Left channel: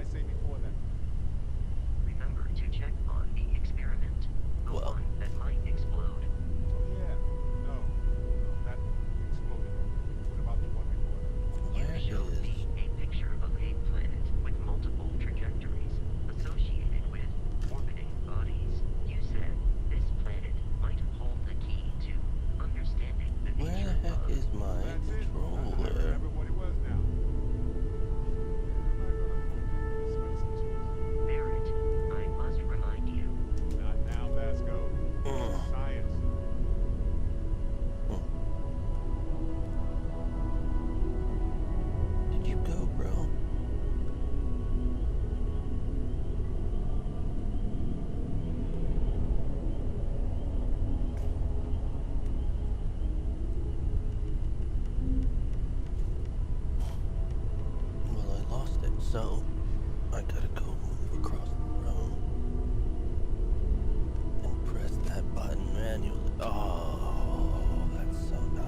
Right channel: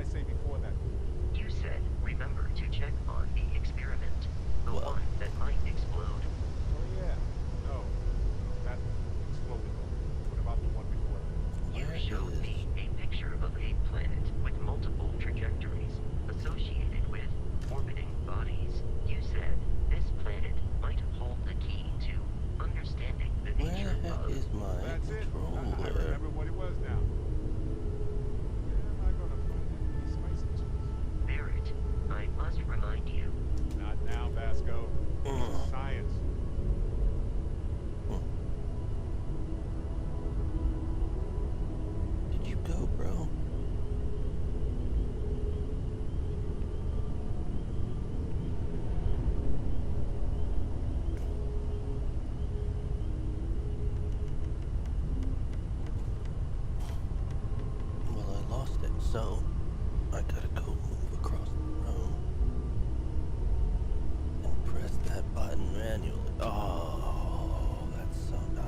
I say before that? You said, remember to check on the experiment. The one that might explode. Oh yeah. No, that exploded. What about the one before that? You showed me a picture of a planet with multiple trajectories associated with orbiting bodies. You said this planet might hold the key to understanding the nature of... Where is my controller? I remember what it was now. Where am I gonna find that many spicy cheese? Barrett, I must remind you. Not now, Vasco. This is science. Did you go, bro? Well, I lost it, so I gotta go move across the room and press that button manually. Oh, that's so nice.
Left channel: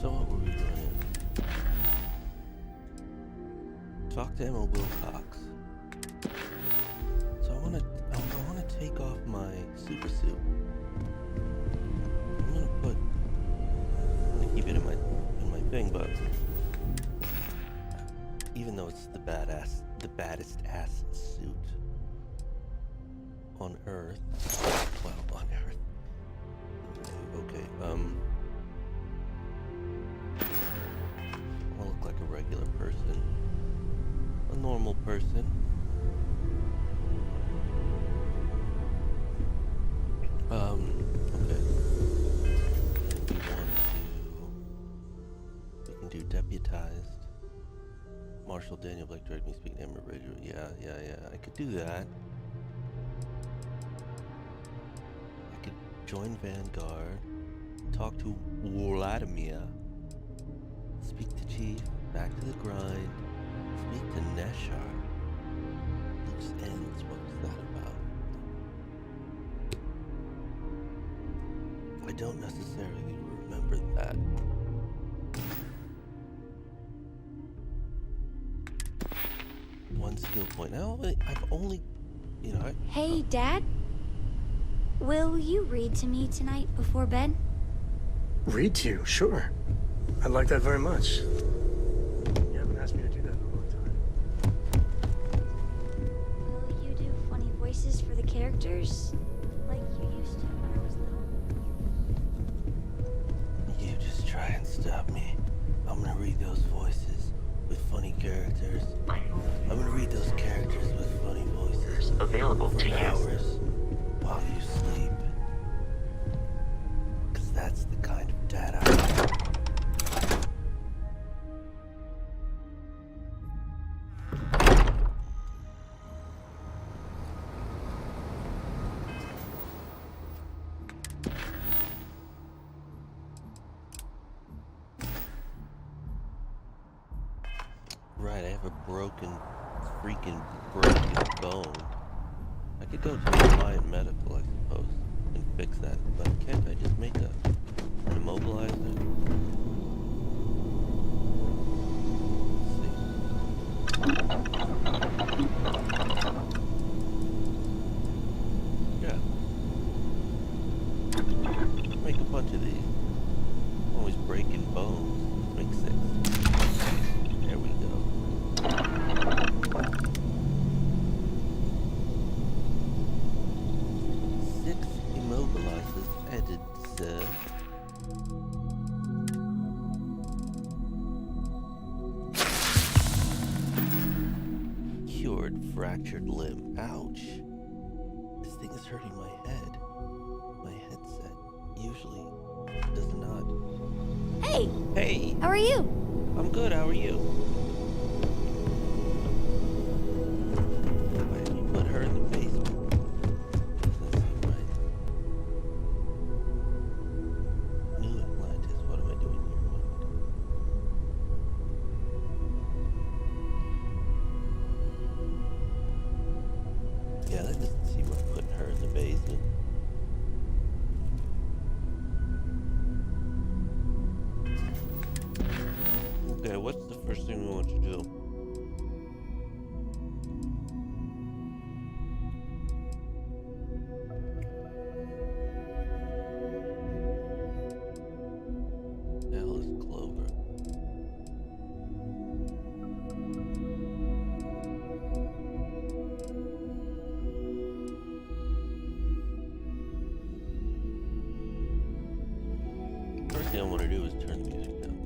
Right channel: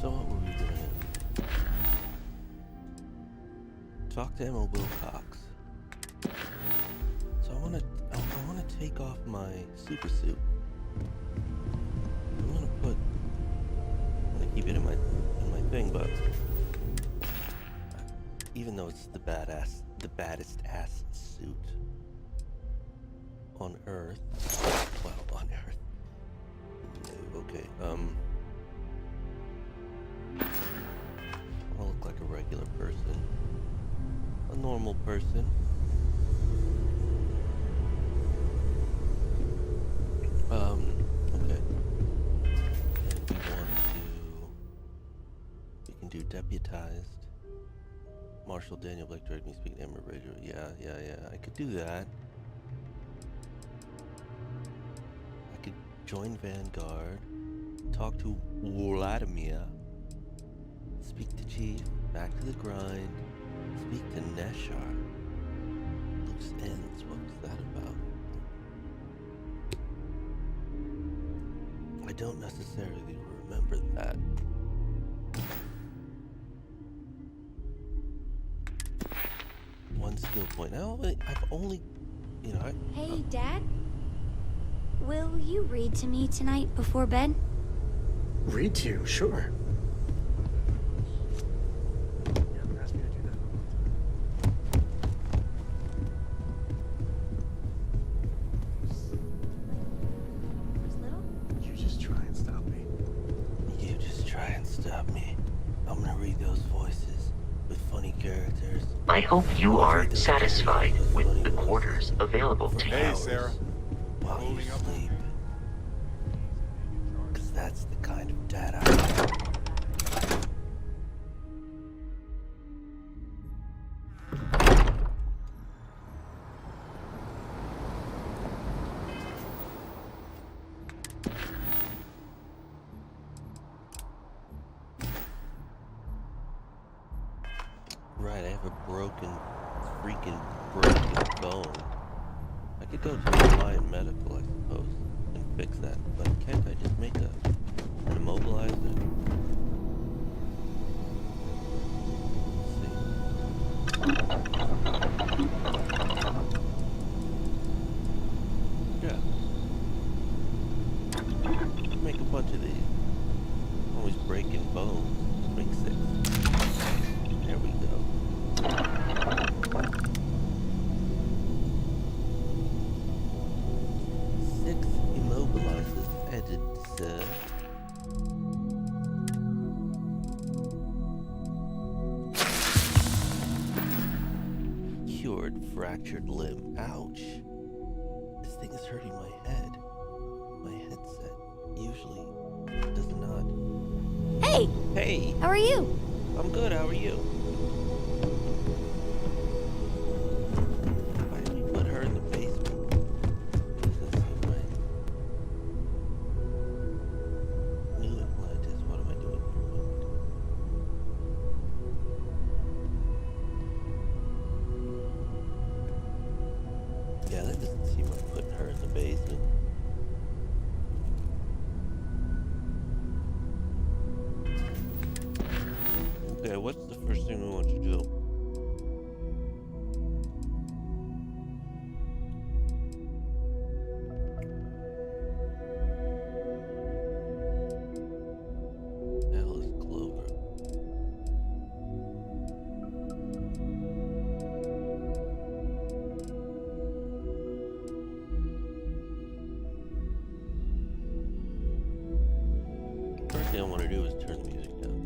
So what were we doing? Talk to Emma Wilcox. So I wanna take off my super suit. I'm gonna keep it in my thing, but even though it's the baddest ass suit on Earth. Well, on Earth. No, okay, I look like a regular person. A normal person. Okay. And we can do deputized. Marshal Daniel Blake directed me speaking to Emma Radio. Yeah. I could do that. I could join Vanguard. Talk to Vladimir. Speak to Chief. Back to the grind. Speak to Neshar. Loose ends. What was that about? I don't necessarily remember that. One skill point. Now I've only, Hey, Dad. Will you read to me tonight before bed? Read to you? Sure. I'd like that very much. You haven't asked me to do that in a long time. You do funny voices for the characters, like you used to when I was little? You just try and stop me. You just try and stop me. I'm gonna read those voices with funny characters. I hope you are satisfied with the quarters available to Hey, you. Sarah. While you sleep. Cause that's the kind of dad I am. Right, I have a freaking broken bone. I could go to a Lion Medical, I suppose, and fix that, but can't I just make an immobilizer? Let's see. Yeah. Make a bunch of these. Always breaking bones. Just make 6. There we go. 6 immobilizers added, sir. Cured fractured limb. Ouch. This thing is hurting my head. My headset usually does not. Hey! Hey! How are you? I'm good, how are you? Why did we put her in the basement? Doesn't seem right. New Atlantis, what am I doing here? What am I doing? That doesn't seem like putting her in the basement. Okay, what's the first thing we want to do? Hell is Clover. First thing I want to do is turn the music down.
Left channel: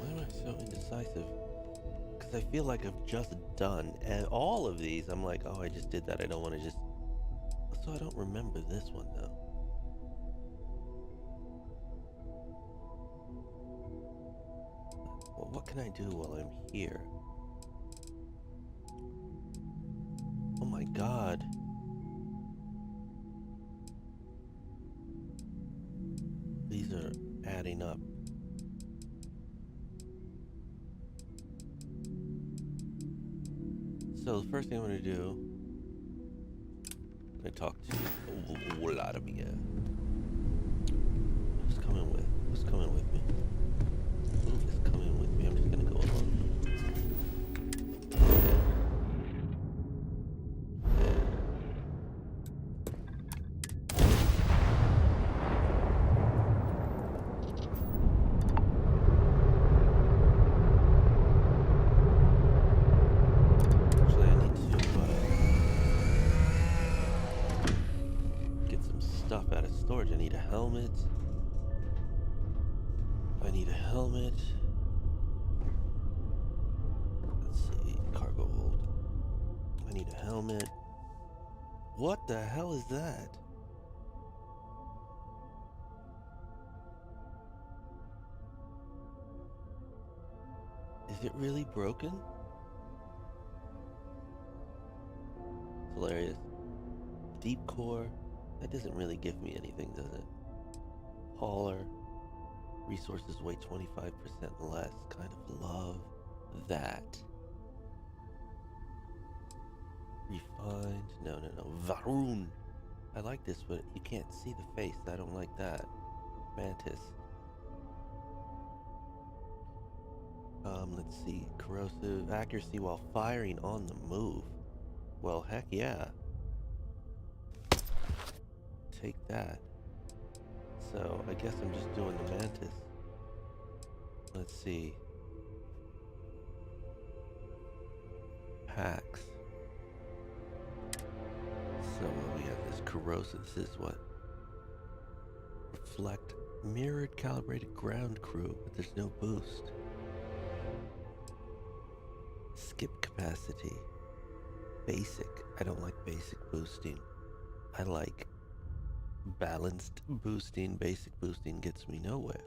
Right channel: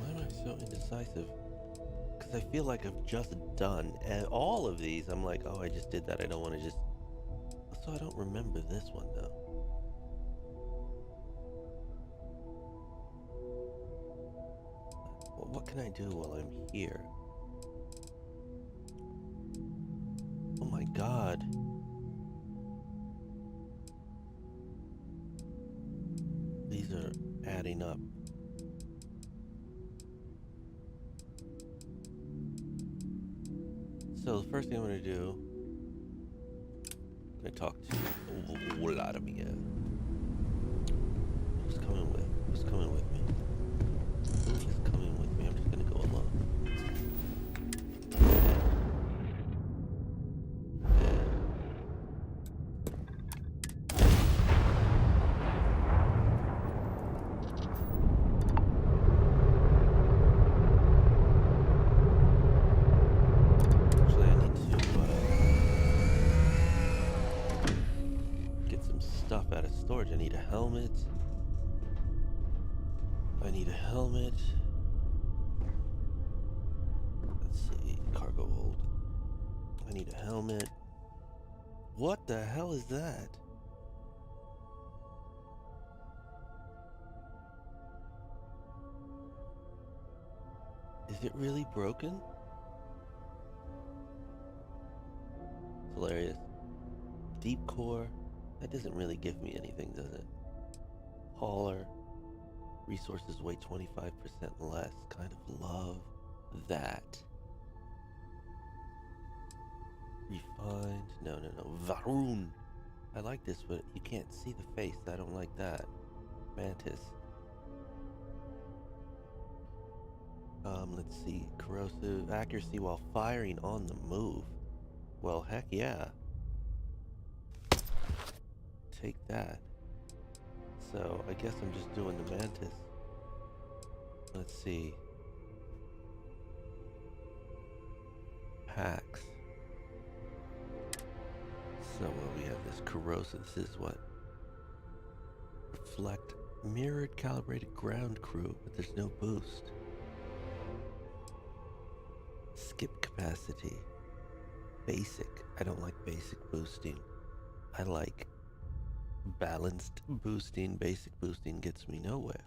Why am I so indecisive? Because I feel like I've just done all of these. I'm like, oh, I just did that. I don't want to just... So I don't remember this one, though. Well, what can I do while I'm here? Oh my god. These are adding up. So the first thing I'm going to do, I'm going to talk to Vladimir. Who's coming with? Who's coming with me? Who is coming with me? I'm just going to go alone. Stuff out of storage. I need a helmet. I need a helmet. Let's see. Cargo hold. I need a helmet. What the hell is that? Is it really broken? It's hilarious. Deep core. That doesn't really give me anything, does it? Hauler. Resources weigh 25% less. Kind of love that. Refined. No. Varun. I like this, but you can't see the face. I don't like that. Mantis. Let's see. Corrosive. Accuracy while firing on the move. Well, heck yeah. Take that. So I guess I'm just doing the Mantis. Let's see. Hacks. So we have this corrosive. This is what? Reflect. Mirrored calibrated ground crew, but there's no boost. Skip capacity. Basic. I don't like basic boosting. I like balanced boosting. Basic boosting gets me nowhere.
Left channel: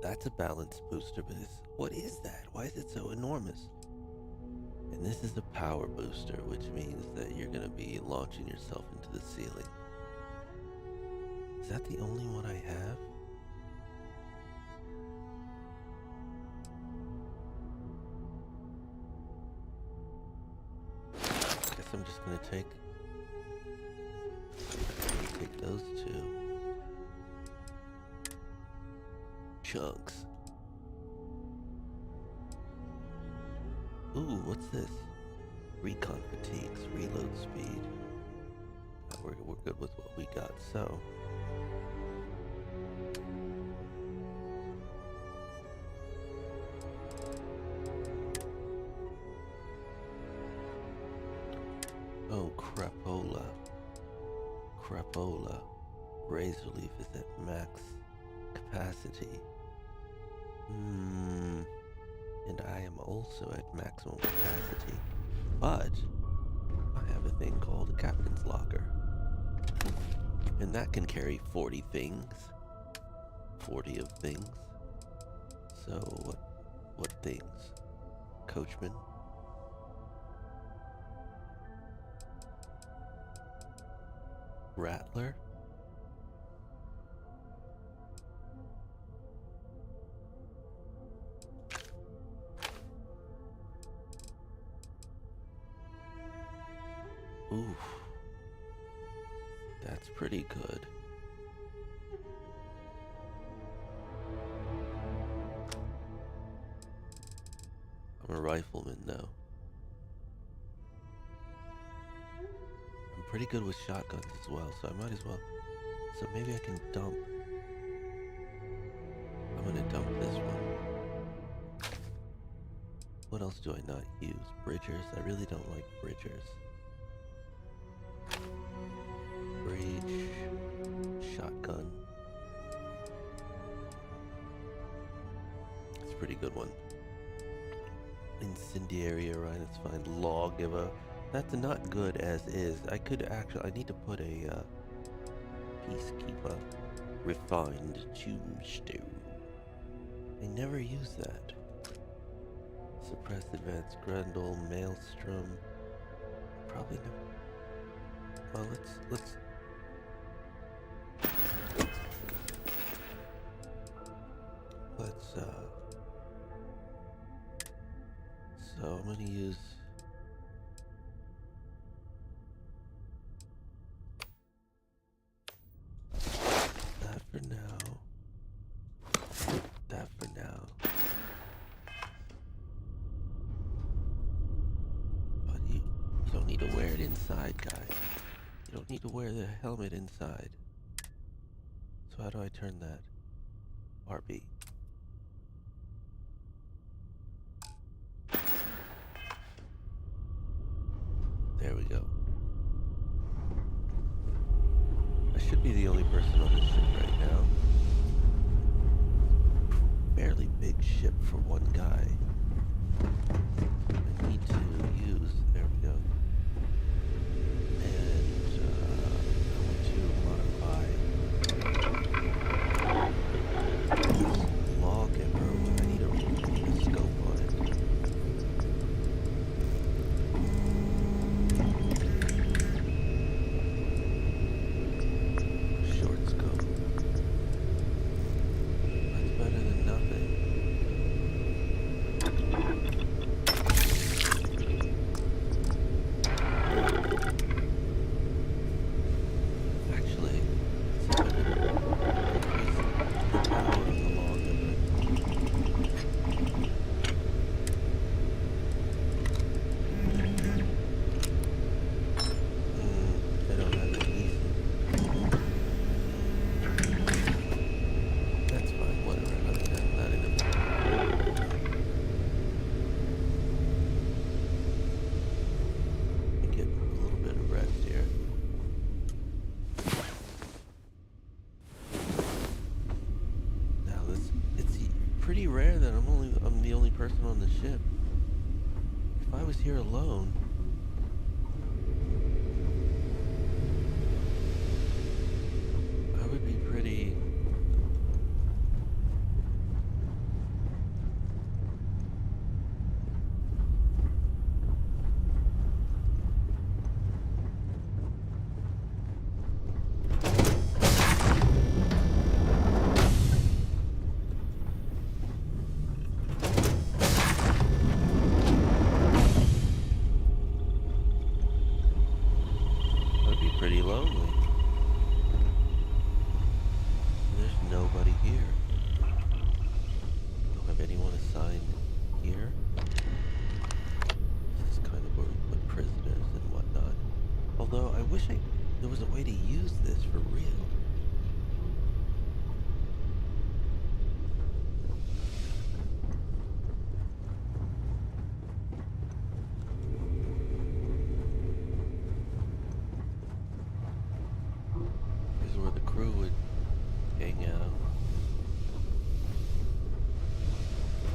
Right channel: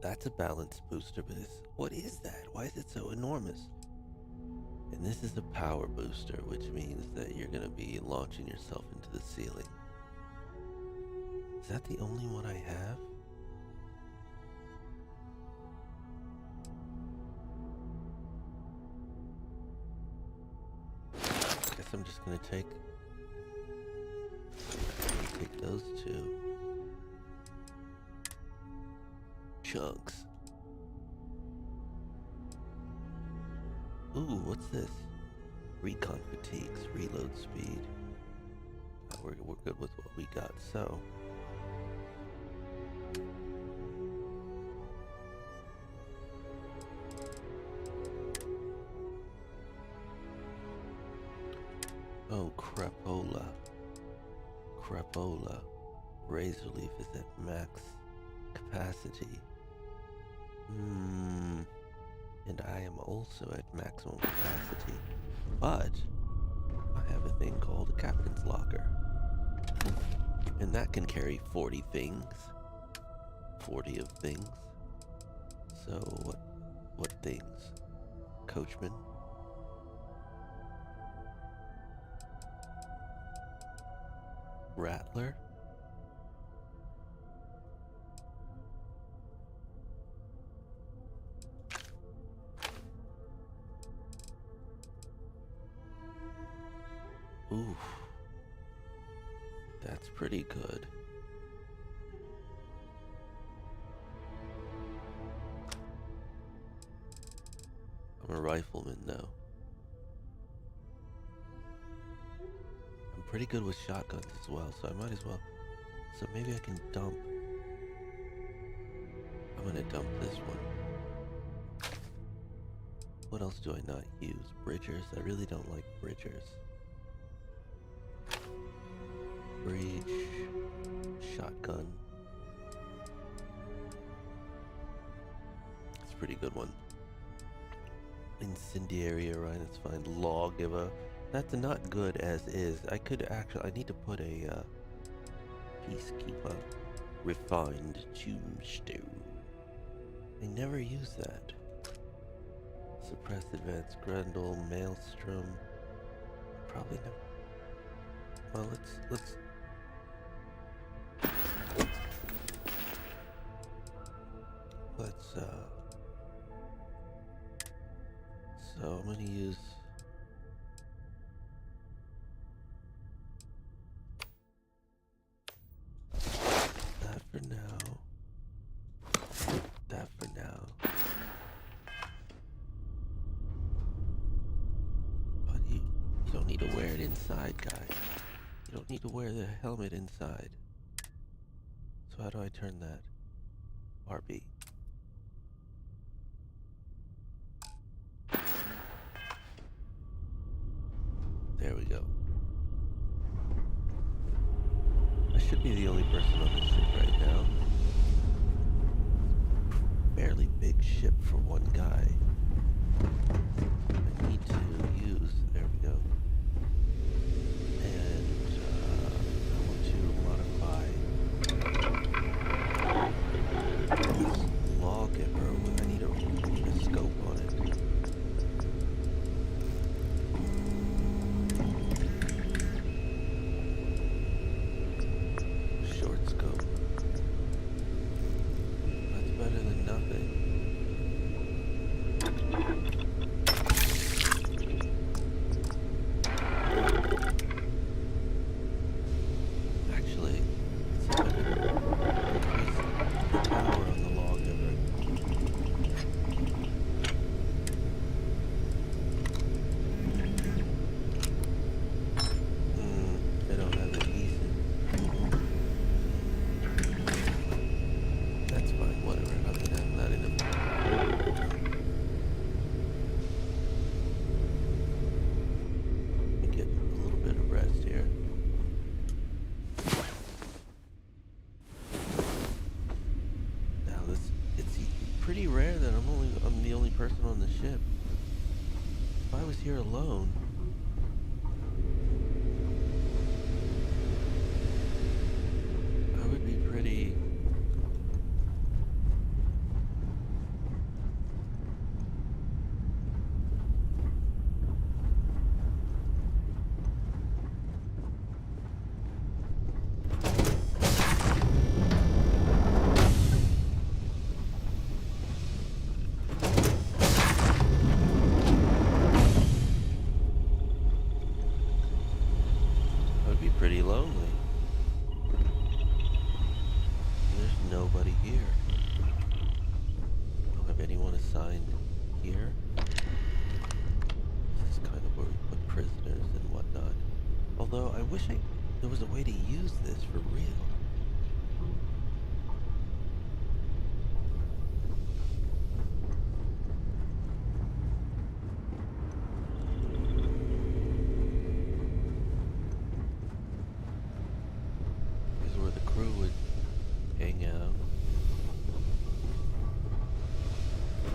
That's a balanced booster, but what is that? Why is it so enormous? And this is a power booster, which means that you're going to be launching yourself into the ceiling. Is that the only one I have? I guess I'm just going to take those two chunks. Ooh, what's this? Recon fatigues, reload speed. We're good with what we got, so. Oh, crapola. Crapola. Raise relief is at max capacity. And I am also at maximum capacity. But I have a thing called a captain's locker. And that can carry 40 things. 40 of things. So what things? coachman. Rattler. Oof. That's pretty good. I'm a rifleman though. I'm pretty good with shotguns as well, so I might as well. So maybe I can dump. I'm gonna dump this one. What else do I not use? Bridgers. I really don't like bridgers. Breach. Shotgun. It's a pretty good one. Incendiary, alright, that's fine. Lawgiver. That's not good as is. I could actually, I need to put a Peacekeeper. Refined Tombstone. I never use that. Suppressed Advanced Grundle, Maelstrom. Probably never. Well, let's so I'm gonna use that for now. That for now. But you don't need to wear it inside, guys. You don't need to wear the helmet inside. So how do I turn that? RB. There we go. I should be the only person on this ship right now. Fairly big ship for one guy. I need to use, there we go. And I want to modify this lawgiver. I need a scope on it. Short scope. That's better than nothing. Actually, let's see if I can increase the power on the lawgiver. I don't have adhesive. That's fine, whatever. I mean, I'm not in a... Let me get a little bit of rest here. Now it's pretty rare that I'm the only person on the ship. If I was here alone, I would be pretty... I would be pretty lonely. There's nobody here. I don't have anyone assigned here. This is kind of where we put prisoners and whatnot. Although I wish there was a way to use this for real. This is where the crew would hang out.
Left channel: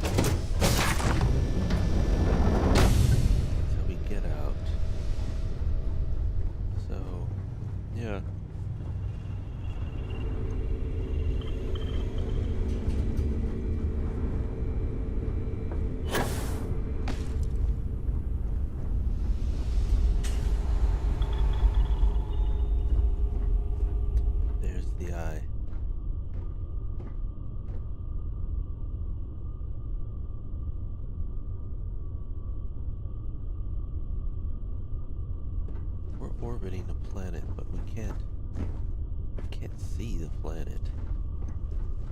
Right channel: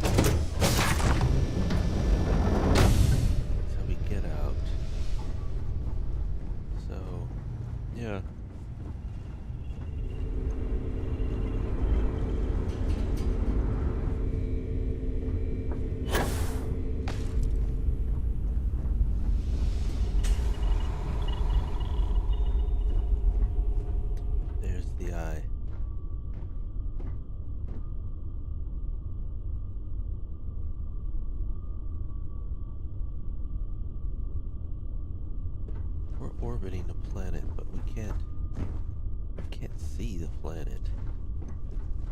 That's how we get out. So, yeah. the eye. We're orbiting a planet, but we can't see the planet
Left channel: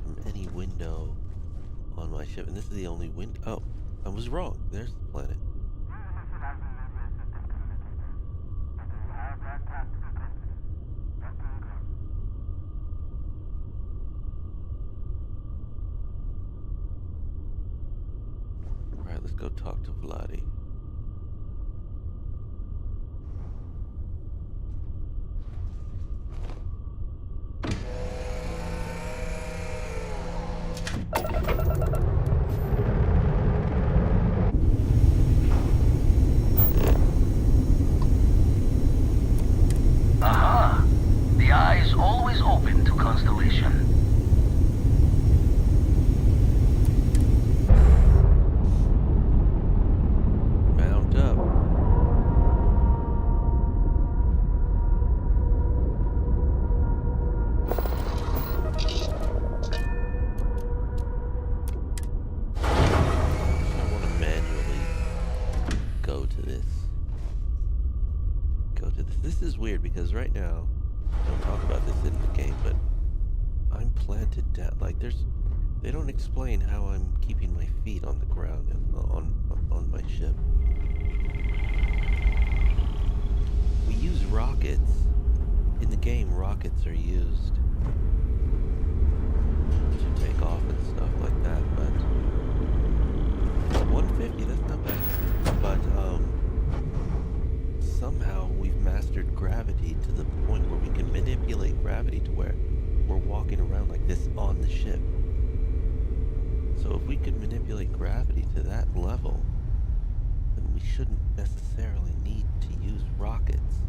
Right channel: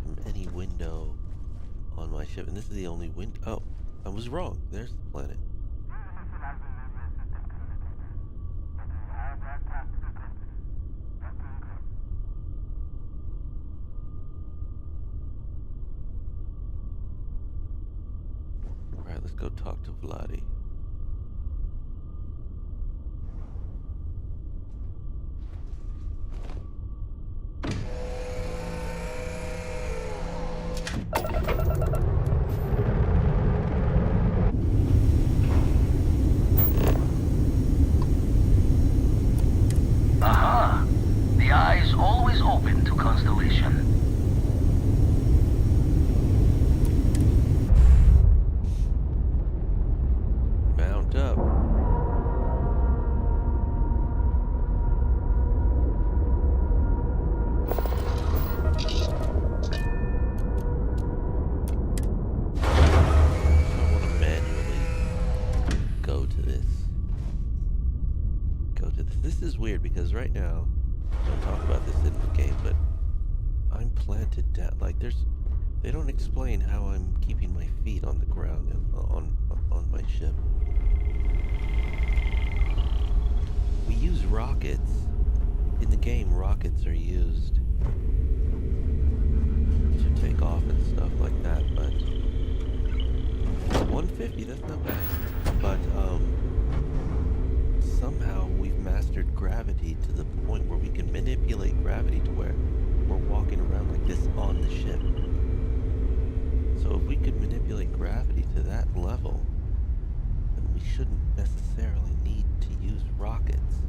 from any window on my ship. And this is the only window. Oh, I was wrong. There's the planet. Alright, let's go talk to Vladdy. Aha! The eye is always open to Constellation. Mount up. I want to manually go to this. This is weird because right now, don't talk about this in the game, but I'm planted down. Like they don't explain how I'm keeping my feet on the ground on my ship. We use rockets. In the game, rockets are used to take off and stuff like that, but 150, that's not bad. But somehow we've mastered gravity to the point where we can manipulate gravity to where we're walking around like this on the ship. So if we could manipulate gravity to that level, then we shouldn't necessarily need to use rockets.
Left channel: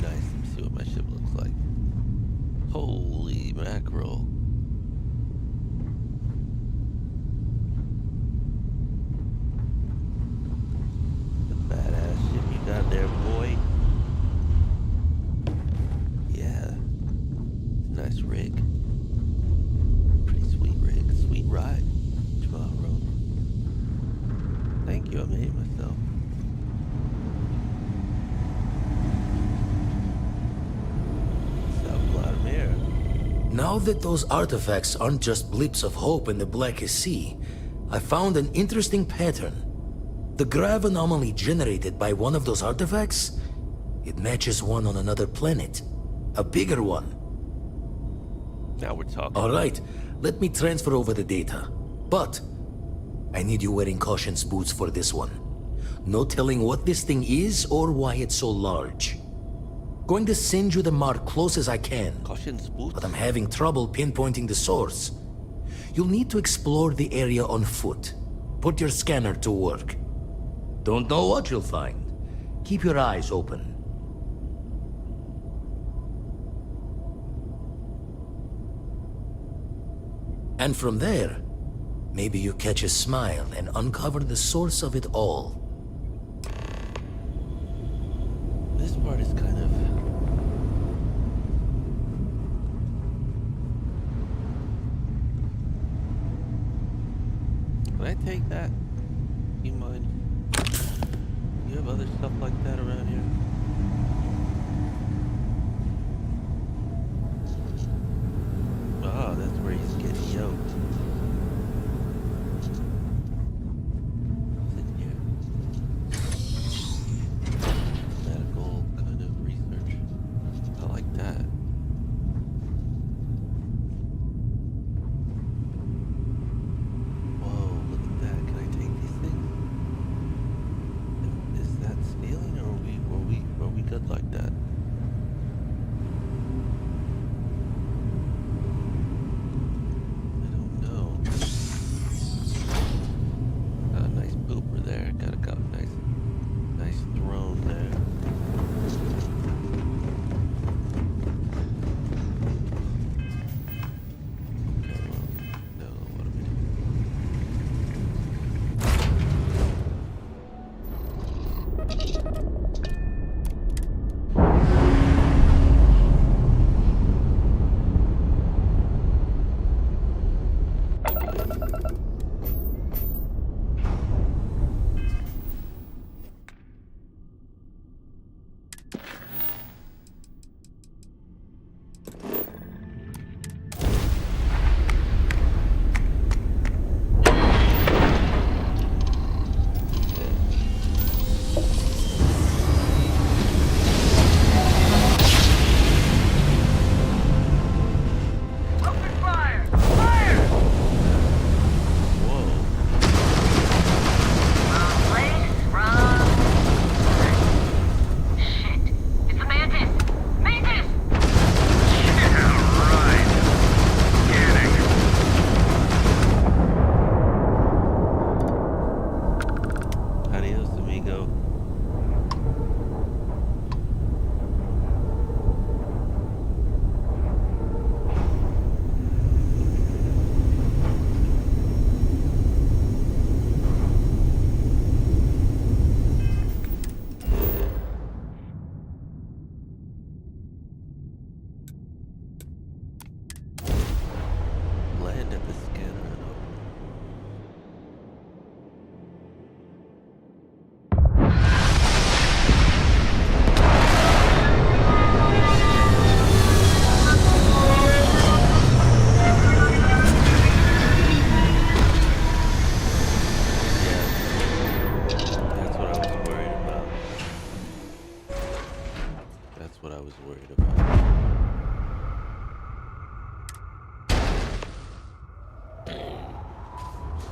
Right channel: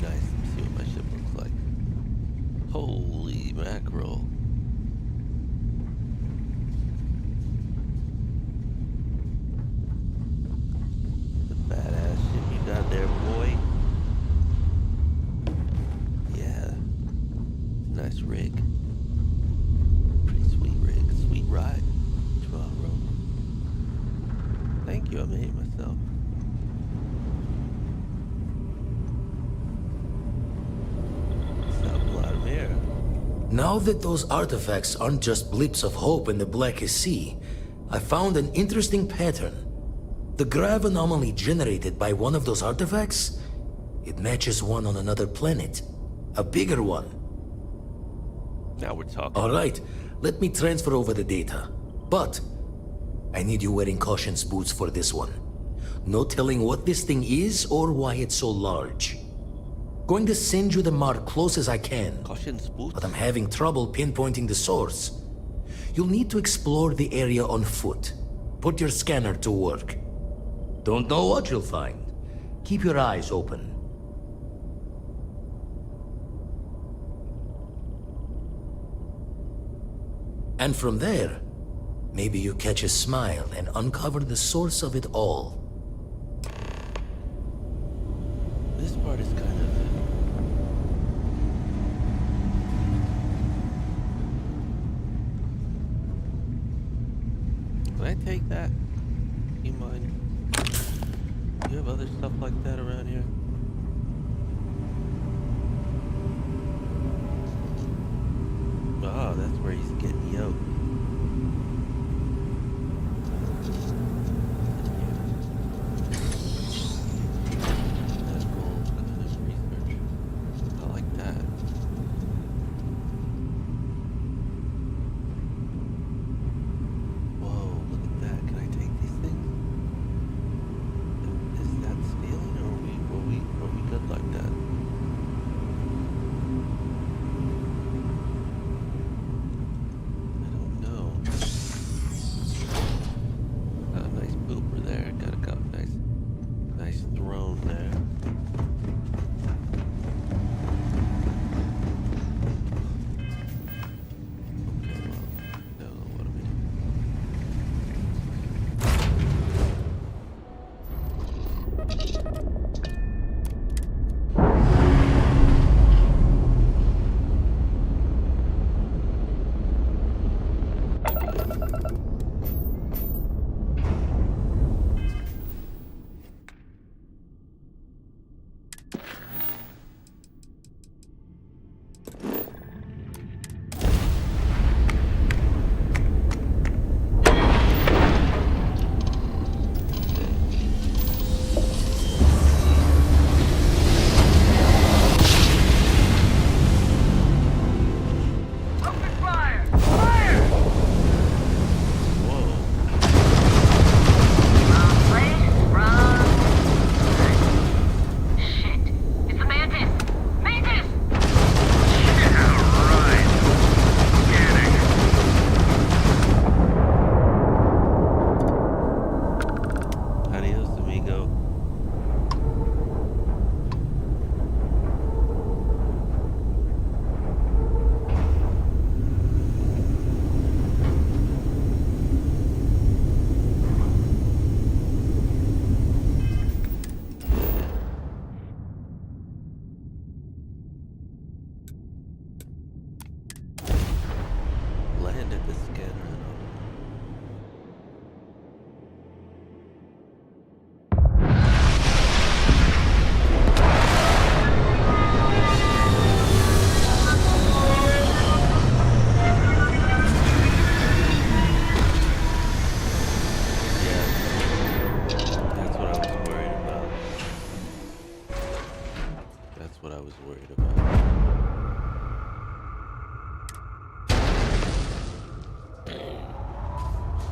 Nice, let me see what my ship looks like. Holy mackerel. The badass ship you got there, boy. Yeah. Nice rig. Pretty sweet rig. Sweet ride. Tomorrow. Thank you, I made it myself. What's up, Vladimir? Now that those artifacts aren't just blips of hope in the Blackest Sea, I found an interesting pattern. The grav anomaly generated by one of those artifacts, it matches one on another planet. A bigger one. Now we're talking. Alright, let me transfer over the data. But, I need you wearing Caution's boots for this one. No telling what this thing is or why it's so large. Going to send you the mark close as I can. Caution's boots? But I'm having trouble pinpointing the source. You'll need to explore the area on foot. Put your scanner to work. Don't know what you'll find. Keep your eyes open. And from there, maybe you catch a smile and uncover the source of it all. This part is kind of... Can I take that? You mind? Do you have other stuff like that around here? Ah, that's where he's getting yoked. Medical kind of research. I like that. Whoa, look at that. Can I take these things? Is that stealing, or are we good like that? I don't know.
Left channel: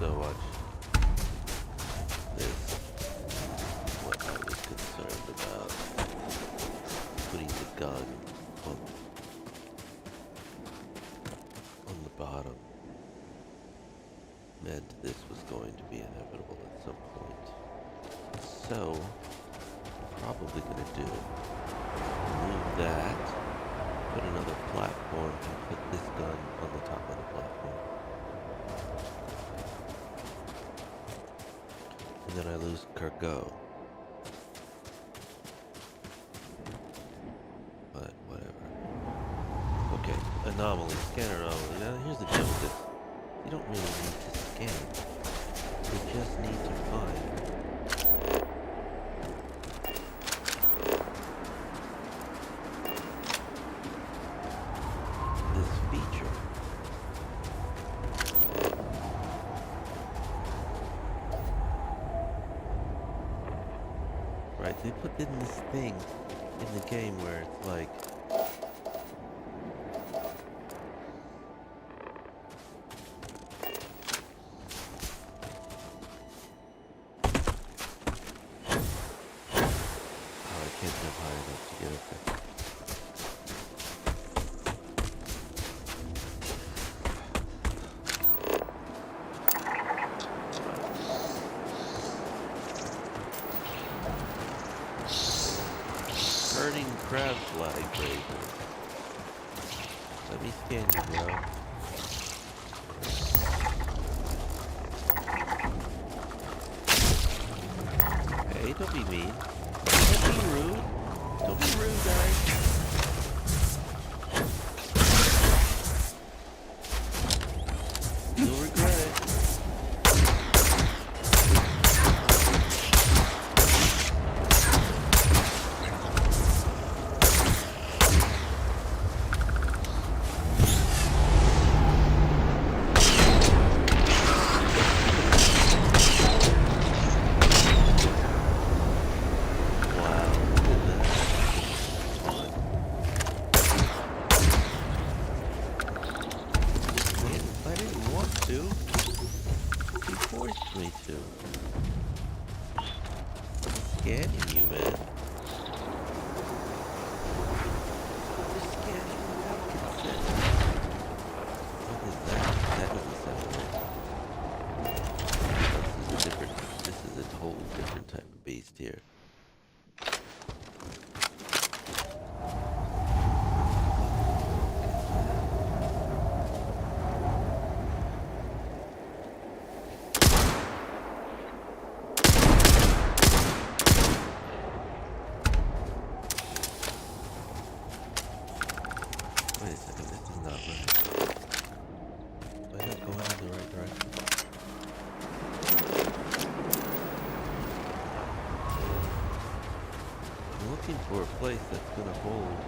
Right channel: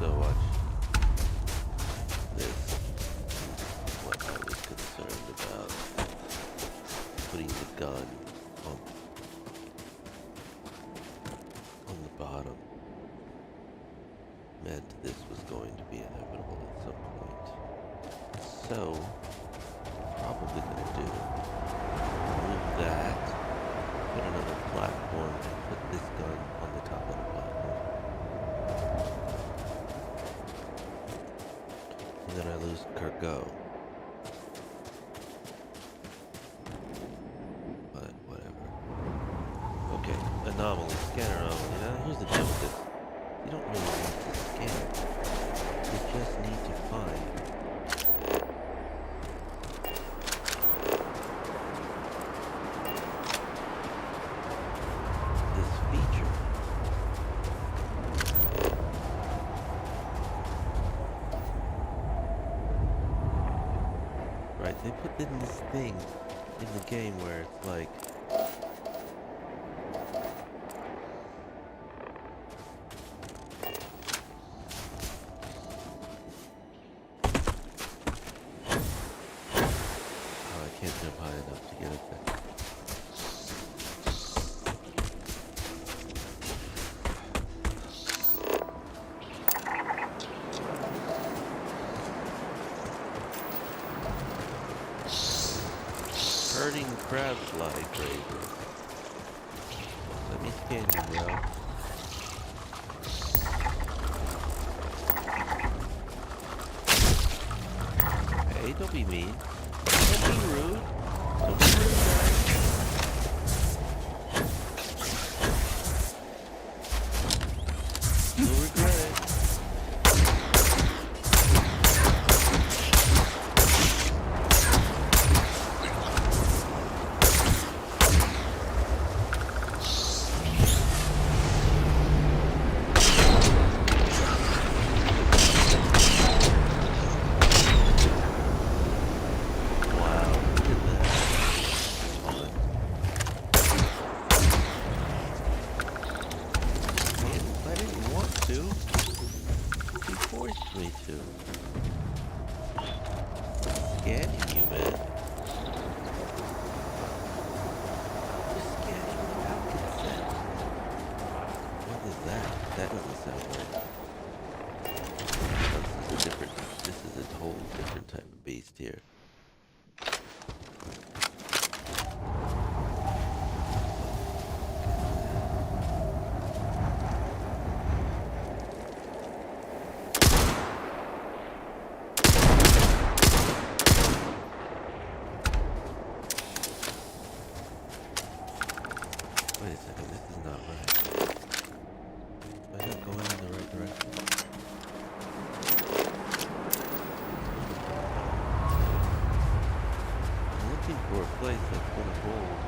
so watch this. What I was concerned about. Putting the gun on the bottom meant this was going to be inevitable at some point. So, probably gonna do, remove that, put another platform, and put this gun on the top of the platform. And then I lose cargo. But whatever. Okay, anomaly, scanner anomaly. Now here's the deal with this. You don't really need to scan. You just need to find this feature. Right, they put in this thing in the game where it's like I can't jump high enough to get up there. Hurting crab fly grazers. Let me scan you, bro. Hey, don't be mean. Don't be rude. Don't be rude, guys. You'll regret it. Wow, look at that. Fun. I didn't want to. He forced me to. Scanning you, man. You're scanning without consent. What is that? That doesn't sound right. This is a whole different type of beast here. Wait a second, this is not right. Am I not going in the right direction? I'm looking for a place that's gonna hold.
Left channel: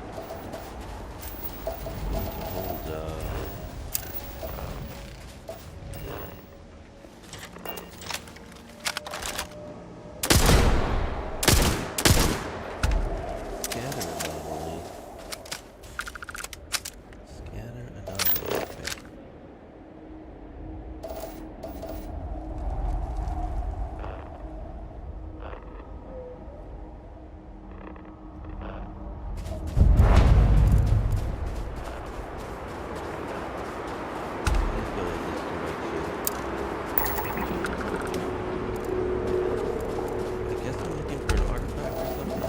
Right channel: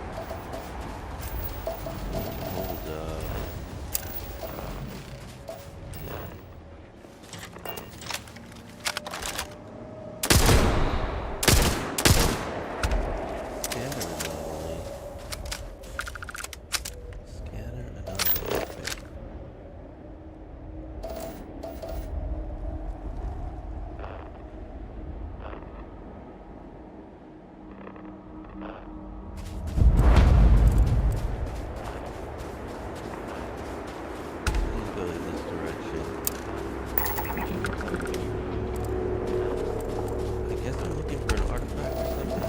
Scanner anomaly. Scanner anomaly. Okay. Please go in this direction. I guess I'm looking for an artifact or something.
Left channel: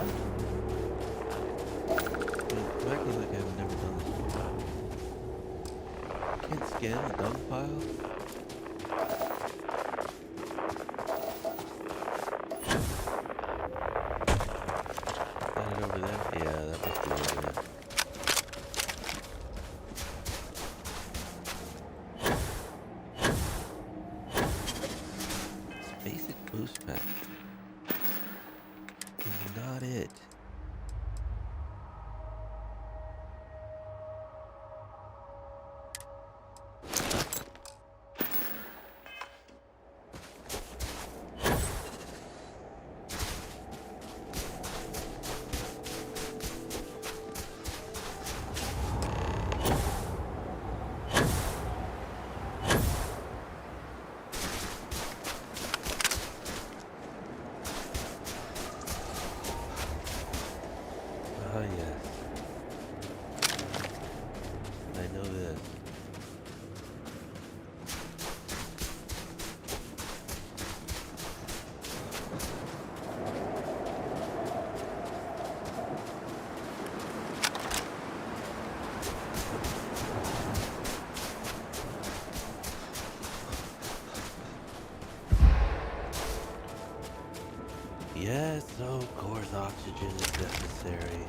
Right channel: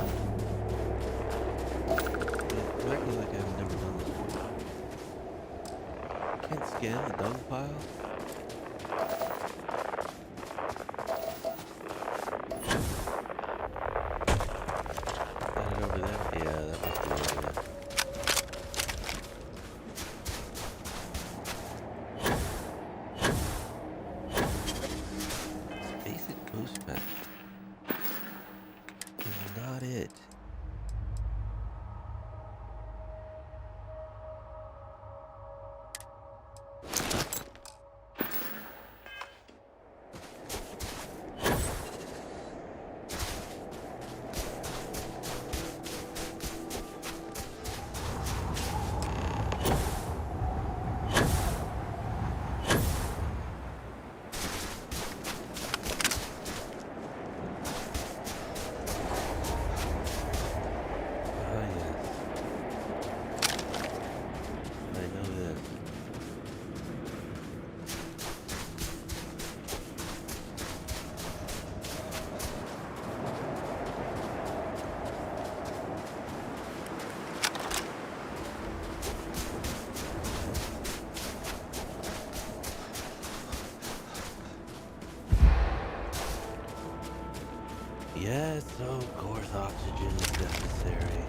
I'm acting like I've never done this before. Can't scan the dung pile? Is that it over there? Yeah, that must be over there. Basic boost pack is not it. Yes, of course, oxygen is necessary.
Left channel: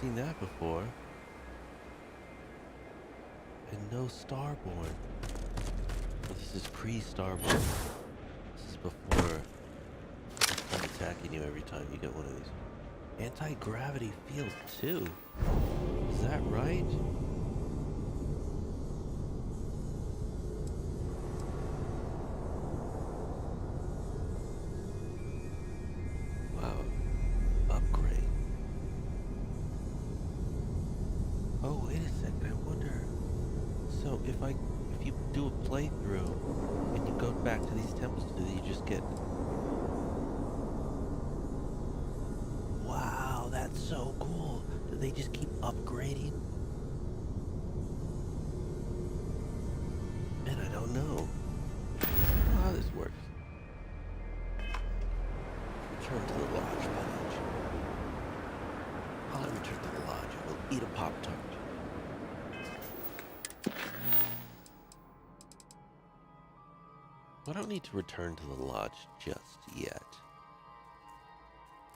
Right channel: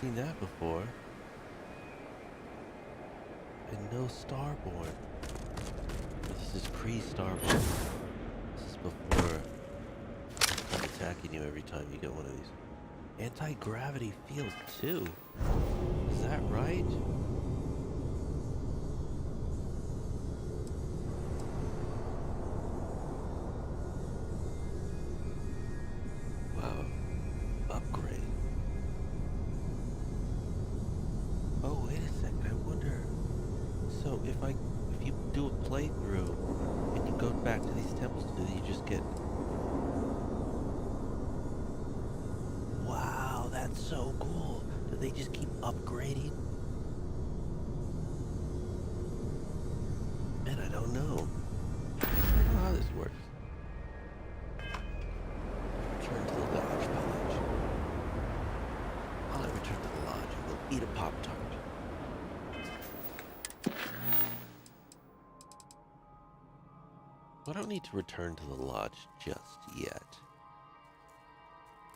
Seen that before. And no Starborn. This is pre-Starborn. This is before I'm attacking you every time you get one of these. Anti-gravity field too. Is that right? Wow. Upgrade. Oh, wait a second, I wonder. So if you do a playthrough and you go back to these temples, do you just get... Wow, that's so cool. Do they just keep upgrading? Man, I don't know. I don't know how this works. Return to the lodge, Podge. While I return to the lodge, I will eat a Pop-Tart. I don't need to return to the lodge just yet.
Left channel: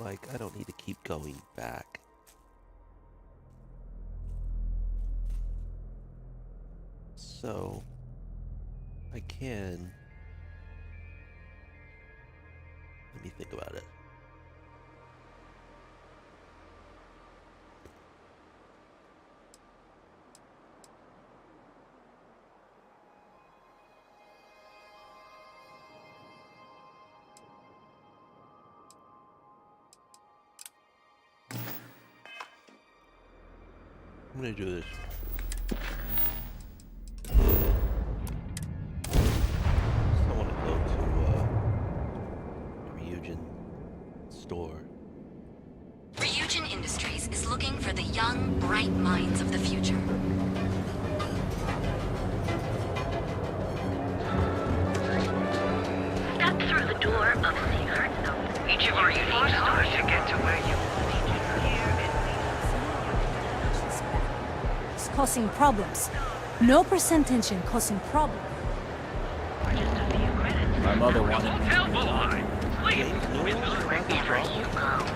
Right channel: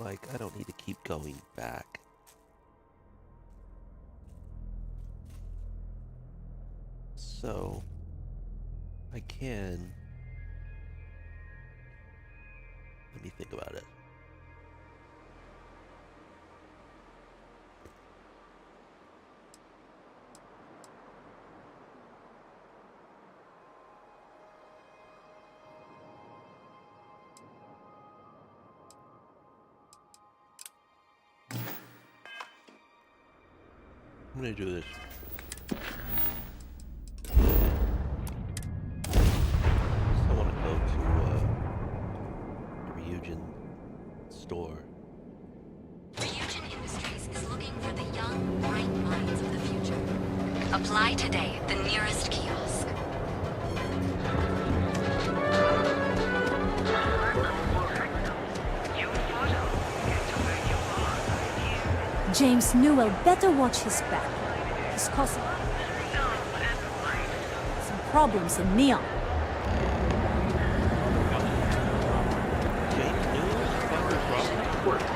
Like, I don't need to keep going back. So, I can... Let me think about it. I'm gonna do this. I want to go to the Ryujin store. Ryujin Industries is looking for the young, bright minds of the future. Apply today at the nearest kiosk. Step through the door of secret zones. Each of you forced to get to where you are. Here James Newell better watch his back. He's causing problems. No percent tension causing problems in Neon. My mother wanted me to die. James Newell is causing problems?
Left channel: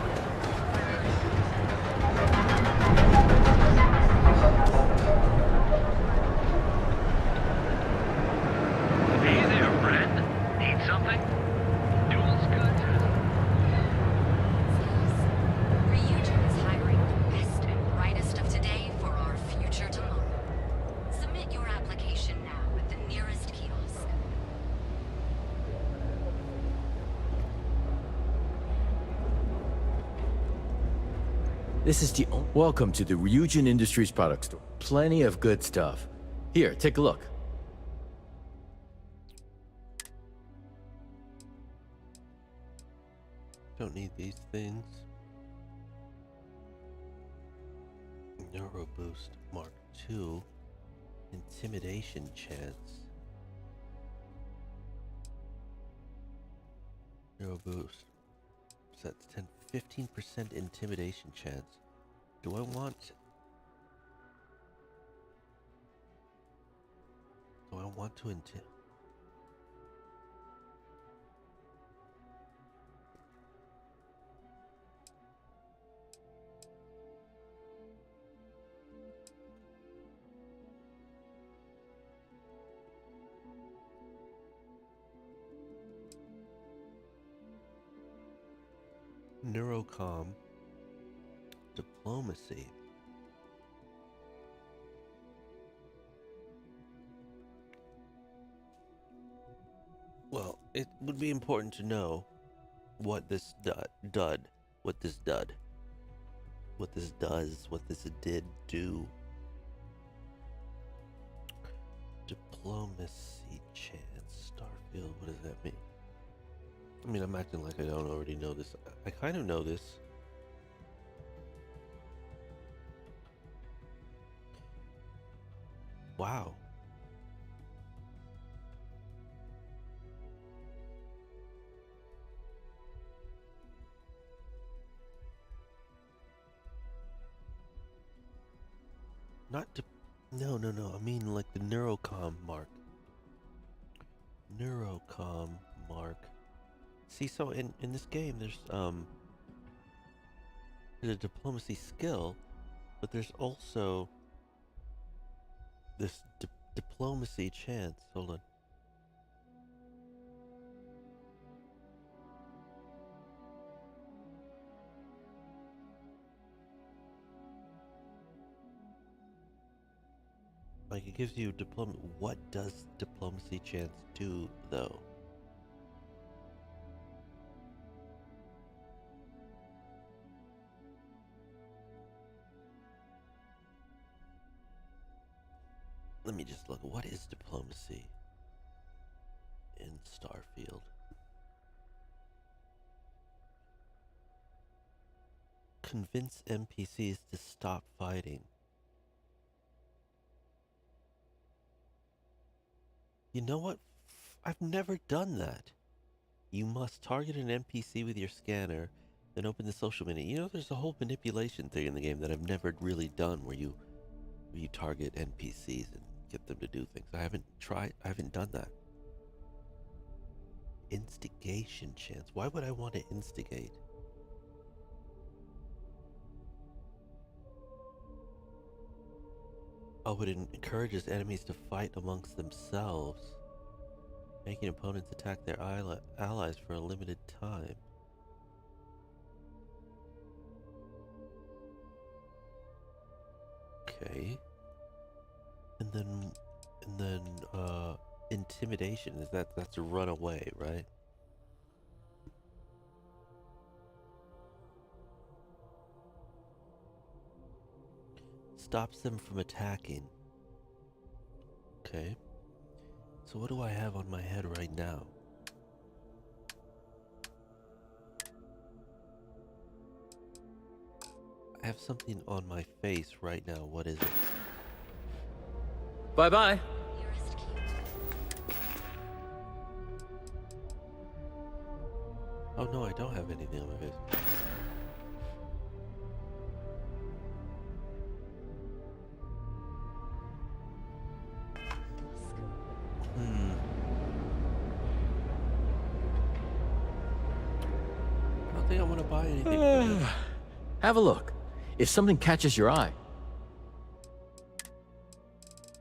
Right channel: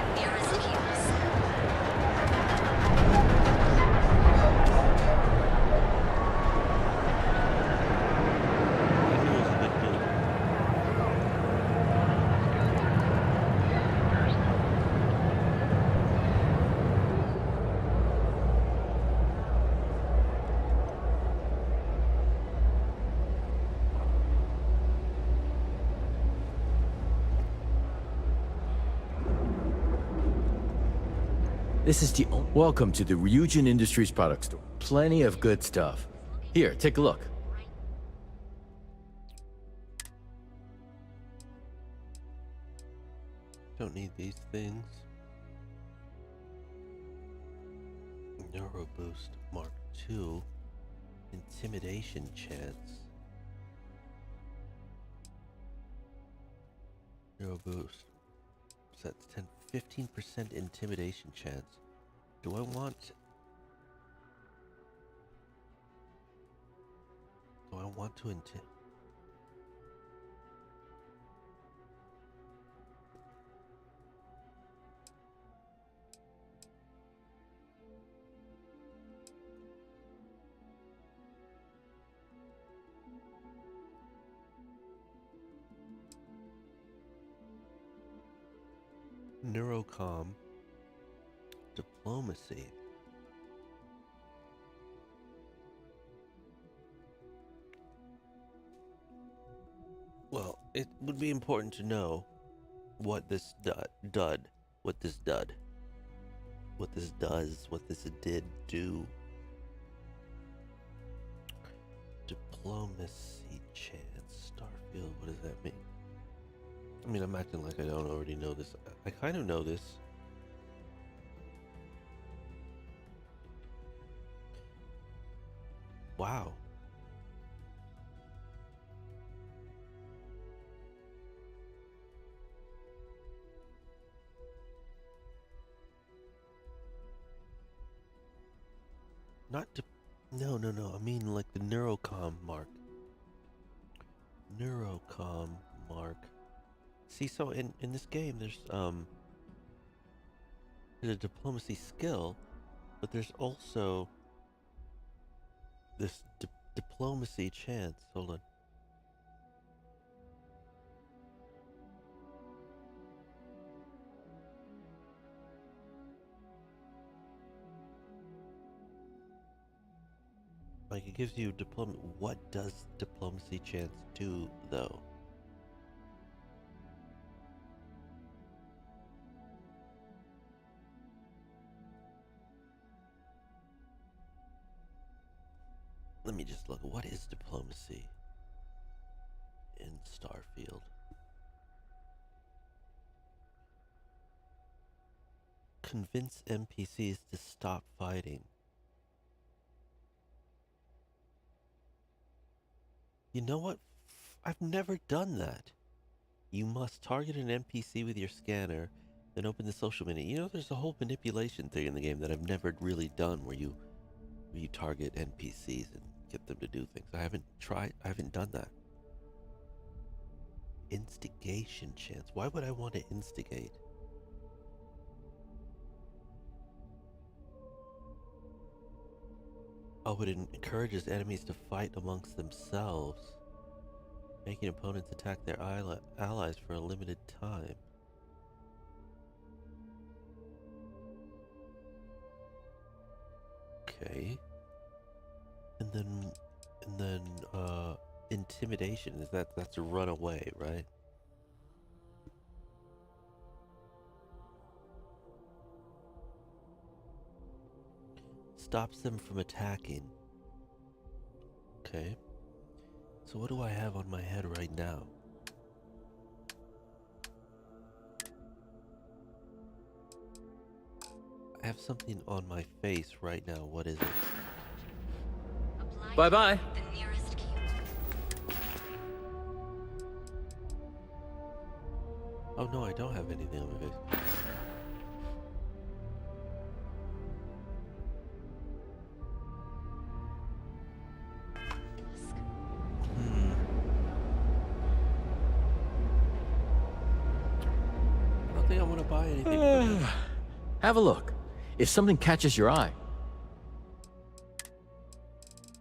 Nearest This is the Welcome to the Ryujin Industries product store. Plenty of good stuff. Here, take a look. Don't need these things. Neuro Boost Mark II. Intimidation chance. Neuro Boost. Sets 15% intimidation chance. Do I want... Do I want to Neurocom, diplomacy. Well, it would be important to know what this what this did do. Diplomacy chance, Starfield, what does that mean? I mean, I'm acting like I don't already know this. I kind of know this. Wow. No. I mean, like the Neurocom mark. Neurocom mark. See, so in this game, there's a diplomacy skill, but there's also this diplomacy chance. Hold on. Like, it gives you what does diplomacy chance do, though? Let me just look. What is diplomacy in Starfield? Convince NPCs to stop fighting. You know what? I've never done that. You must target an NPC with your scanner, then open the social menu. You know, there's a whole manipulation thing in the game that I've never really done where you target NPCs and get them to do things. I haven't done that. Instigation chance. Why would I want to instigate? Oh, it encourages enemies to fight amongst themselves, making opponents attack their allies for a limited time. Okay. And then intimidation, that's a runaway, right? Stops them from attacking. Okay. So what do I have on my head right now? I have something on my face right now. What is it? Bye-bye. The nearest cube. Oh no, I don't have anything on my face. I don't think I want to buy anything from this. Have a look. If something catches your eye.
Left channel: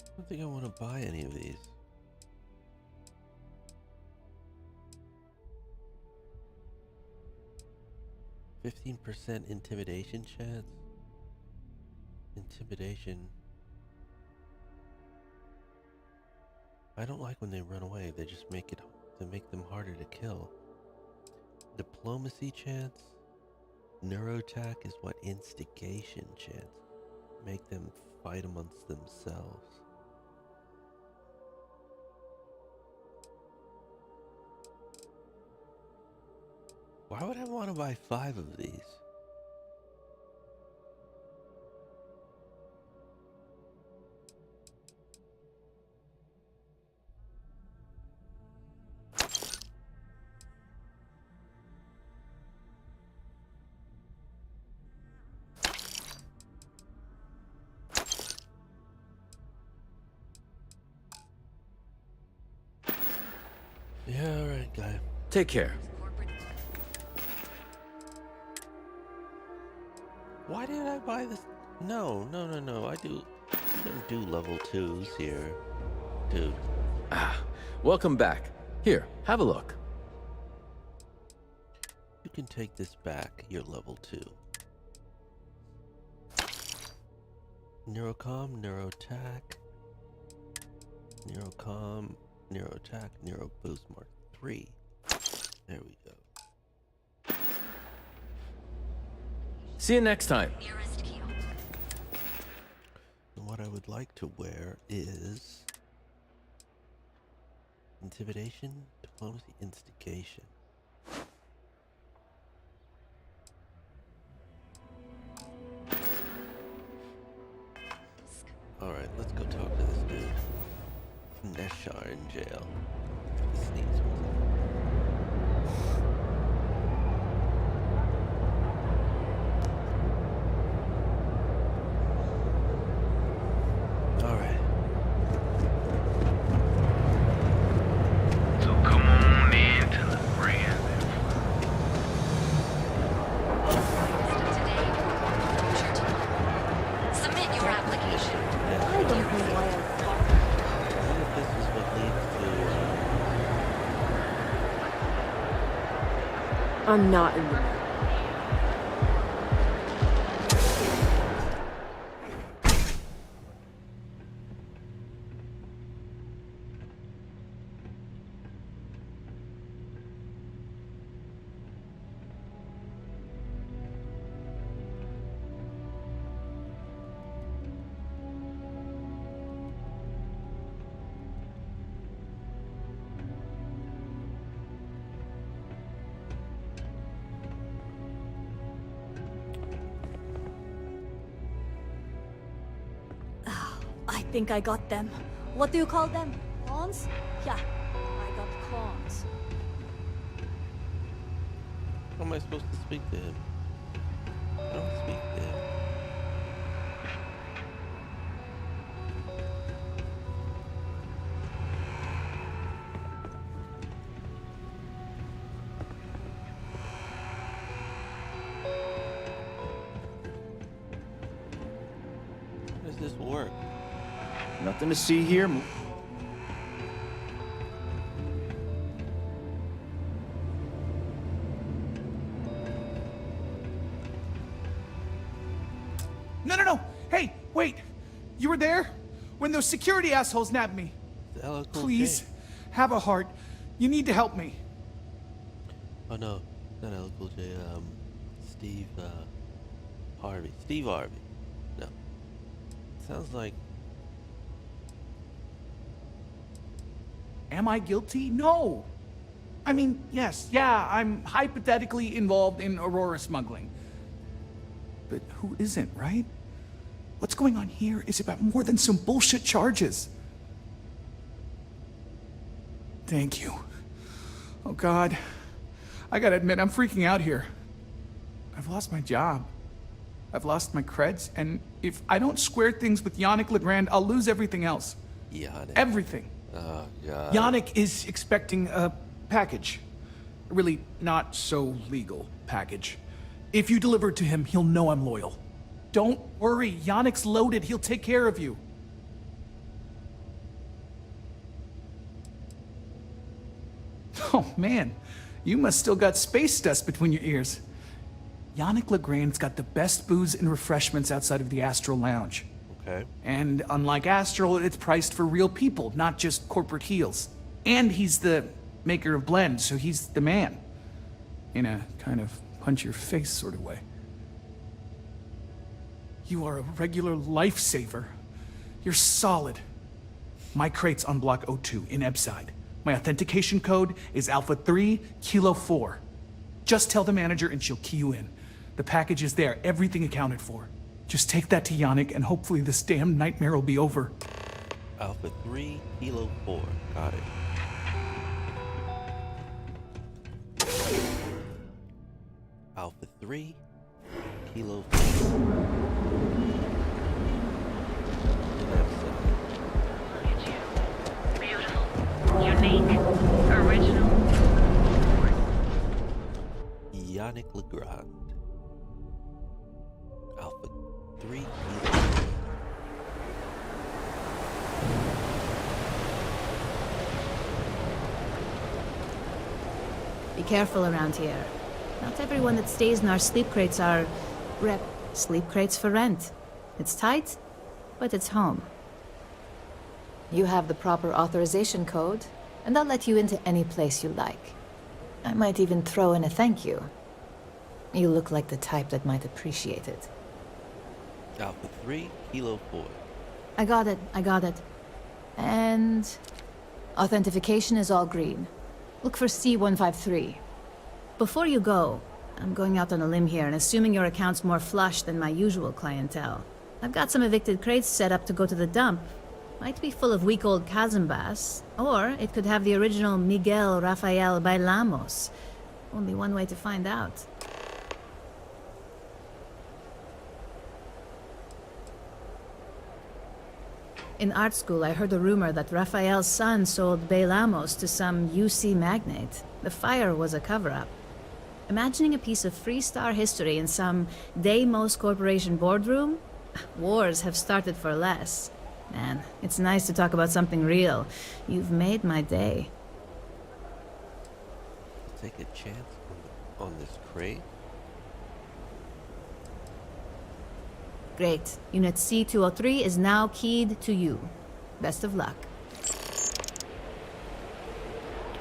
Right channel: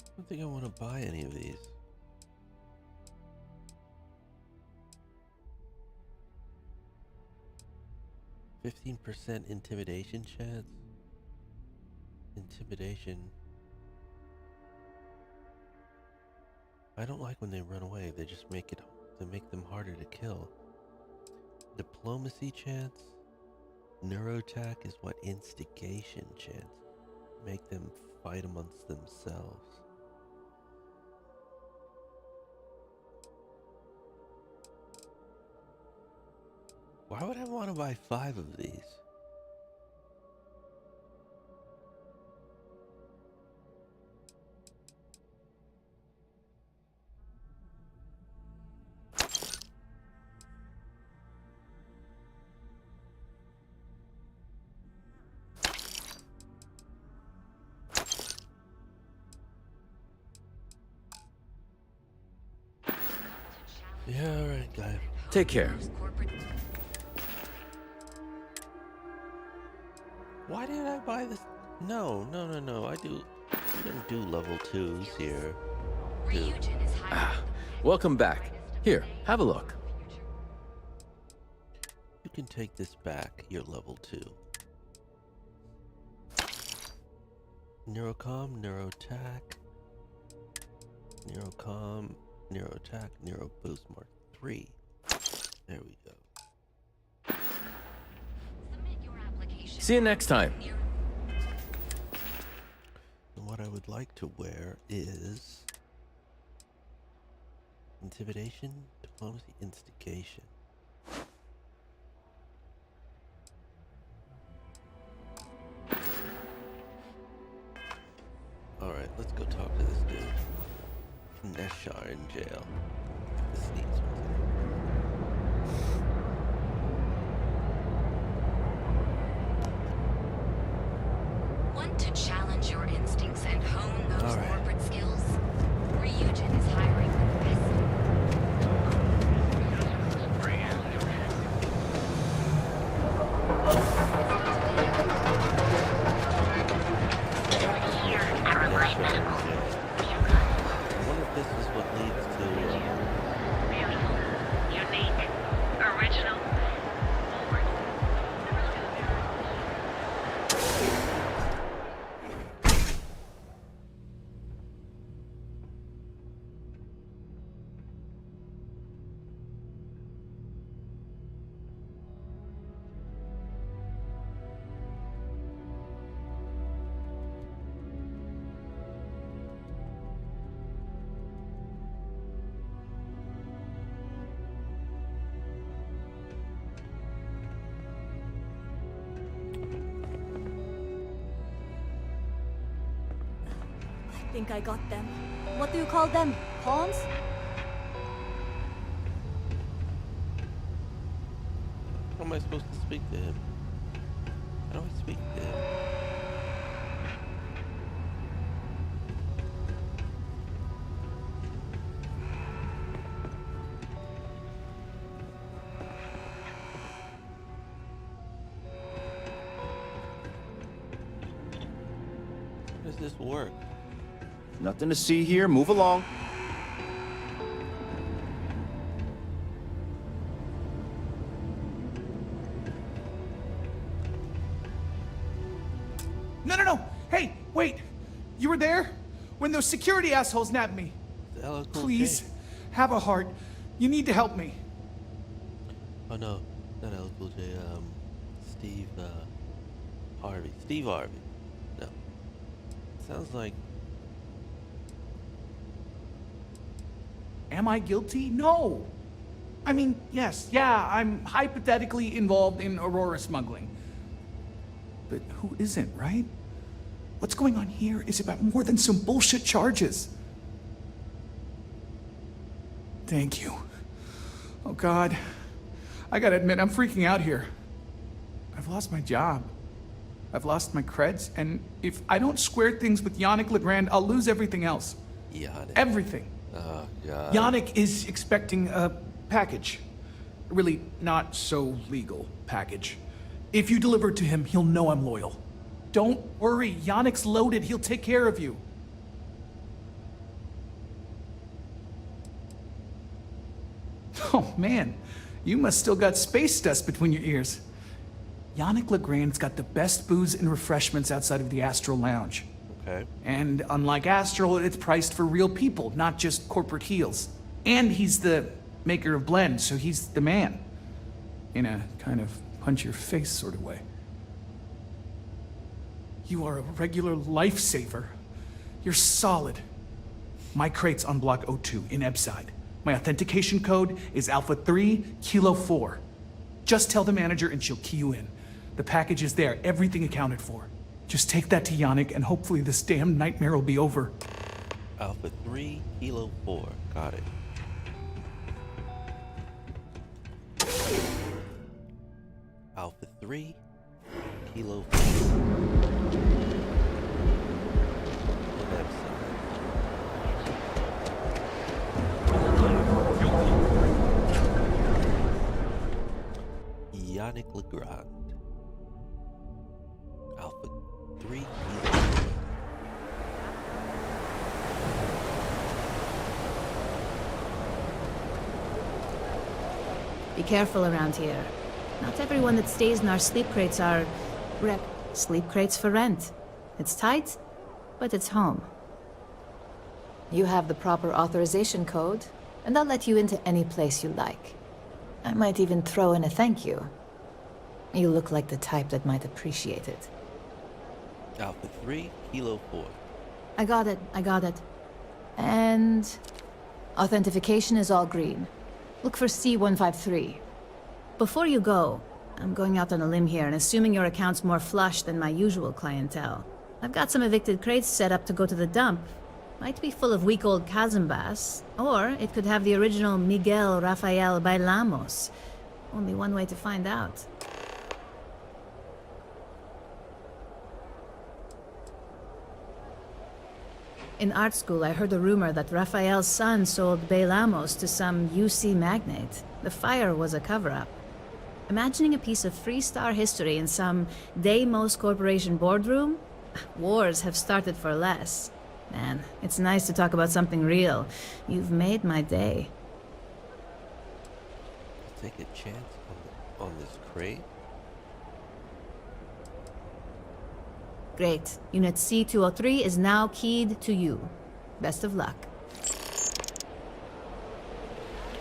I don't think I want to buy any of these. %15 intimidation chance. Intimidation. I don't like when they run away. They just make them harder to kill. Diplomacy chance. Neuroattack is what? Instigation chance. Make them fight amongst themselves. Why would I want to buy 5 of these? Yeah, alright, guy. Take care. Why did I buy this? No. I don't do level 2s here. Dude. Welcome back. Here, have a look. You can take this back. You're level 2. Neurocom, Neuroattack. Neurocom, Neuroattack, Neuroboost Mark 3. There we go. See you next time. And what I would like to wear is Intimidation, Diplomacy, Instigation. Alright, let's go talk to this dude. Neshar in jail. The sneeze one second. Want to challenge your instincts and hone those Alright. corporate skills? Ryujin is hiring for this. So come on in to the brand. Submit your application. Neshar in jail. I wonder if this is what leads to, I'm not in my I think I got them. What do you call them? Pawns? Yeah, I got pawns. how am I supposed to speak to him? I don't speak to him. How does this work? Nothing to see here. Move along. No. Hey, wait. You were there? When those security assholes nabbed me. The LL Cool Please, J. have a heart. You need to help me. Oh no, not LL Cool J, Steve, Harvey. Steve Harvey. No. Sounds like... Am I guilty? No. I mean, yes, yeah, I'm hypothetically involved in Aurora smuggling. But who isn't, right? What's going on here is about more than some bullshit charges. Thank you. Oh, God. I gotta admit, I'm freaking out here. I've lost my job. I've lost my creds, and if I don't square things with Yannick Legrand, I'll lose everything else. Yannick. Everything. Oh, God. Yannick is expecting a package. A really not so legal package. If you deliver it to him, he'll know I'm loyal. Don't worry, Yannick's loaded. He'll take care of you. Oh, man. You must still got space dust between your ears. Yannick Legrand's got the best booze and refreshments outside of the Astral Lounge. Okay. And unlike Astral, it's priced for real people, not just corporate heels. And he's the maker of blends, so he's the man. In a kind of punch your face sort of way. You are a regular lifesaver. You're solid. My crate's on Block O2 in Ebside. My authentication code is Alpha 3 Kilo 4. Just tell the manager and she'll key you in. The package is there, everything accounted for. Just take that to Yannick and hopefully this damn nightmare will be over. Alpha 3 Kilo 4. Got it. Alpha 3 Kilo 4. In Epsilon. Yannick Legrand. Alpha 3 Kilo 4. Be careful around here. Not everyone that stays in our sleep crates are... sleep crates for rent. It's tight, but it's home. You have the proper authorization code, and I'll let you into any place you like. I might even throw in a thank you. You look like the type that might appreciate it. Alpha 3 Kilo 4. I got it. And... authentication is all green. Look for C153. Before you go, I'm going out on a limb here and assuming your account's more flush than my usual clientele. I've got some evicted crates set up to go to the dump. Might be full of weak old Cazimbas, or it could have the original Miguel Rafael Bailamos. Only one way to find out. In art school, I heard a rumor that Rafael's son sold Bailamos to some UC magnate. The fire was a cover-up. Imagining a piece of Freestar history in some Deimos Corporation boardroom? Wars have started for less. Man, it's nice to talk about something real. You've made my day. Take a chance on this crate. Great. Unit C203 is now keyed to you. Best of luck.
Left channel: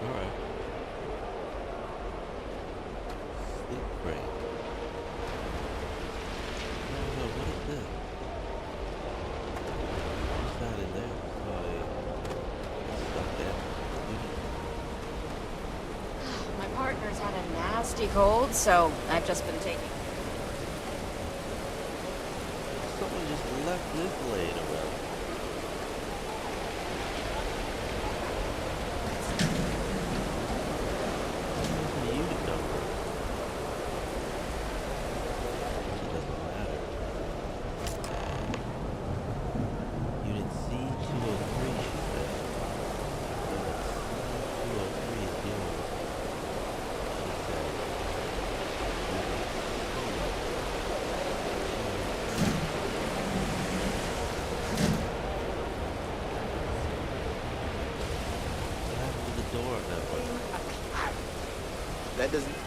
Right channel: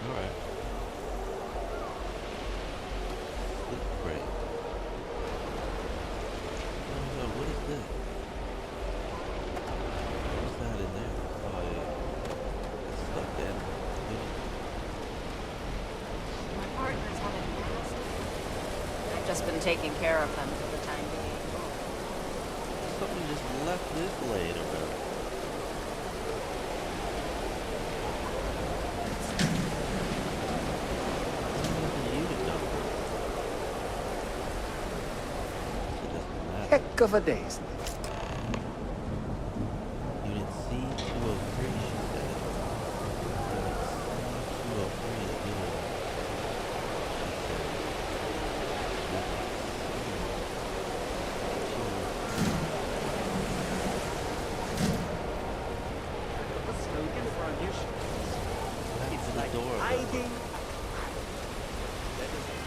Alright. Sleep crate. No, what is this? What's that in there? It's stuck there. My partner's had a nasty cold, so I've just been taking care of them. Someone just left this laying around. Where's the unit number? It doesn't matter. Heck of a day. Unit C203, she said. Unit C203 is yours. She said. Unit door of that one. That doesn't...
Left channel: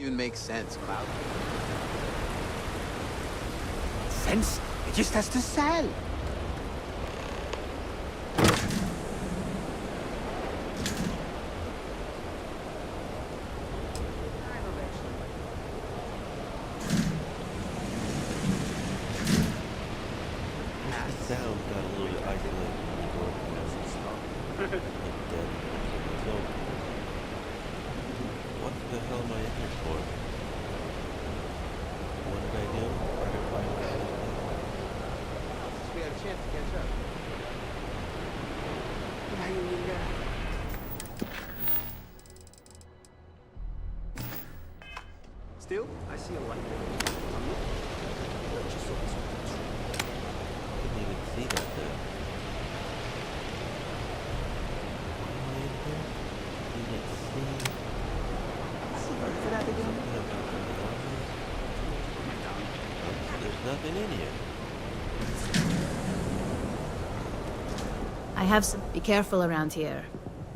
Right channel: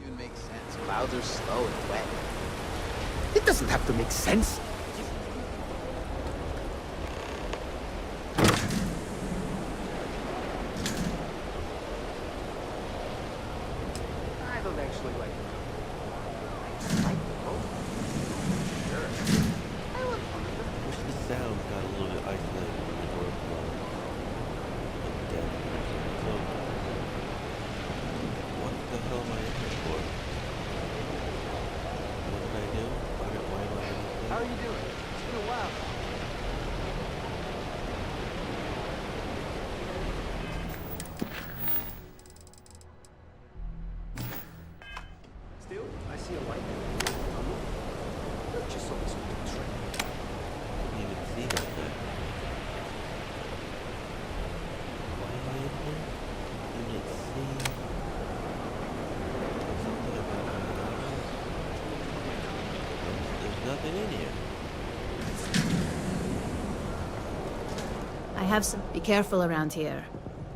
even make sense. Clouds are slow. It doesn't have to make sense. It just has to sell. I don't actually like it. Sound got a little bit isolated when the door closed. Like dead. So, what the hell am I in here for? What did I do? Why am I in this thing? How are you doing? It's been a while since we had a chance to get that. Still, I see a light there. I'm looking. Just saw this train. Couldn't even see that there. Why am I in here? Unit C. Something about my novels? There's nothing in here. I have some... Be careful around here.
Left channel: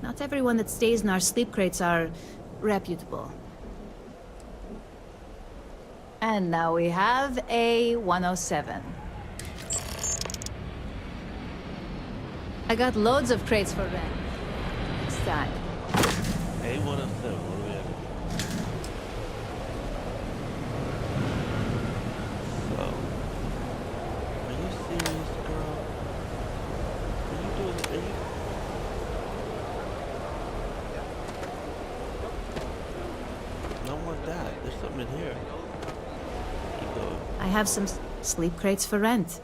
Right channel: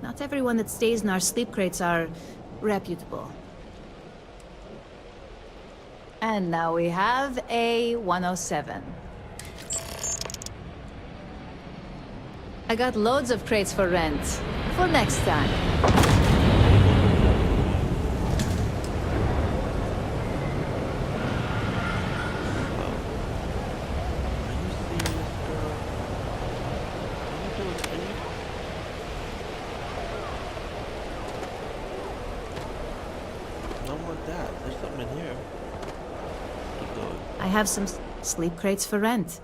Not everyone that stays in our sleep crates are... reputable. And now we have a 107. I got loads of crates for rent. For next time. Hey, what up, what do we have? Oh. Are you serious, girl? Are you doing it? Are you... I don't want that. There's something in here. Keep going. I have some sleep crates for rent.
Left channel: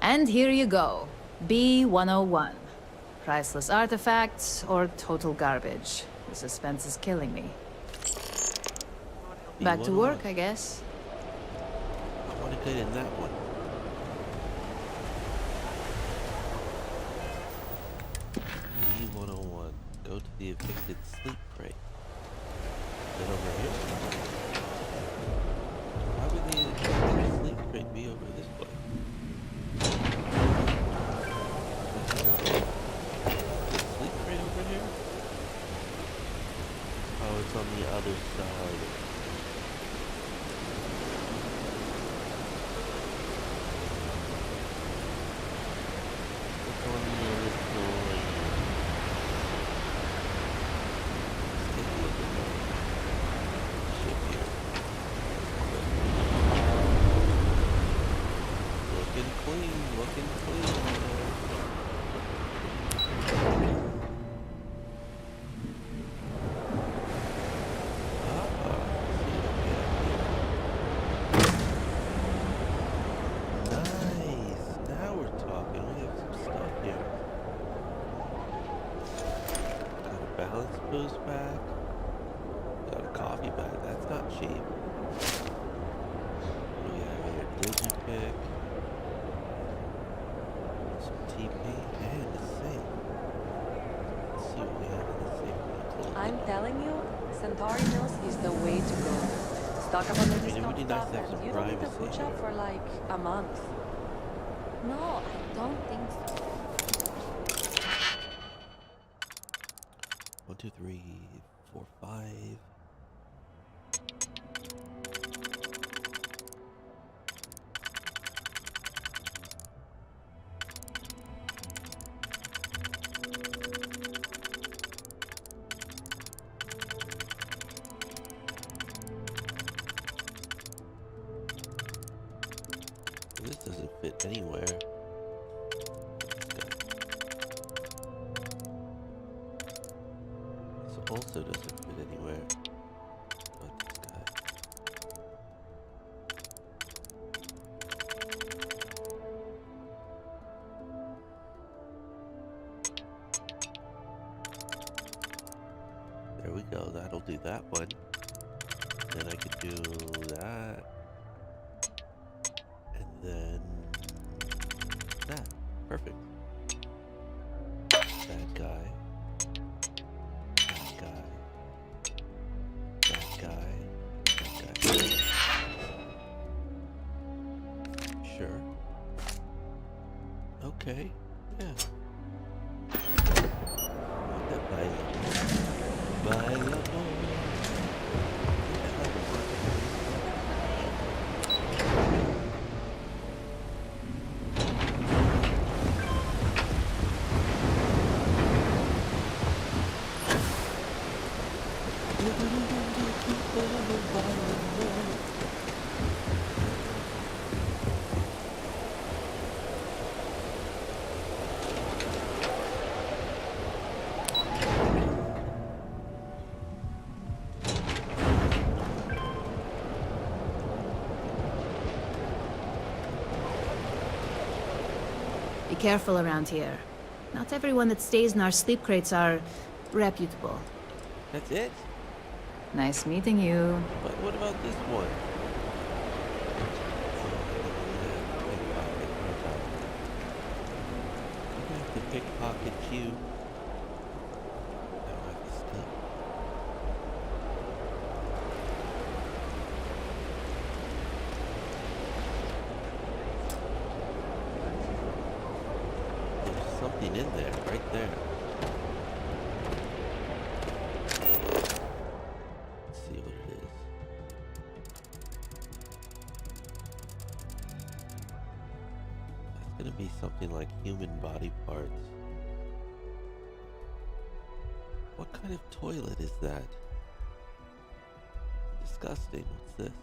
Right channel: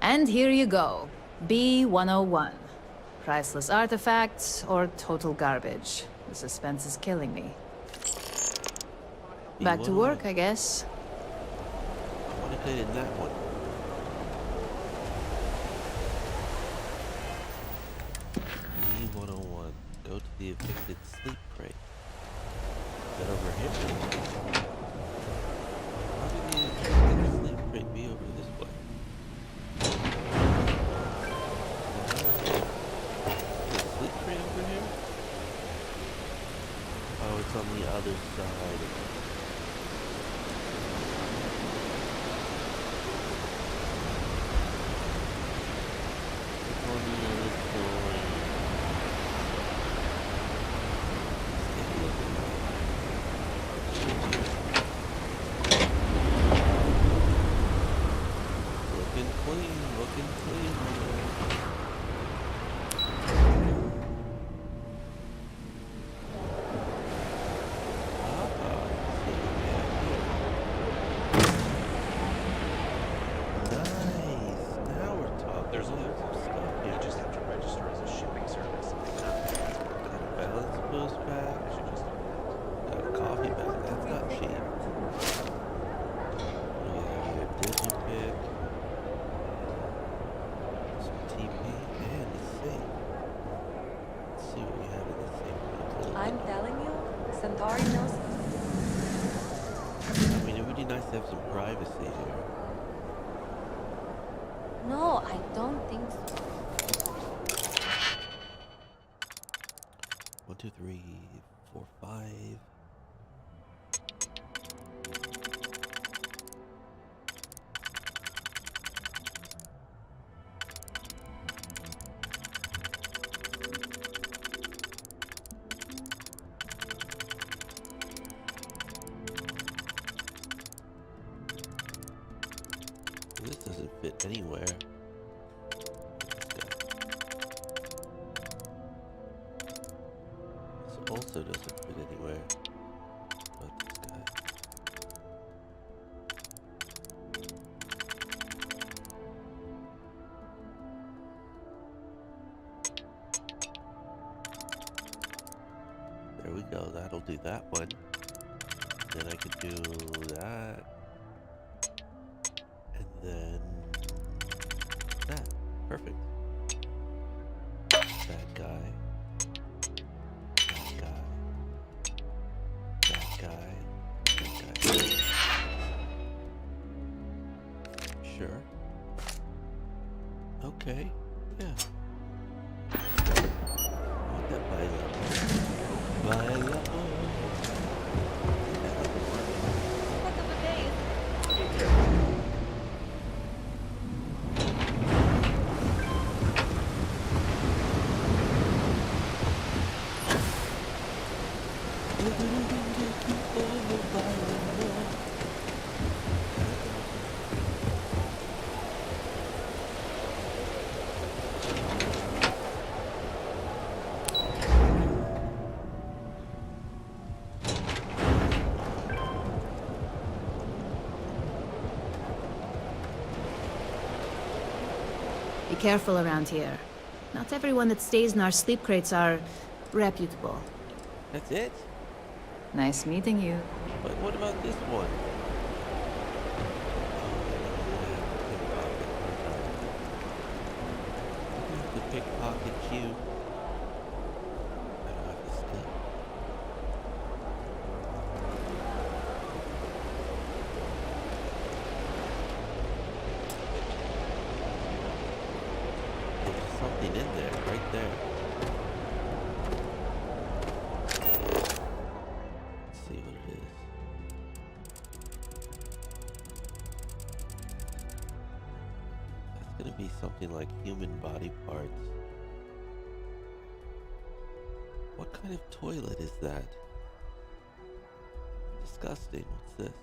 And here you go. B-101. Priceless artifacts or total garbage. The suspense is killing me. Back to work, I guess. I want to get in that one. B-101. Go to the evicted sleep crate. Is that over here? Why would the evicted sleep crate be over this way? The hell is that? Is the sleep crate over here? Oh, it's on the other side. It's on the other side. Let's take a look at that. Shit here. Looking clean, looking clean on there. Boost bag. Got a coffee bag. That's not cheap. What do we have here? Digipick. Some TP and a safe. Let's see what we have in this safe. I'm telling you, Centauri Mills is the way to go. Talk about I mean, it would be nice to have some privacy here. For like a month. No, I don't think so. 1, 2, 3, 4, 5. This doesn't fit anywhere. Also doesn't fit anywhere but this guy. There we go, that'll do that one. Then I could do that. And then that. Perfect. Bad guy. That guy. Sure. Okay. Yeah. Like that bailable. Bailable. Yeah, I like the market. Be careful around here. Not everyone that stays in our sleep crates are reputable. That's it? Nice meeting you. But what about this one? Oh, I don't have to pickpocket, aren't I? I'm gonna have to pickpocket you. I don't have to steal. There's something in there, right there. Let's see what it is. That's gonna be something like human body parts. What kind of toilet is that? Disgusting. What's this?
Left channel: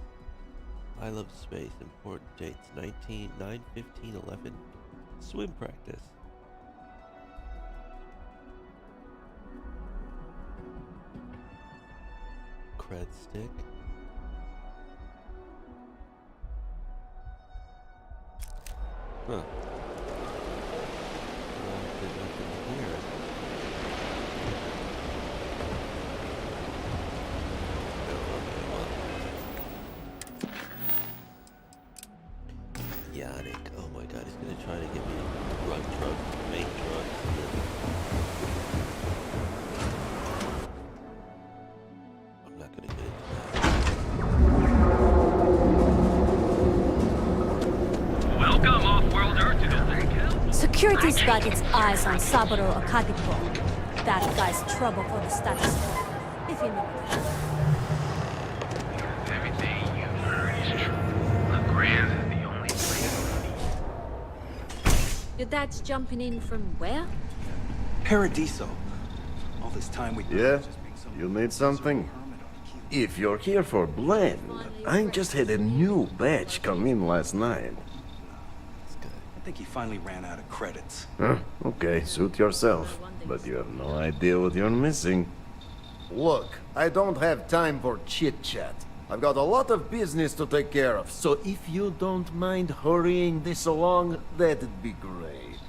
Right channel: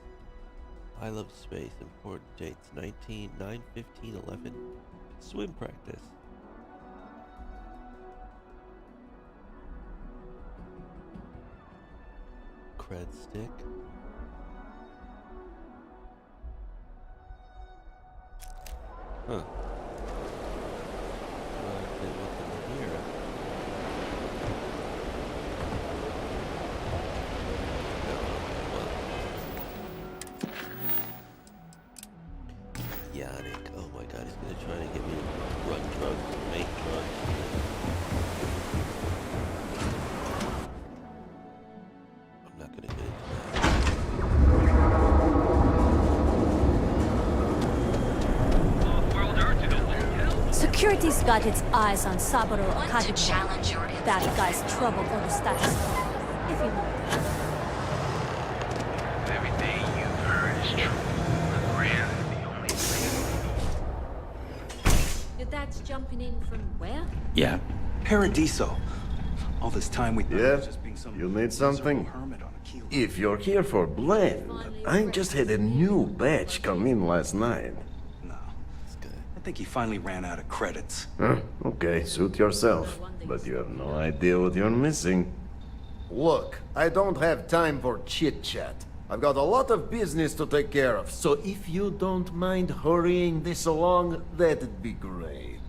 I love space. Important dates. 9/15/11. Swim practice. Cred stick. Huh. Well, I didn't look in here. No, okay, well. Yannick. Oh my god, he's gonna try to get me to run drugs, make drugs, and then... I'm not gonna get into that. Welcome, off-worlder, to the Lake House. Security's got its eyes on Saburo Akadipo. That guy's trouble for the status quo, if you know it. Because everything you've heard is true. The Grand is the only place. Your dad's jumping in from where? Yeah, Paradiso. All this time we thought it Yeah? was just being some You need something? miserable hermit on a keel. If you're here for blend, I just had a new batch come in last night. I think he finally ran out of credits. Huh? Okay, suit yourself. But you have no idea what you're missing. Look, I don't have time for chit-chat. I've got a lot of business to take care of, so if you don't mind hurrying this along, that'd be great.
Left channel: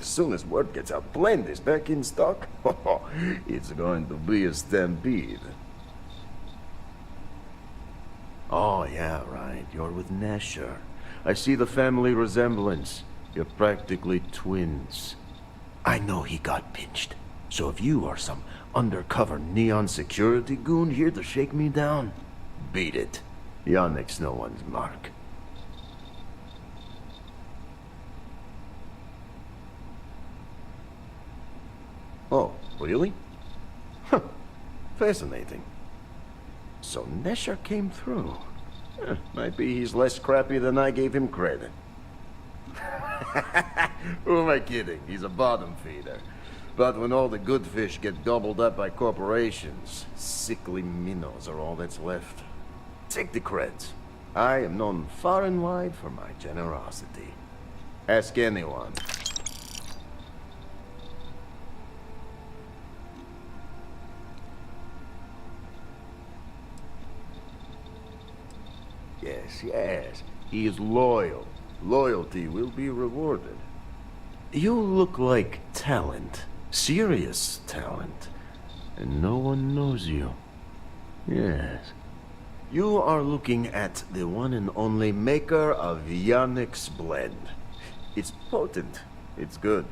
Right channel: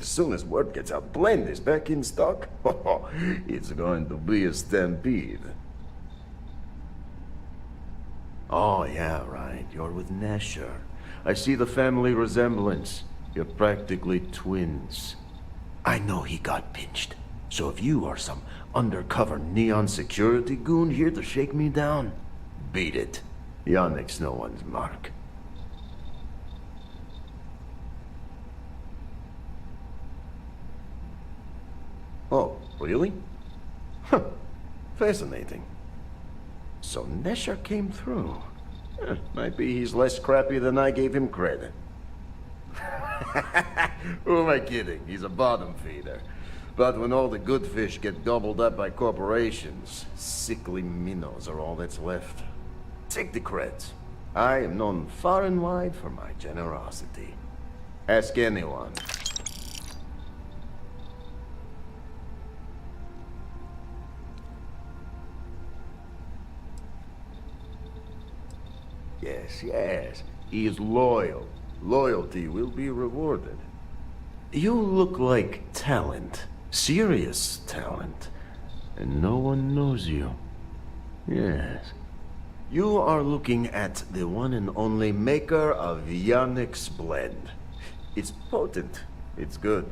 As soon as word gets out, Blend is back in stock. It's going to be a stampede. Oh, yeah, right. You're with Nasher. I see the family resemblance. You're practically twins. I know he got pinched. So if you are some undercover neon security goon here to shake me down, beat it. Yannick's no one's mark. Oh, really? Huh. Fascinating. So Nesher came through. Might be he's less crappy than I gave him credit. Who am I kidding? He's a bottom feeder. But when all the good fish get gobbled up by corporations, sickly minnows are all that's left. Take the creds. I am known far and wide for my generosity. Ask anyone. Yes, yes. He is loyal. Loyalty will be rewarded. You look like talent. Serious talent. And no one knows you. Yes. You are looking at the one and only maker of Yannick's blend. It's potent. It's good.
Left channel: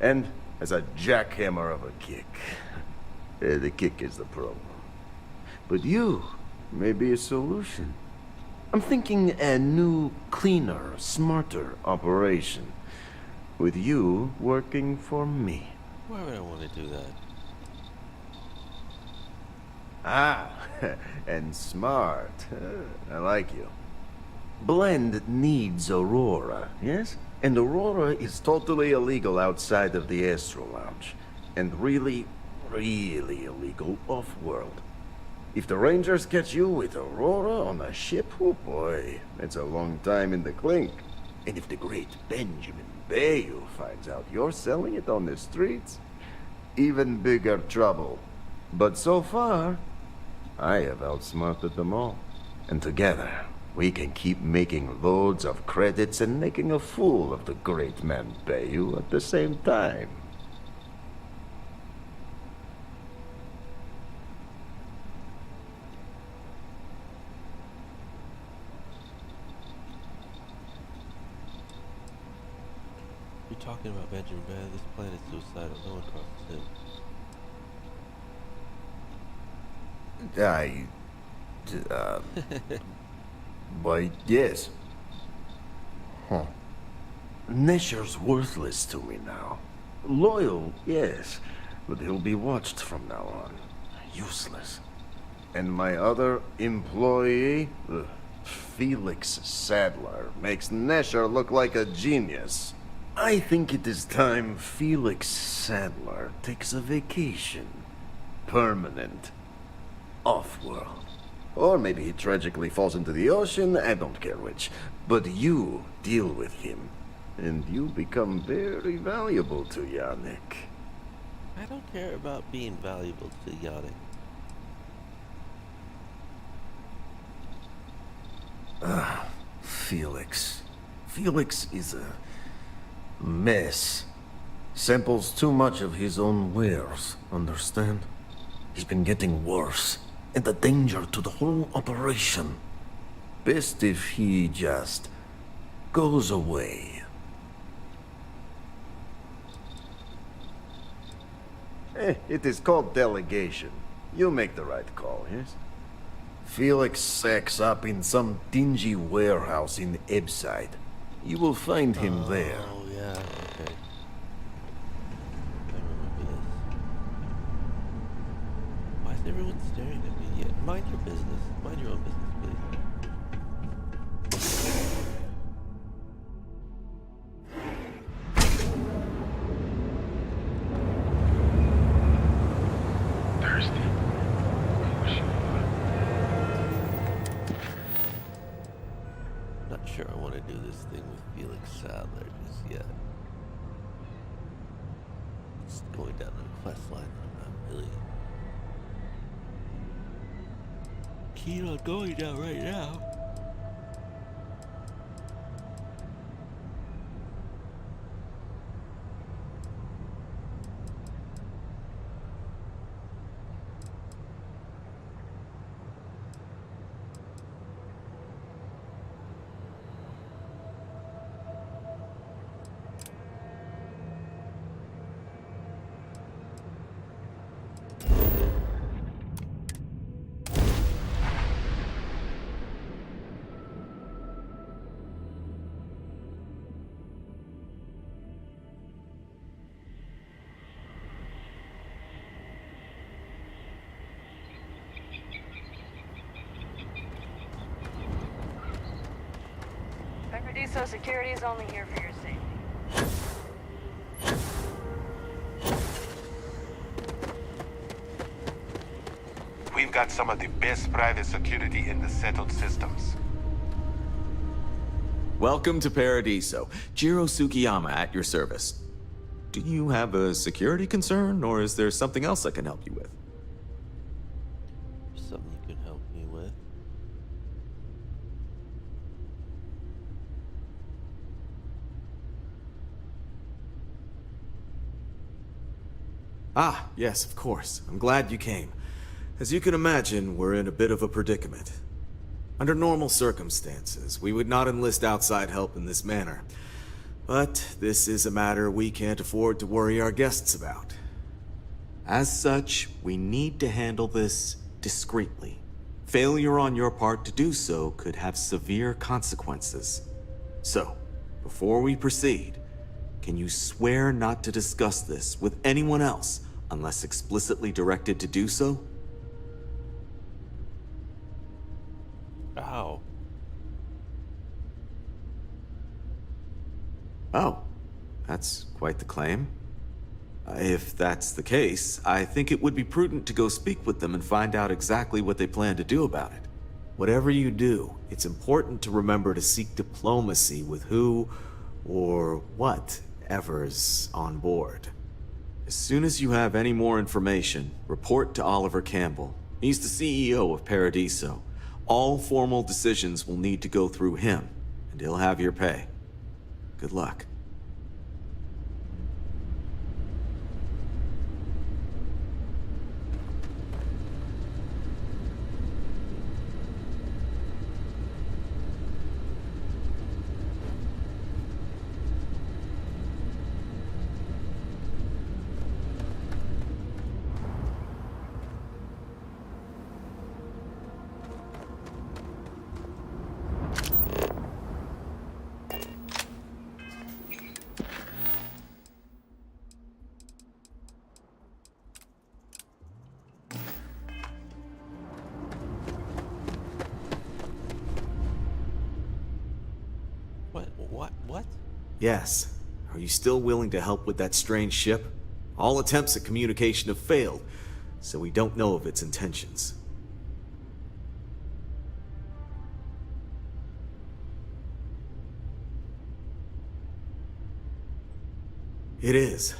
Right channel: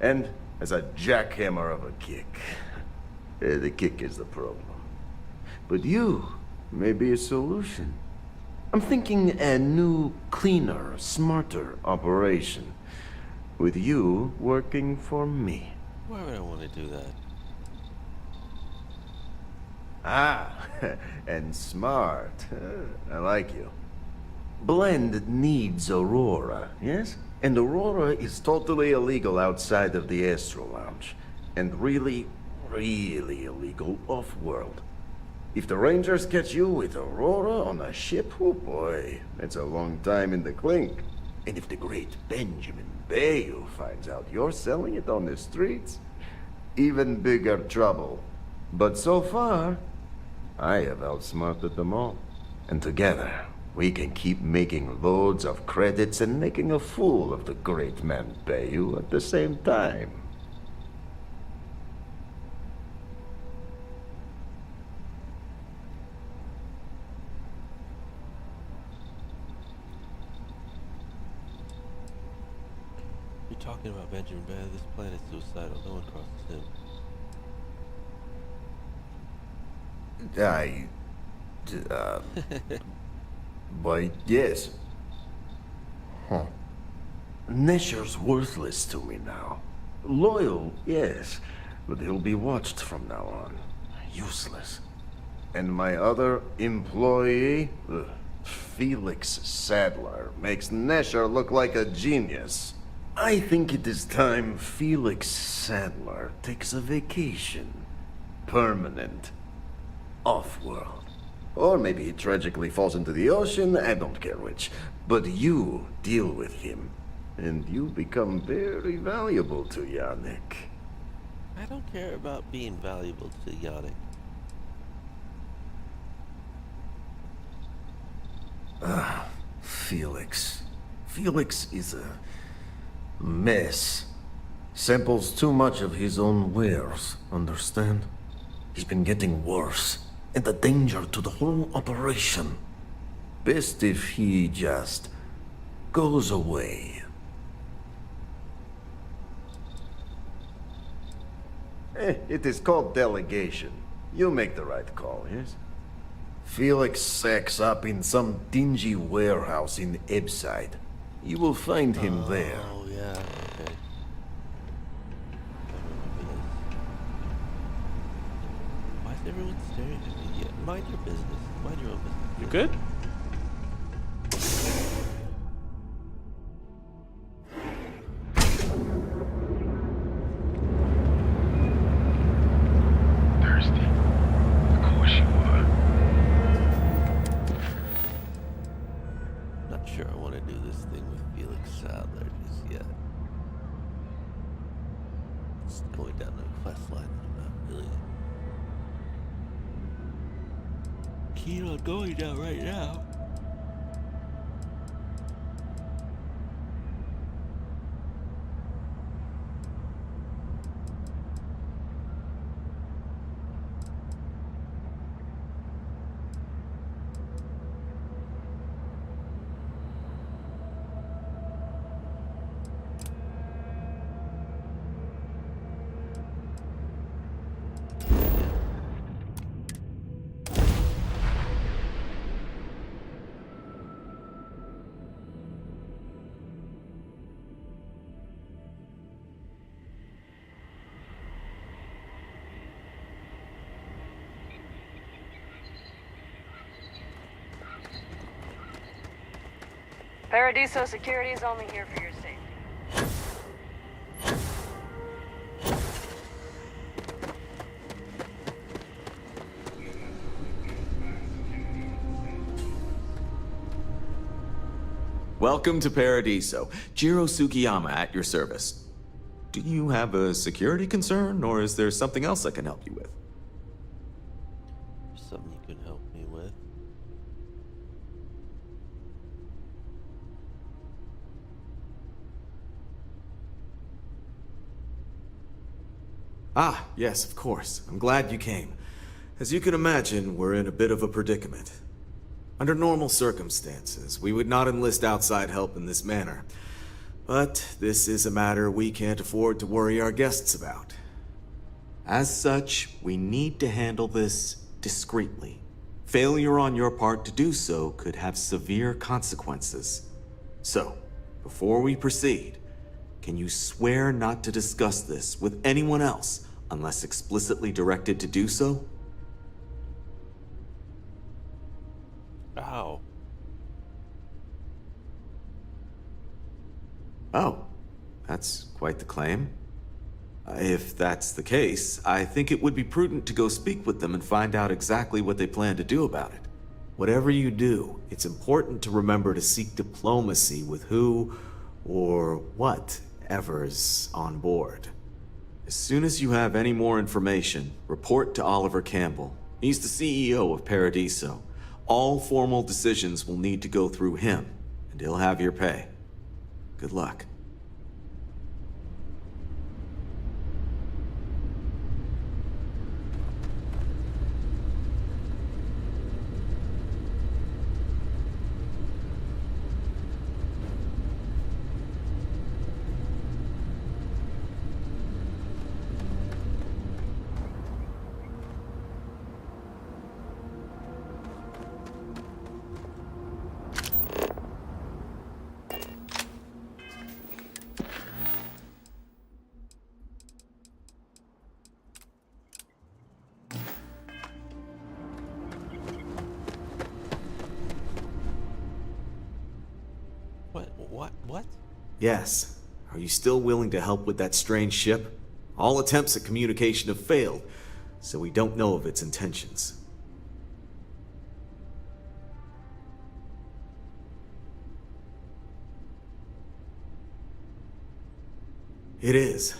And has a jackhammer of a kick. The kick is the problem. But you may be a solution. I'm thinking a new, cleaner, smarter operation. With you working for me. Why would I want to do that? Ah, and smart. I like you. Blend needs Aurora, yes? And Aurora is totally illegal outside of the Astro Lounge. And really, really illegal off-world. If the Rangers catch you with Aurora on a ship, oh boy, that's a long time in the clink. And if the great Benjamin Bayou finds out you're selling it on the streets, even bigger trouble. But so far, I have outsmarted them all. And together, we can keep making loads of credits and making a fool of the great man Bayou at the same time. You're talking about Benjamin Bad. This planet's suicidal. No one crosses him. Why, yes. Huh. Nesher's worthless to me now. Loyal, yes, but he'll be watched from now on. Useless. And my other employee, Felix Sadler, makes Nesher look like a genius. I think it is time Felix Sadler takes a vacation. permanent. Off-world. Or maybe he tragically falls into the ocean, I don't care which. But you deal with him, and you become very valuable to Yannick. I don't care about being valuable to Yannick. Felix. Felix is a mess. Samples too much of his own wares, understand? He's been getting worse, and a danger to the whole operation. Best if he just goes away. It is called delegation. You make the right call, yes? Felix sacks up in some dingy warehouse in Ebside. You will find him there. Oh, yeah, okay. I remember this. Why is everyone staring at me? Yeah, mind your business. Mind your own business. You good? Thirsty? Of course you are. Not sure I want to do this thing with Felix Sadler just yet. Just going down the quest line that I'm not really keen on going down right now. Paradiso security is only here for your safety. We've got some of the best private security in the settled systems. Welcome to Paradiso. Jiro Sukiyama at your service. Do you have a security concern, or is there something else I can help you with? Something you can help me with? Ah, yes, of course. I'm glad you came. As you can imagine, we're in a bit of a predicament. Under normal circumstances, we would not enlist outside help in this manner. But this is a matter we can't afford to worry our guests about. As such, we need to handle this discreetly. Failure on your part to do so could have severe consequences. So, before we proceed, can you swear not to discuss this with anyone else unless explicitly directed to do so? Ow. Oh, that's quite the claim. If that's the case, I think it would be prudent to go speak with them and find out exactly what they plan to do about it. Whatever you do, it's important to remember to seek diplomacy with who or whatever's on board. As soon as you have any more information, report to Oliver Campbell. He's the CEO of Paradiso. All formal decisions will need to go through him, and he'll have your pay. Good luck. What? Yes. Are you still willing to help with that strange ship? All attempts at communication have failed. so we don't know of its intentions. It is.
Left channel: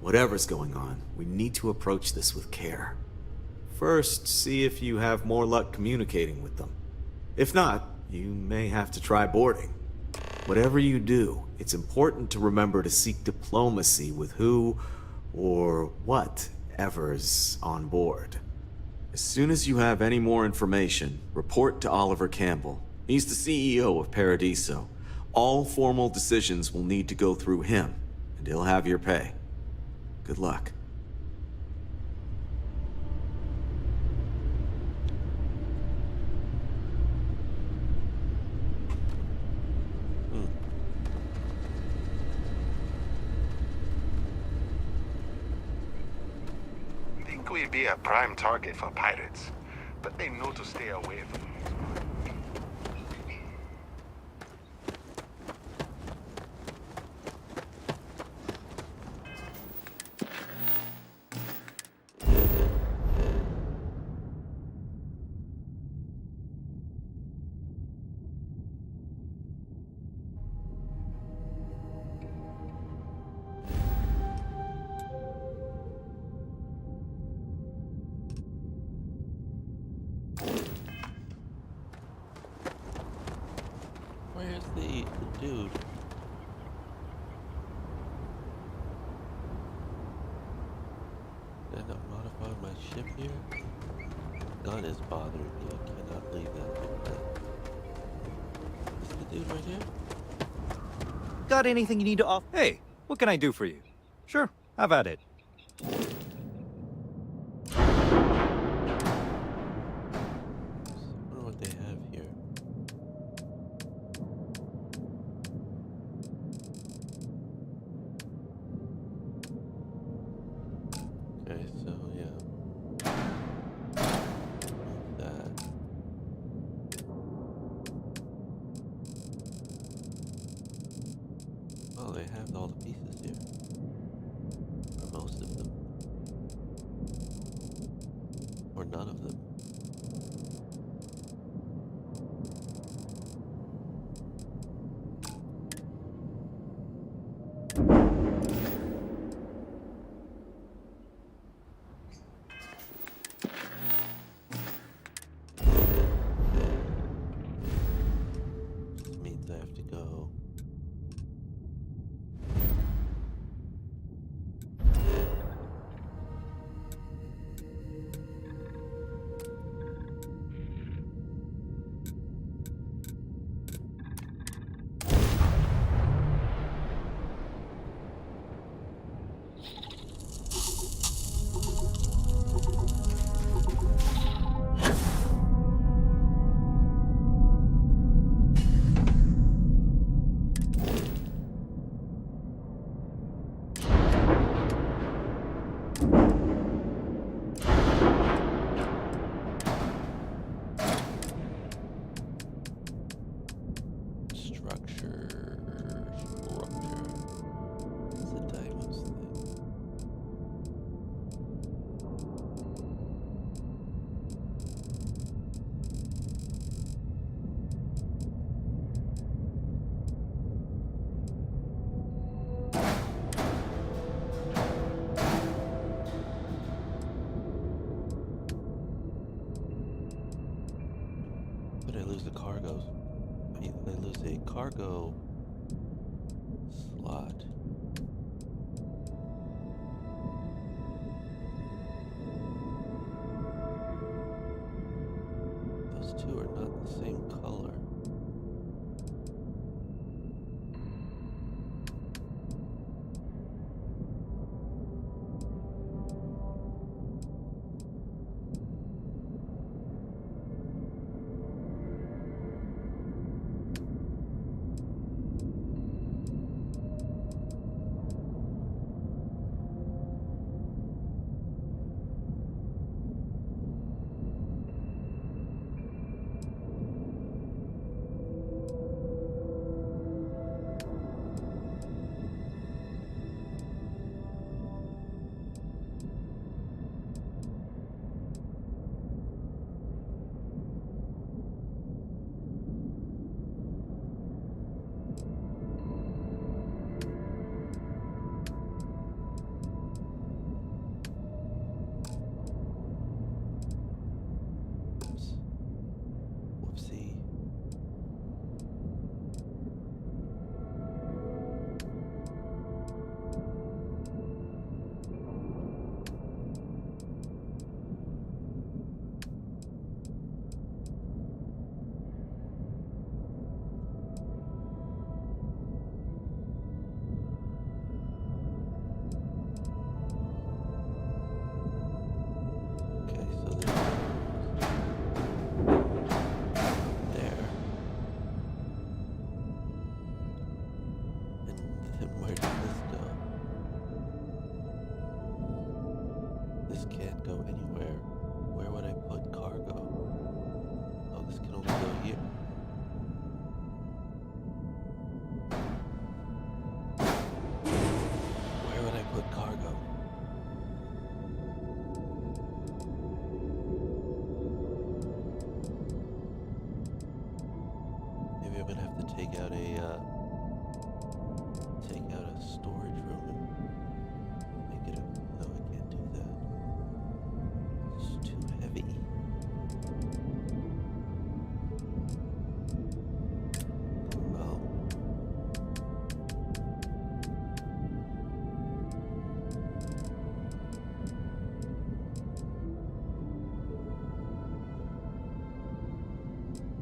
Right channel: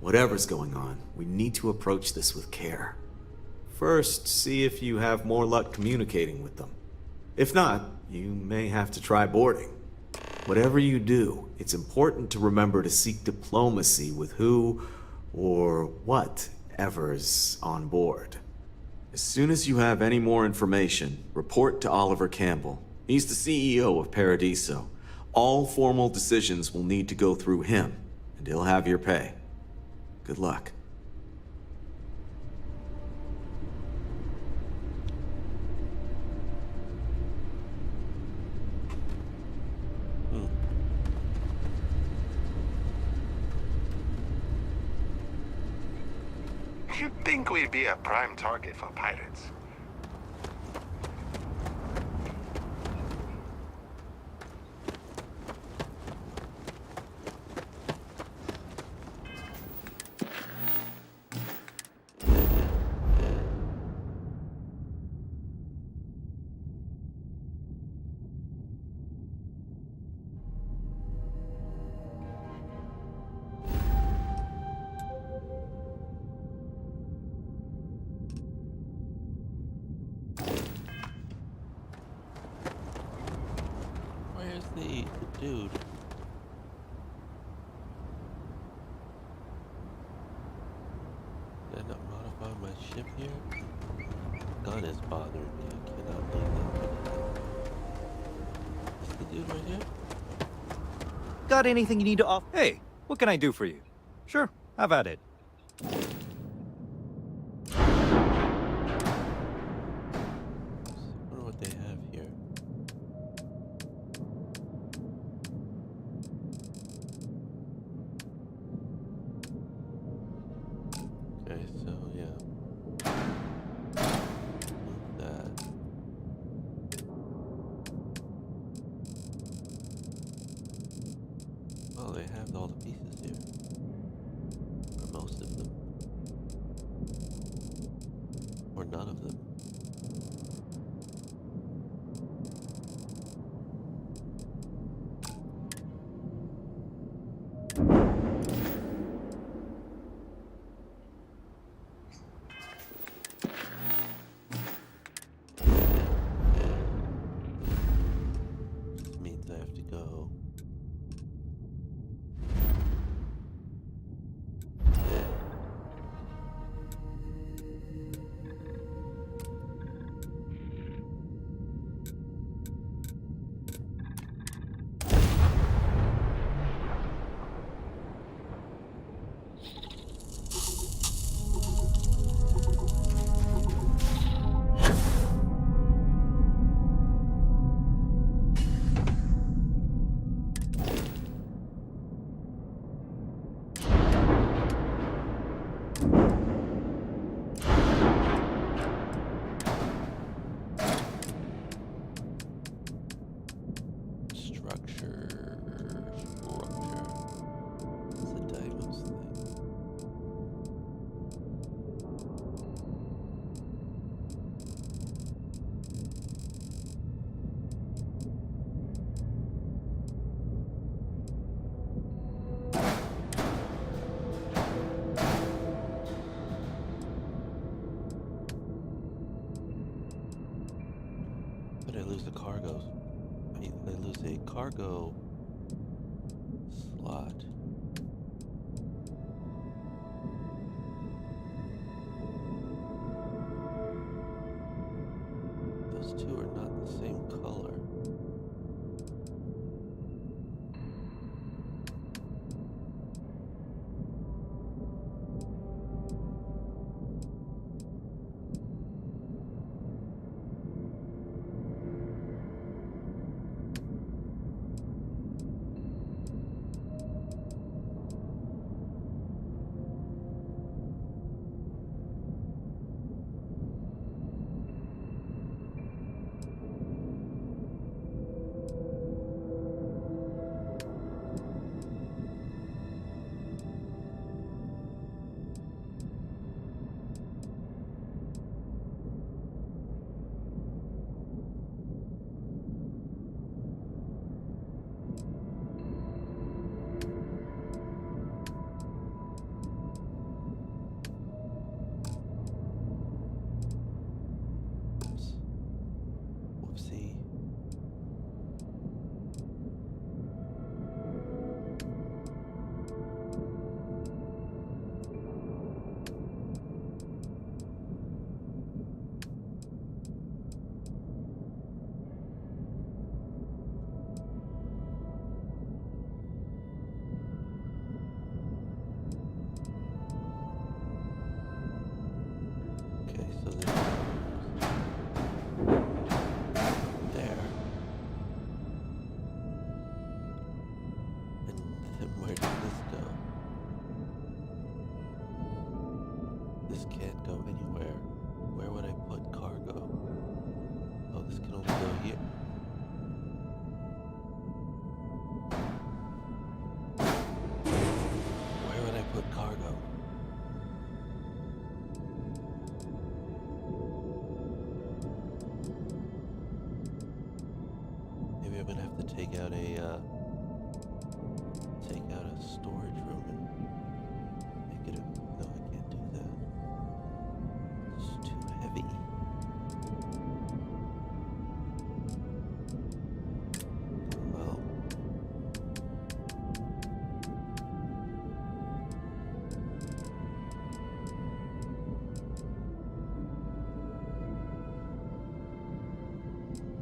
Whatever's going on, we need to approach this with care. First, see if you have more luck communicating with them. If not, you may have to try boarding. Whatever you do, it's important to remember to seek diplomacy with who or whatever's on board. As soon as you have any more information, report to Oliver Campbell. He's the CEO of Paradiso. All formal decisions will need to go through him, and he'll have your pay. Good luck. You'd think we'd be a prime target for pirates, but they know to stay away from Where's the dude? Did I not modify my ship here? Gun is bothering me. I cannot leave that like that. Is the dude right here? Got anything you need to offer? Hey, what can I do for you? Sure, have at it. I wonder what they have here. Okay, so yeah. Move that. Oh, they have all the pieces here. Or most of them. Or none of them. Means I have to go. Structure. It's a Deimos thing. But I lose the cargoes. I mean, I lose a cargo slot. Those two are not the same color. Where does this go? This can't go anywhere. Where would I put cargo? Oh, this can only go here. Where would I put cargo? Maybe I'm gonna have to take out a storage room and make it a. No, I can't do that. It's too heavy. Well.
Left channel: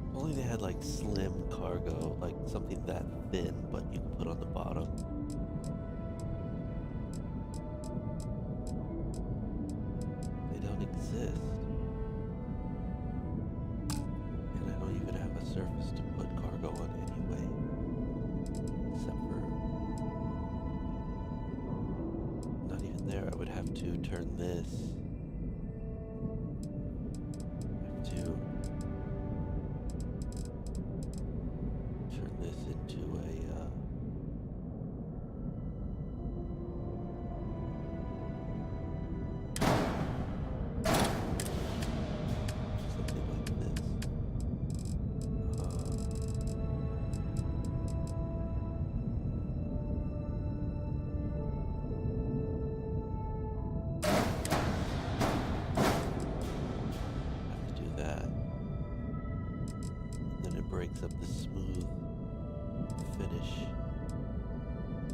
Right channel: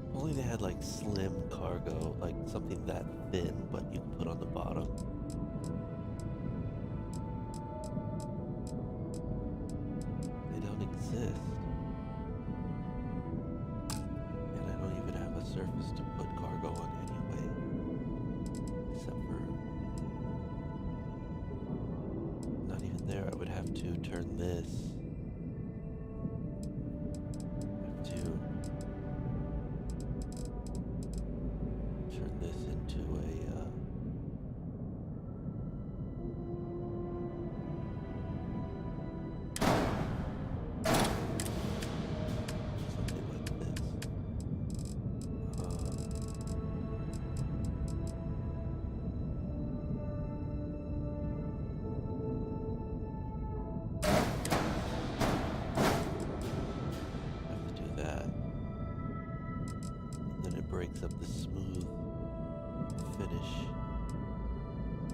If only they had like slim cargo, like something that thin, but you can put on the bottom. They don't exist. And I don't even have a surface to put cargo on anyway. Except for... not even there. I would have to turn this. I have to turn this into a something like this. Have to do that. And then it breaks up the smooth finish,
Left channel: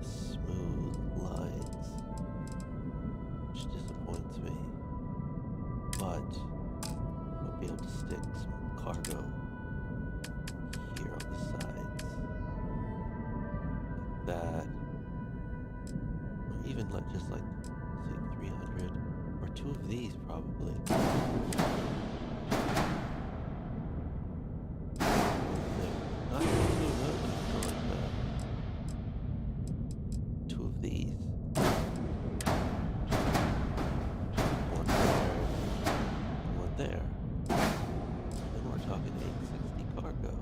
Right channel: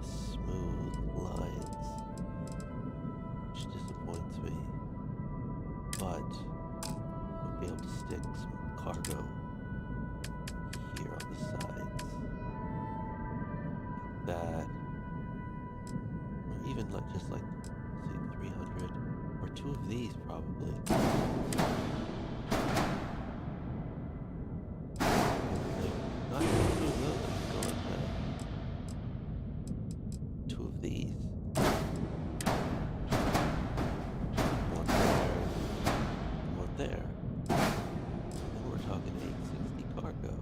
smooth lines, which disappoints me, but I'll be able to stick some cargo here on the sides, like that, or even like just like say 300, or two of these probably. Not even two of those, I can go like that. Two of these. One there, and one there. And then we're talking 860 cargo.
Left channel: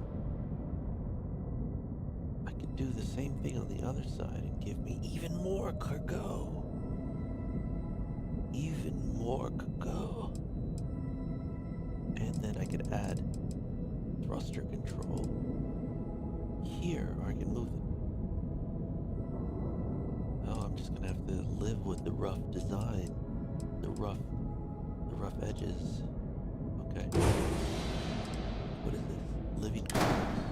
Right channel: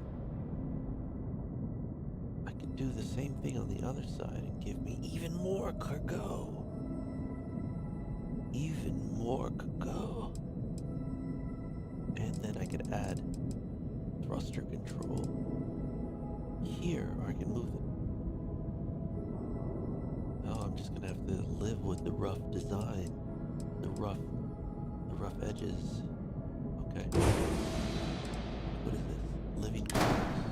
I could do the same thing on the other side and give me even more cargo. Even more cargo. And then I could add thruster control here, or I can move it. Oh, I'm just gonna have to live with the rough design, the rough edges. Okay. What is this? Living quarters.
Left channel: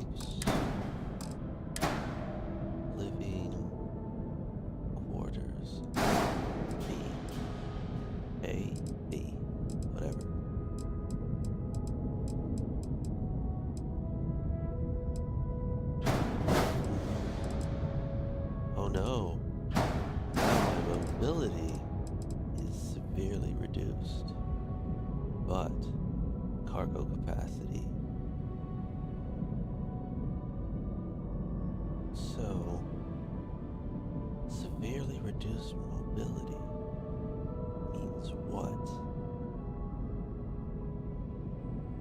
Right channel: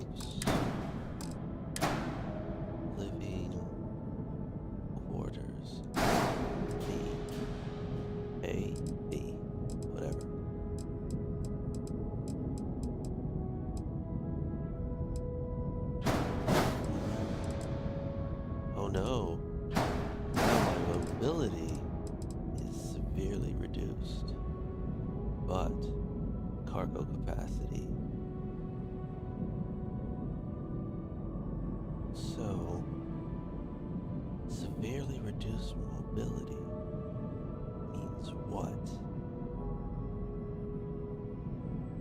Oops. Living quarters. B. A. B. Whatever. Oh no. Now my mobility is severely reduced. But cargo capacity. So, severely reduced mobility means what?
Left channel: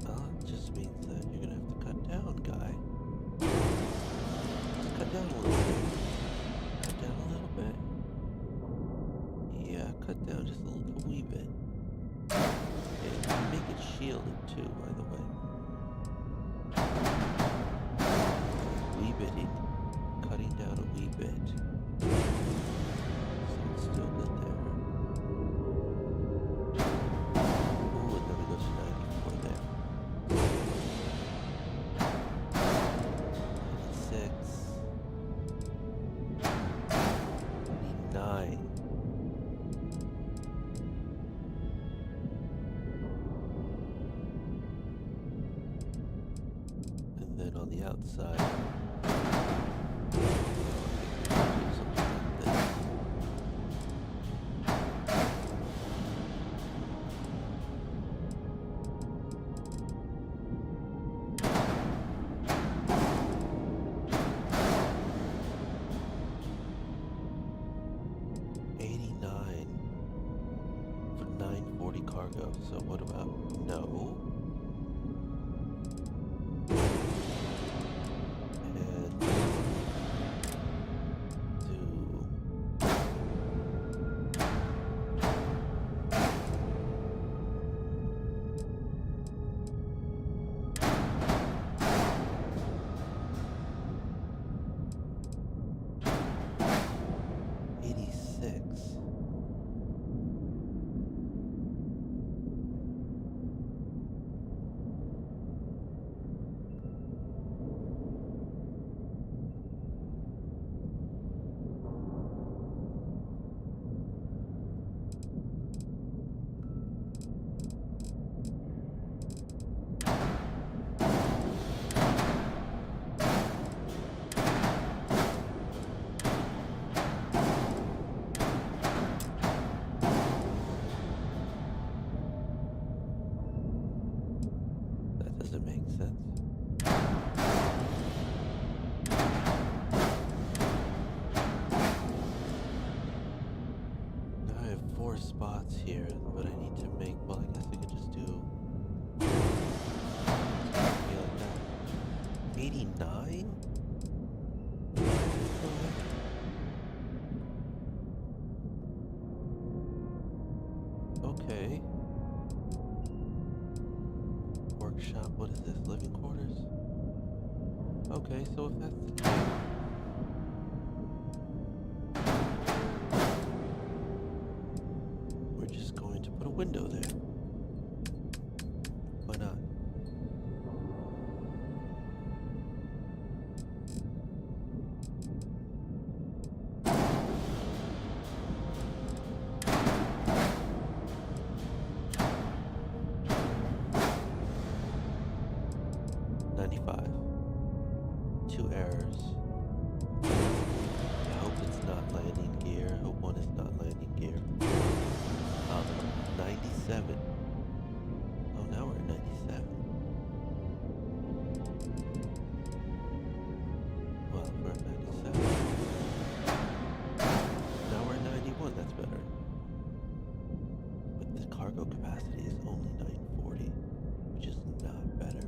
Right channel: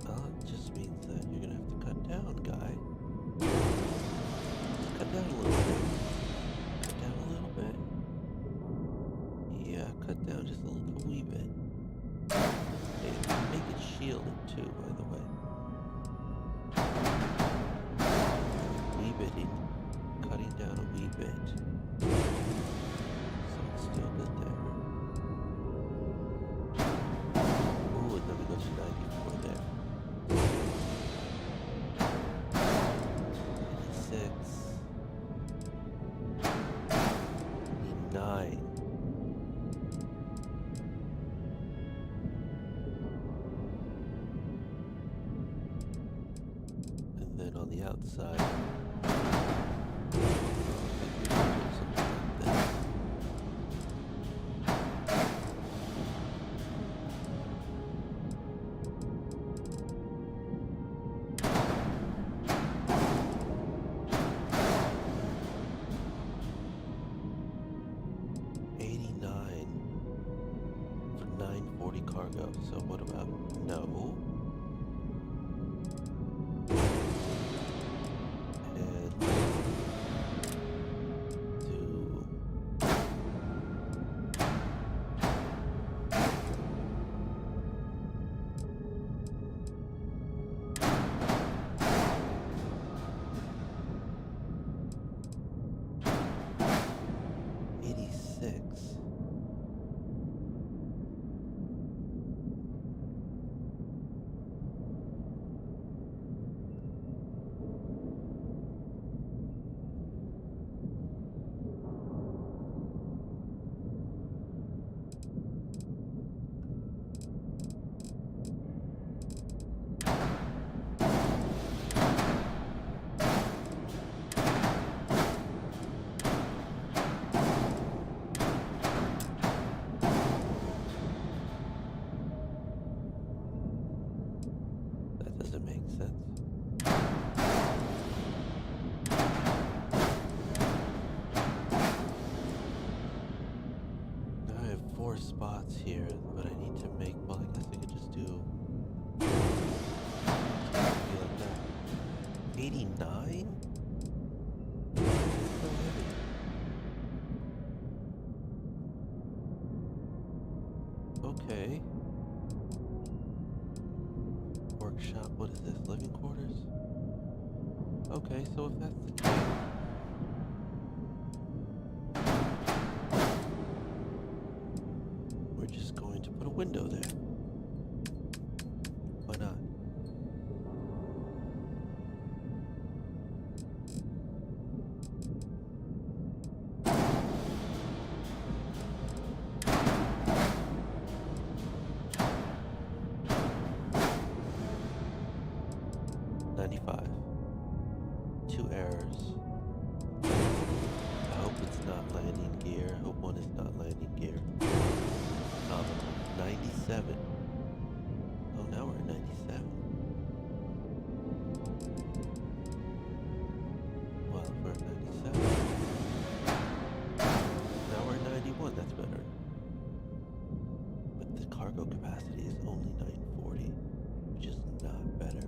Well, it just means that you're gonna have to cut down, guy. Just cut down a little bit. Cut down a little bit. Yeah, cut down just a wee bit. And make it shielded too, by the way. Wee bitting. Cutting down a wee bit. So it's still good there. Ooh, and then we go to 94 there. 96. 99. And then on the outside, 940 cargo, so what about no? And do 86. That doesn't make sense. Now I have 4 spots here, but I need to make, well, I guess I could just do, be like that. 89? So heavy. Okay. Workshop, what is this? Living quarters? Okay, so if that's the case, we're just going to put a window there. Why not? Two errors. I hope it's not landing gear. I hope one is not landing gear. Nominal. 97. Oh, now we're at 97. Well, if we're at 97. Now we're at 91. That's better. But the cargo capacity is only 940, which is not better.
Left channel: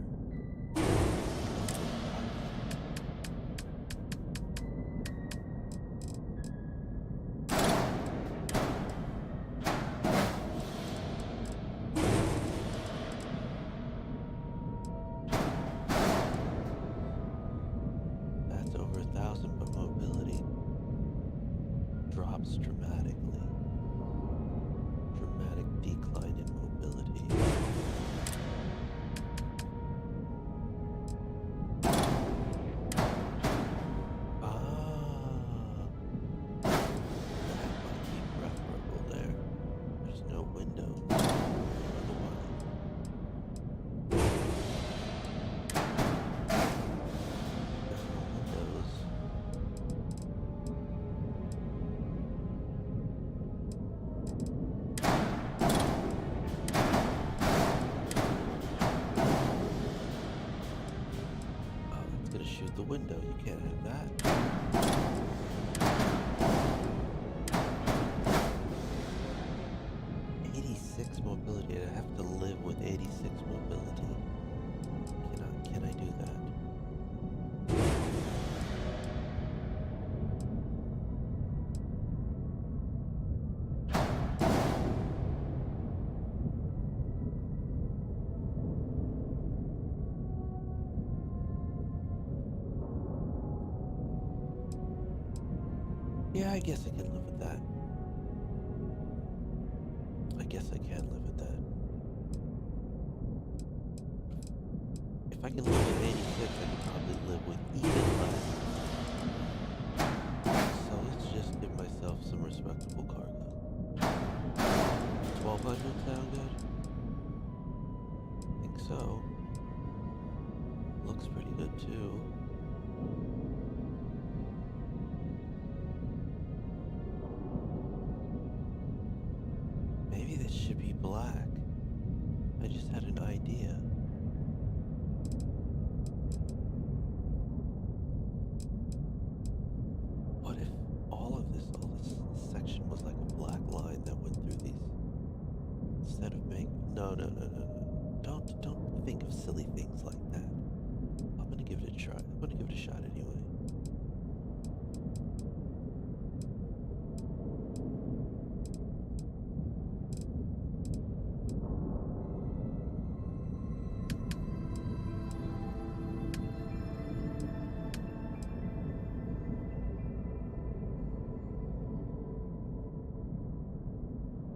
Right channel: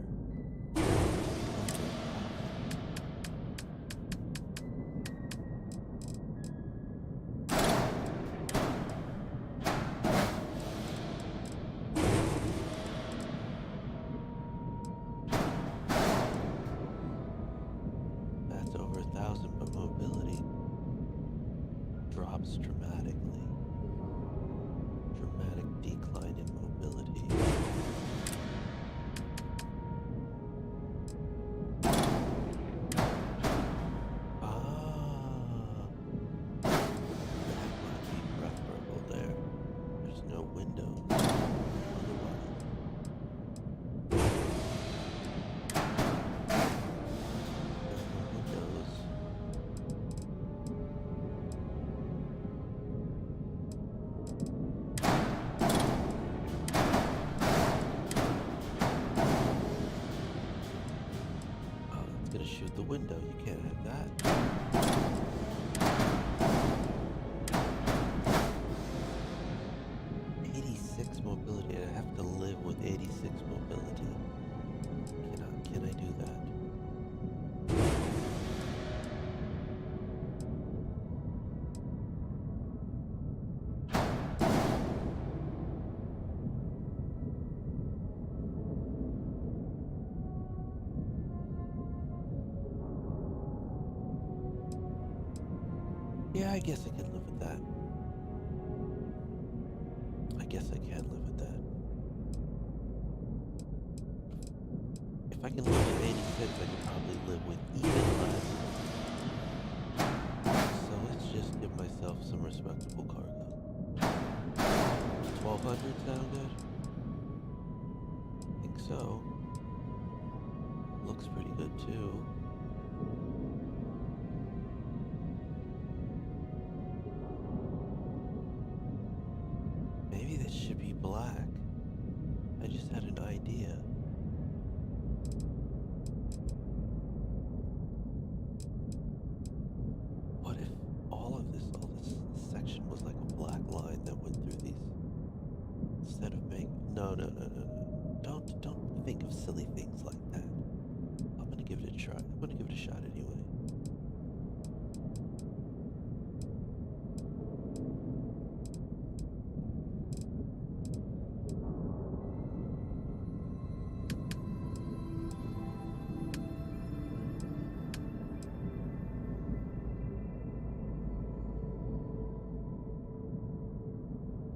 That's over 1,000, but mobility drops dramatically. Dramatic decline in mobility. That might be preferable there. There's no windows. Otherwise. There are no windows. Oh, that's gonna shoot the window. You can't have that. 86 mobility. I have to live with 86 mobility. Can I do that? Yeah, I guess I can live with that. I guess I can live with that. If I can live with 86, I could probably live with even less. So let's just give myself some respectable cargo. 1,200 sound good? I think so. Looks pretty good too. Maybe this should be black. I just had an idea. What if all this section was like a black line that went through these? No, no, no, no, no. Don't think of silly things like that. I'm gonna give it a try. I'm gonna give it a shot anyway.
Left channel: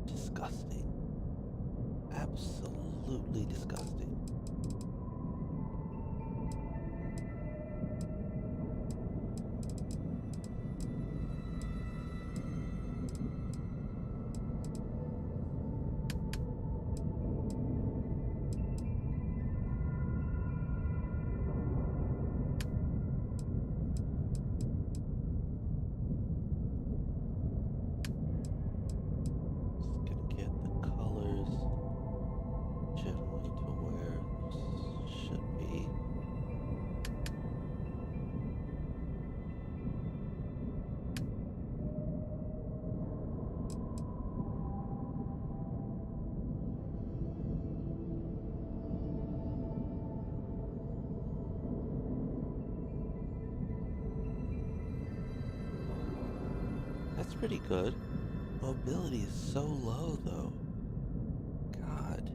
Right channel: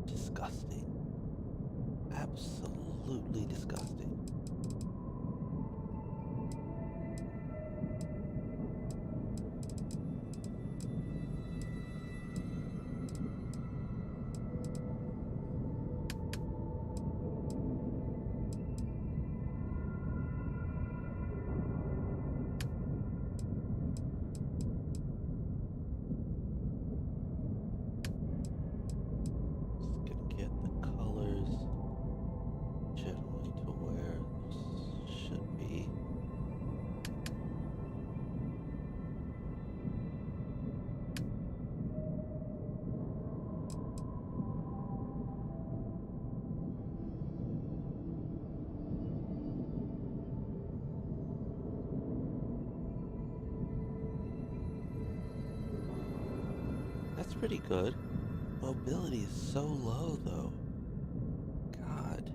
Disgusting. Absolutely disgusting. Just gonna get the colors generally to where this should be. That's pretty good. Mobility is so low though. God.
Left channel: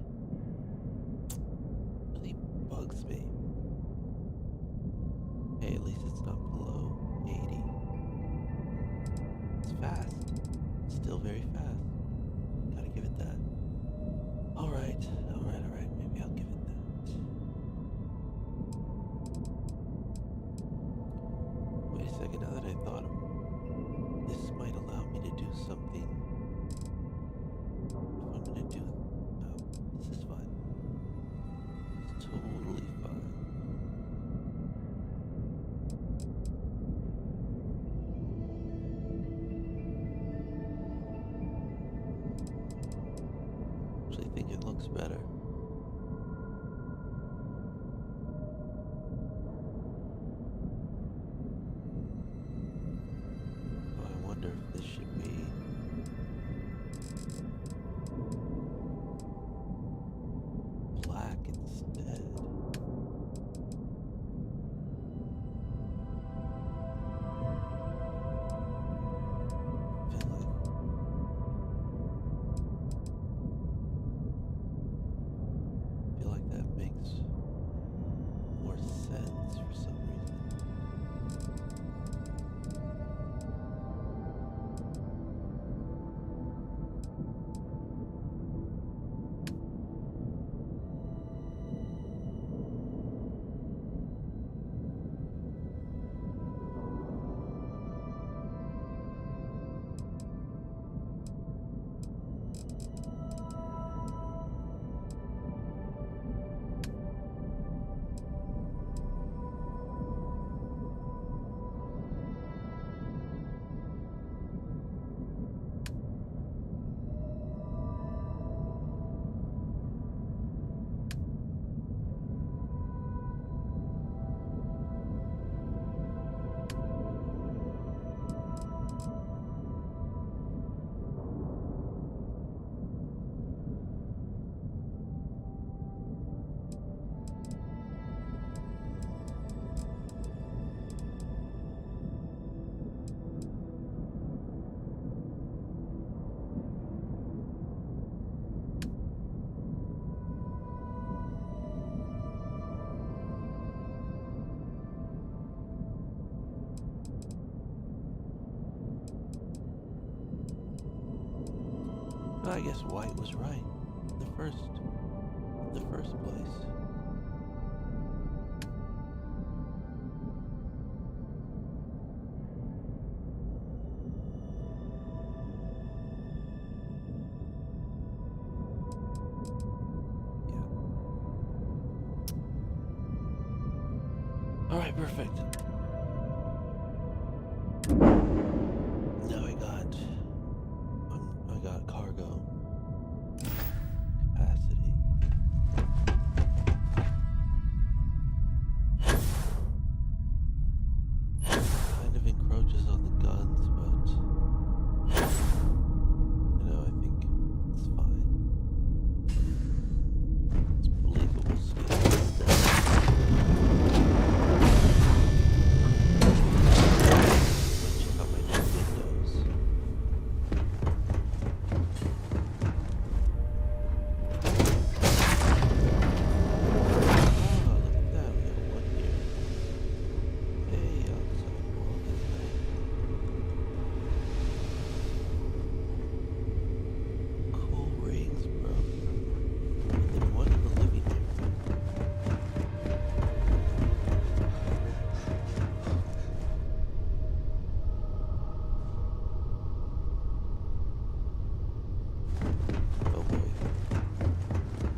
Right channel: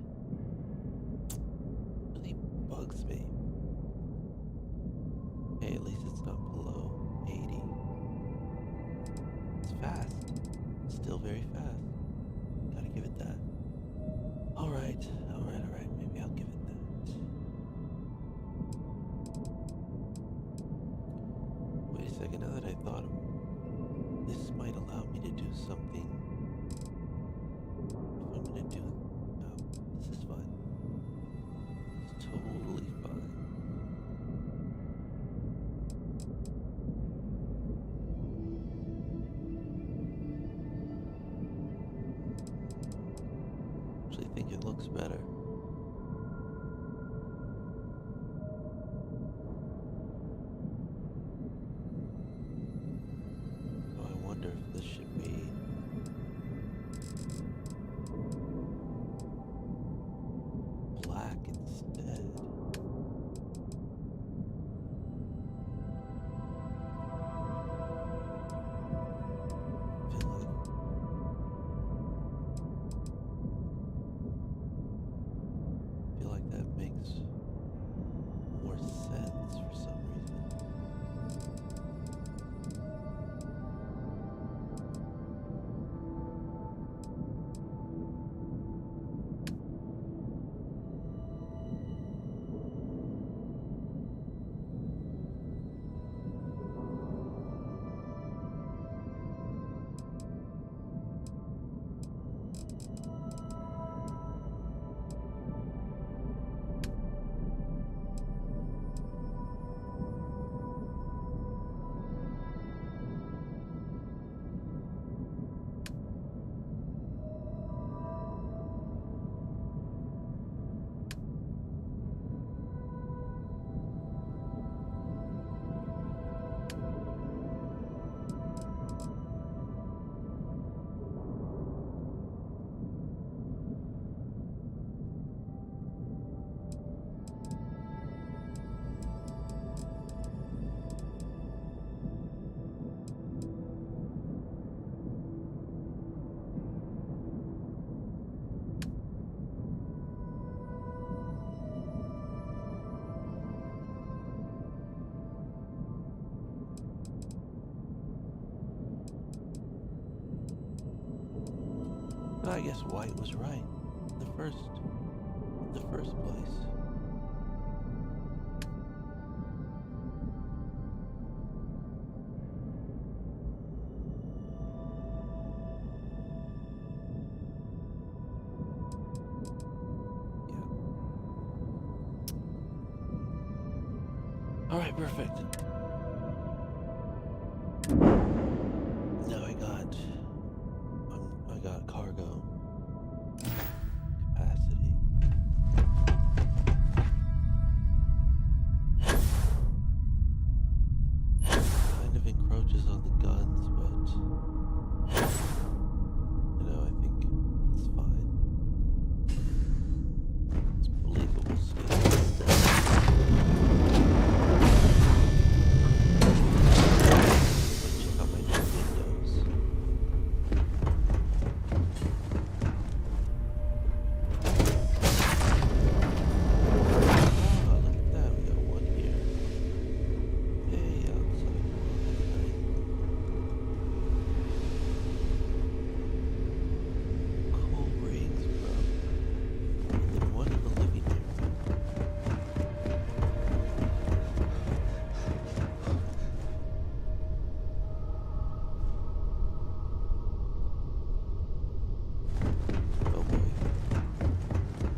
Really bugs me. Hey, at least it's not below 80. It's fast. Still very fast. Gotta give it that. Alright, alright. Maybe I'll give it that. Wait a second, now that I thought of it, this might allow me to do something. If I'm gonna do it. No, this is fine. It's totally fine. Actually think it looks better. So I wonder if this should be black instead. Feel like that makes more sense for some reason. I guess white was right. The first place. Yeah. All right, perfect. Now I got cargo capacity. Kind of encroaches on the guns, but you know, I think it's fine.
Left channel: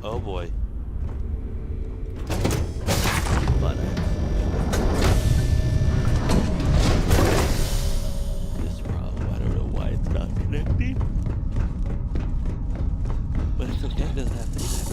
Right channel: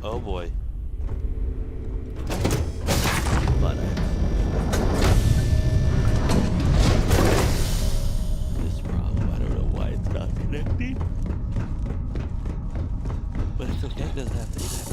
Oh boy. But this problem, I don't know why it's not connecting. But it's okay, it doesn't have to connect.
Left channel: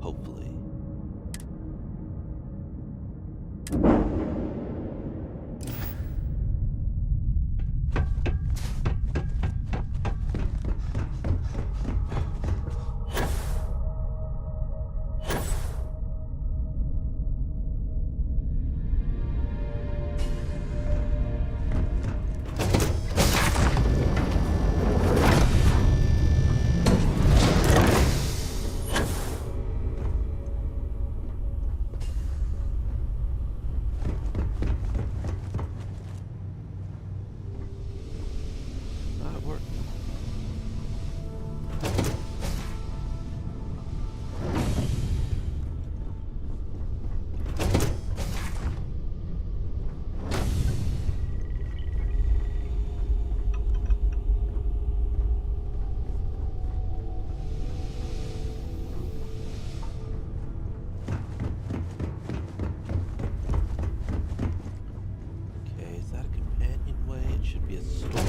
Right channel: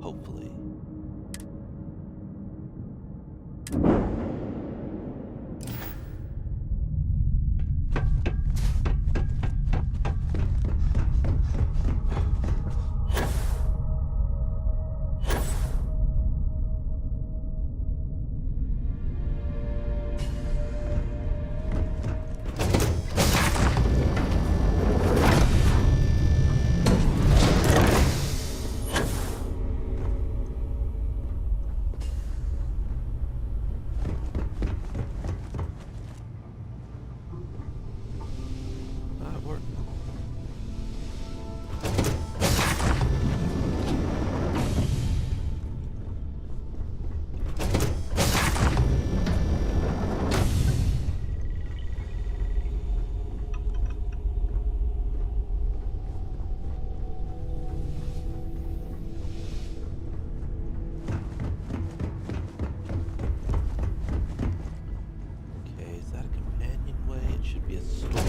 Hopefully. It worked. Okay, is that a companionway? It should be a storage.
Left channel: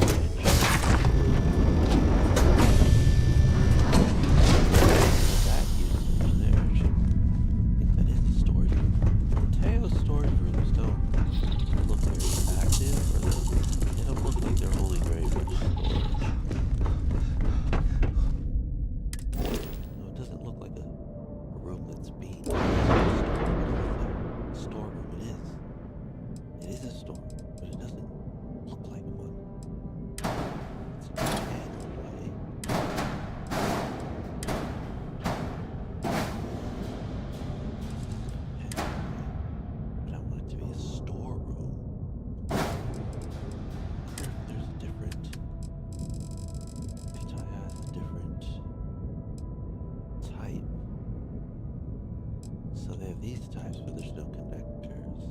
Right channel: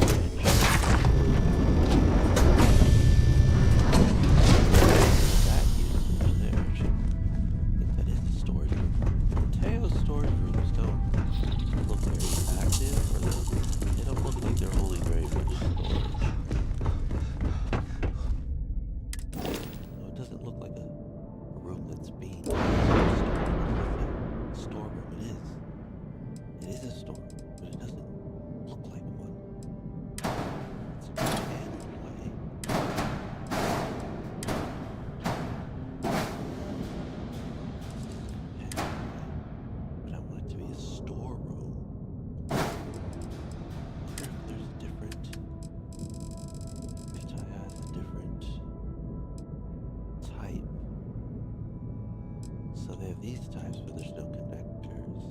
These types, but there's no connectors.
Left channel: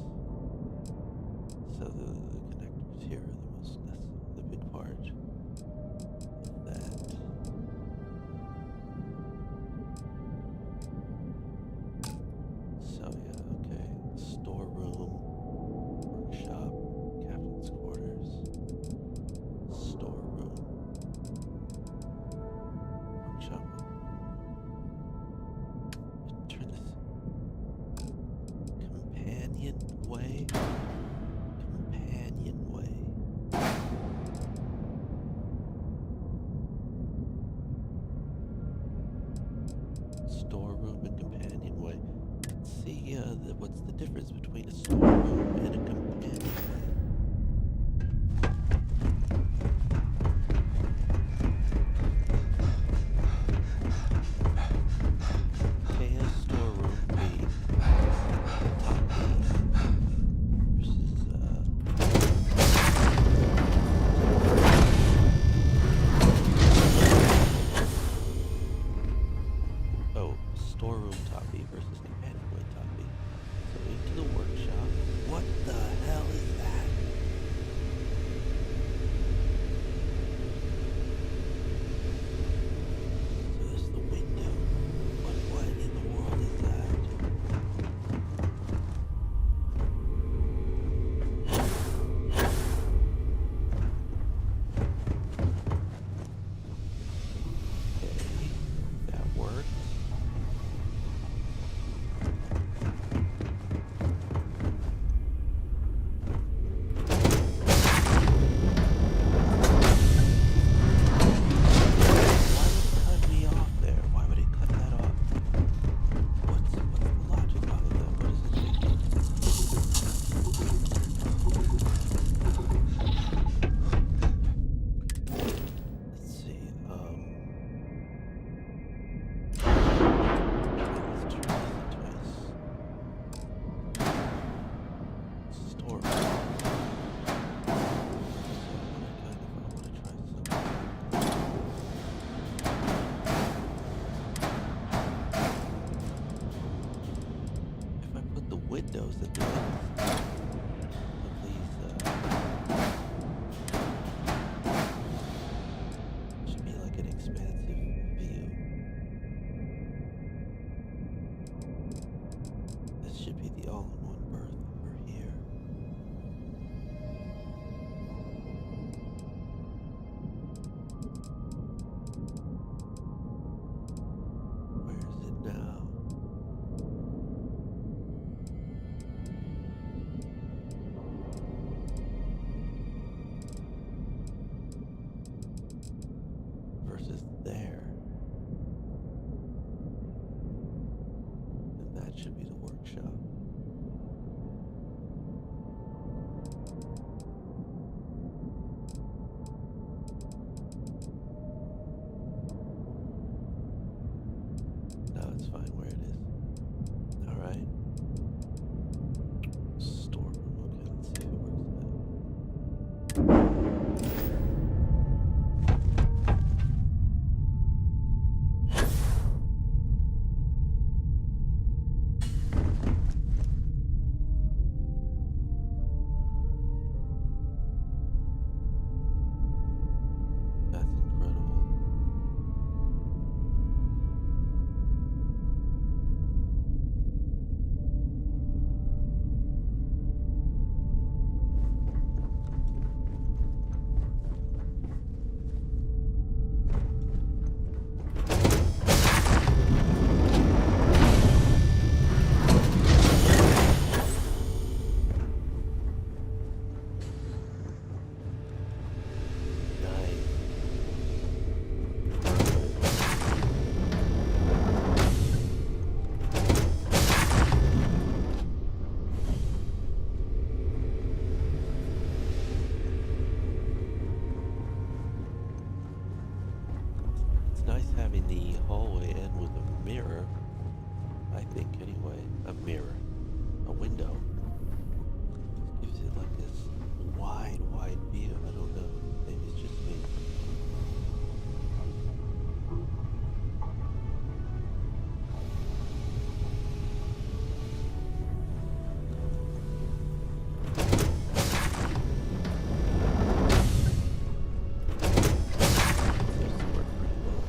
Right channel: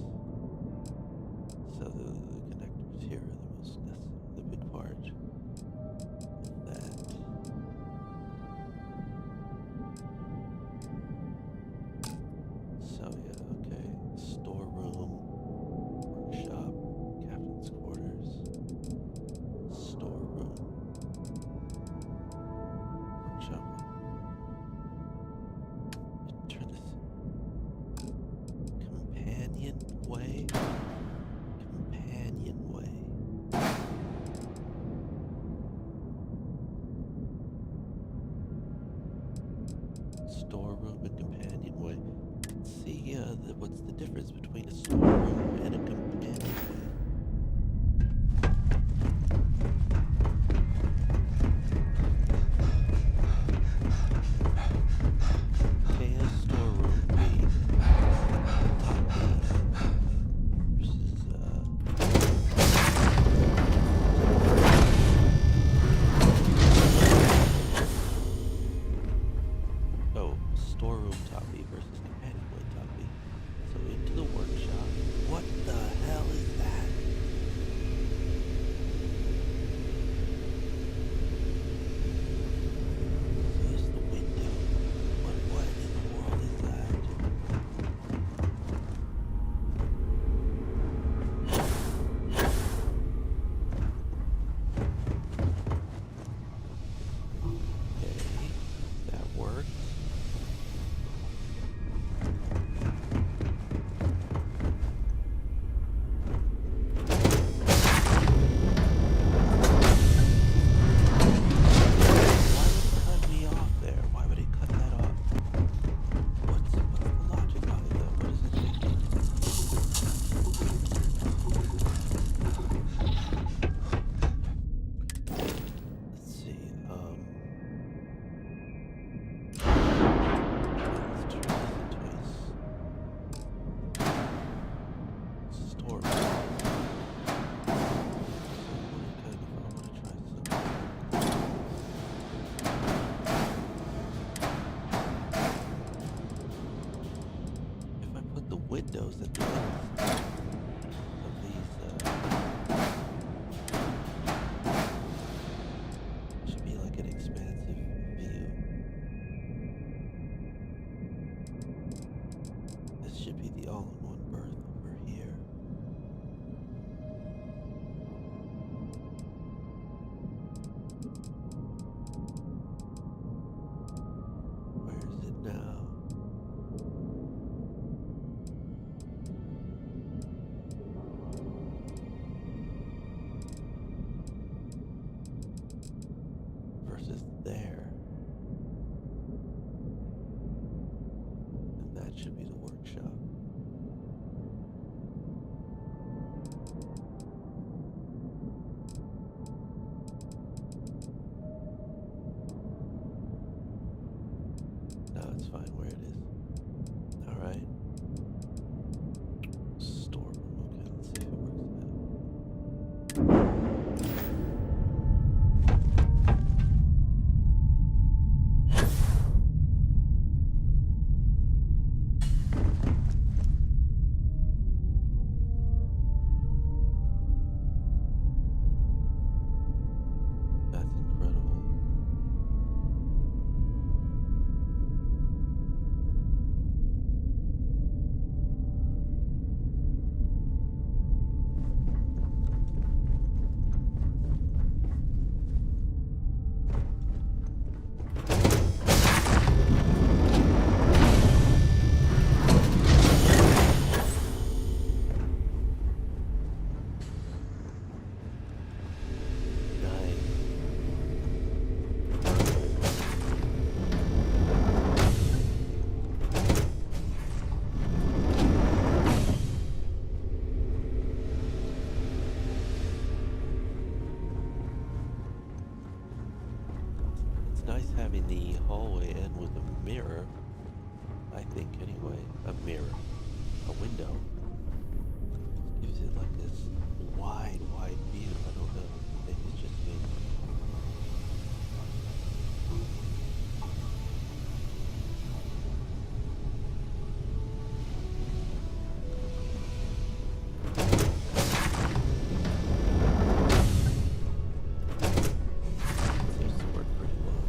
So the connectors here are the most the big part of that. So yeah, okay. Storeroom, workshop, captain's quarters, storeroom, workshop. Turn this. Companionway. Storeroom and companionway. Let's see what's the difference between a storeroom and a companionway. Can a storeroom be top B versus storeroom top B versus companionway top B. So into the workshop. What the hell is that? So this is the window. But what in the world is that? Okay, that works. windows at the end of these. Should be like an expansive view. This should be the all-in-one berth over here. Where is it now? Versus there. And that should be the workshop. No, it's fine where it is. Alright. Storeroom. Okay, let's see if it works now. That's incredible. Nice. It's nice having the hallway end with a mirror. I think, anyway. A mirror. A window. Gives it like this wide view. I don't know. Maybe it's just me. Seems to work pretty well.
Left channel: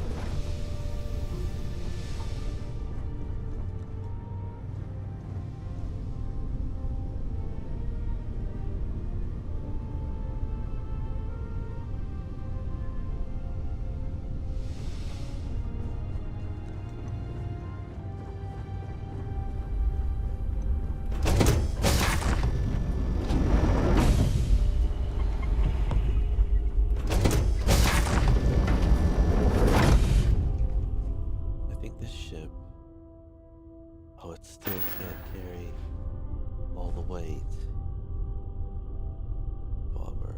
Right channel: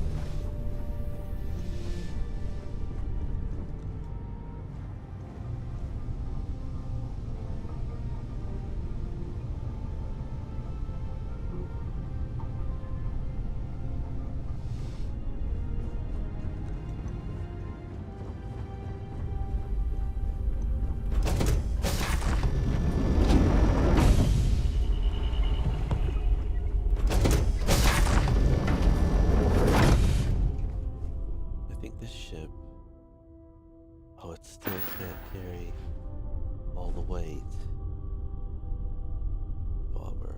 I think this ship, oh, it still can't carry all the weight. Bummer.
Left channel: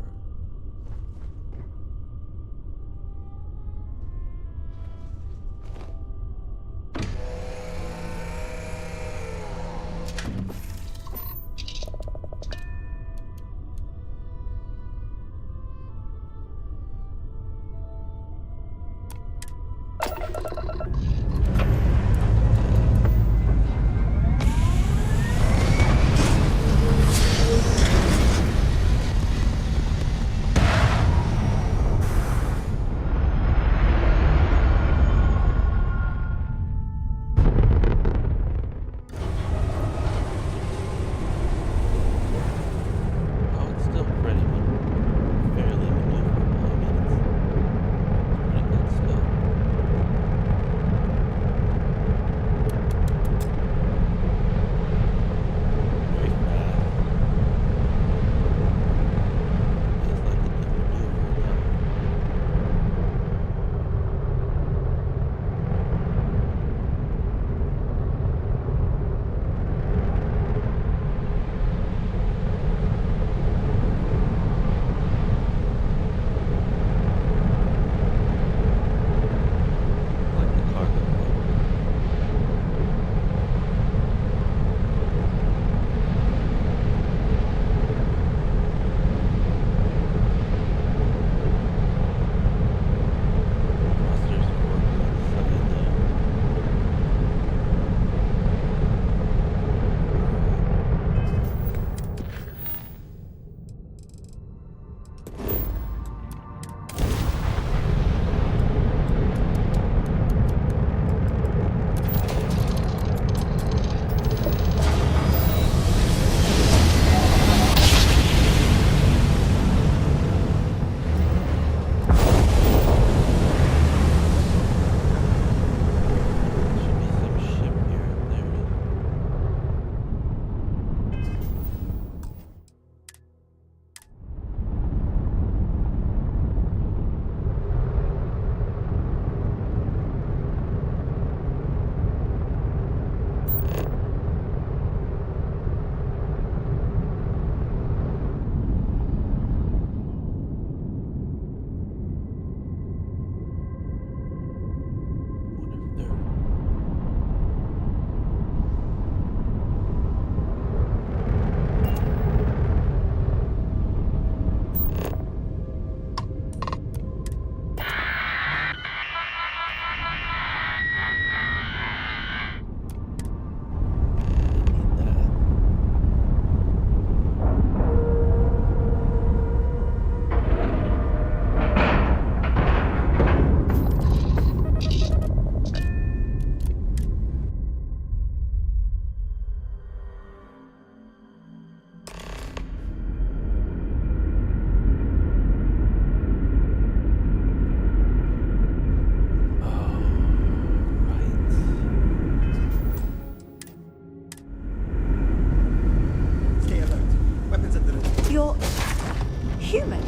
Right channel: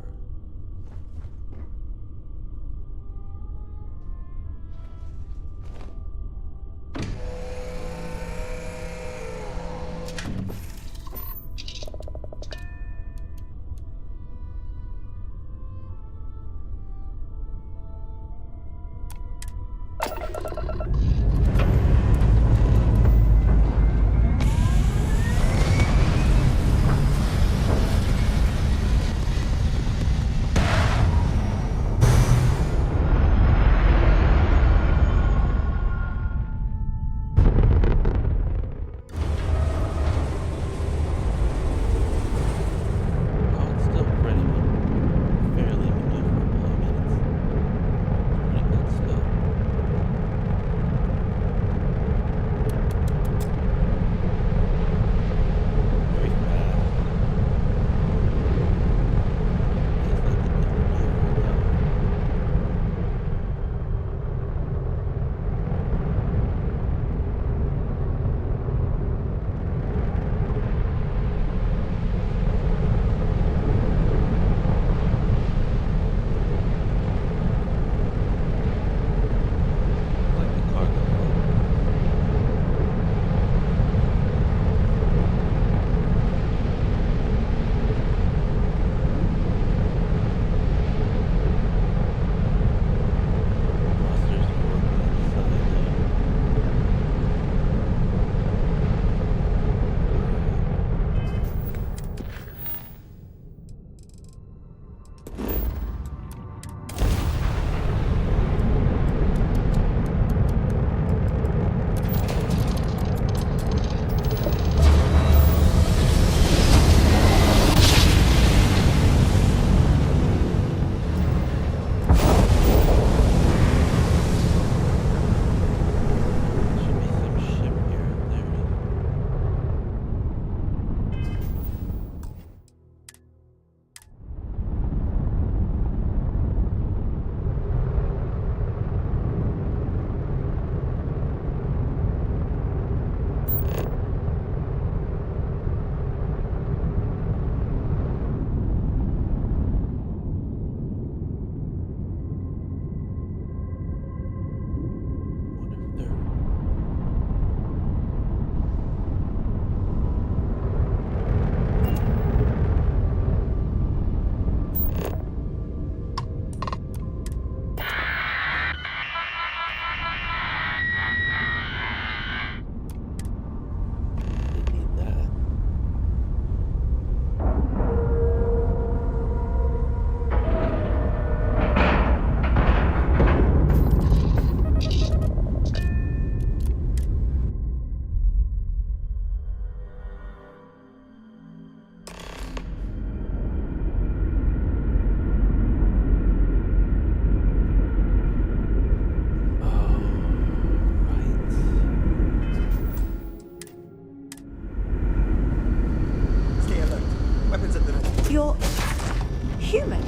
human?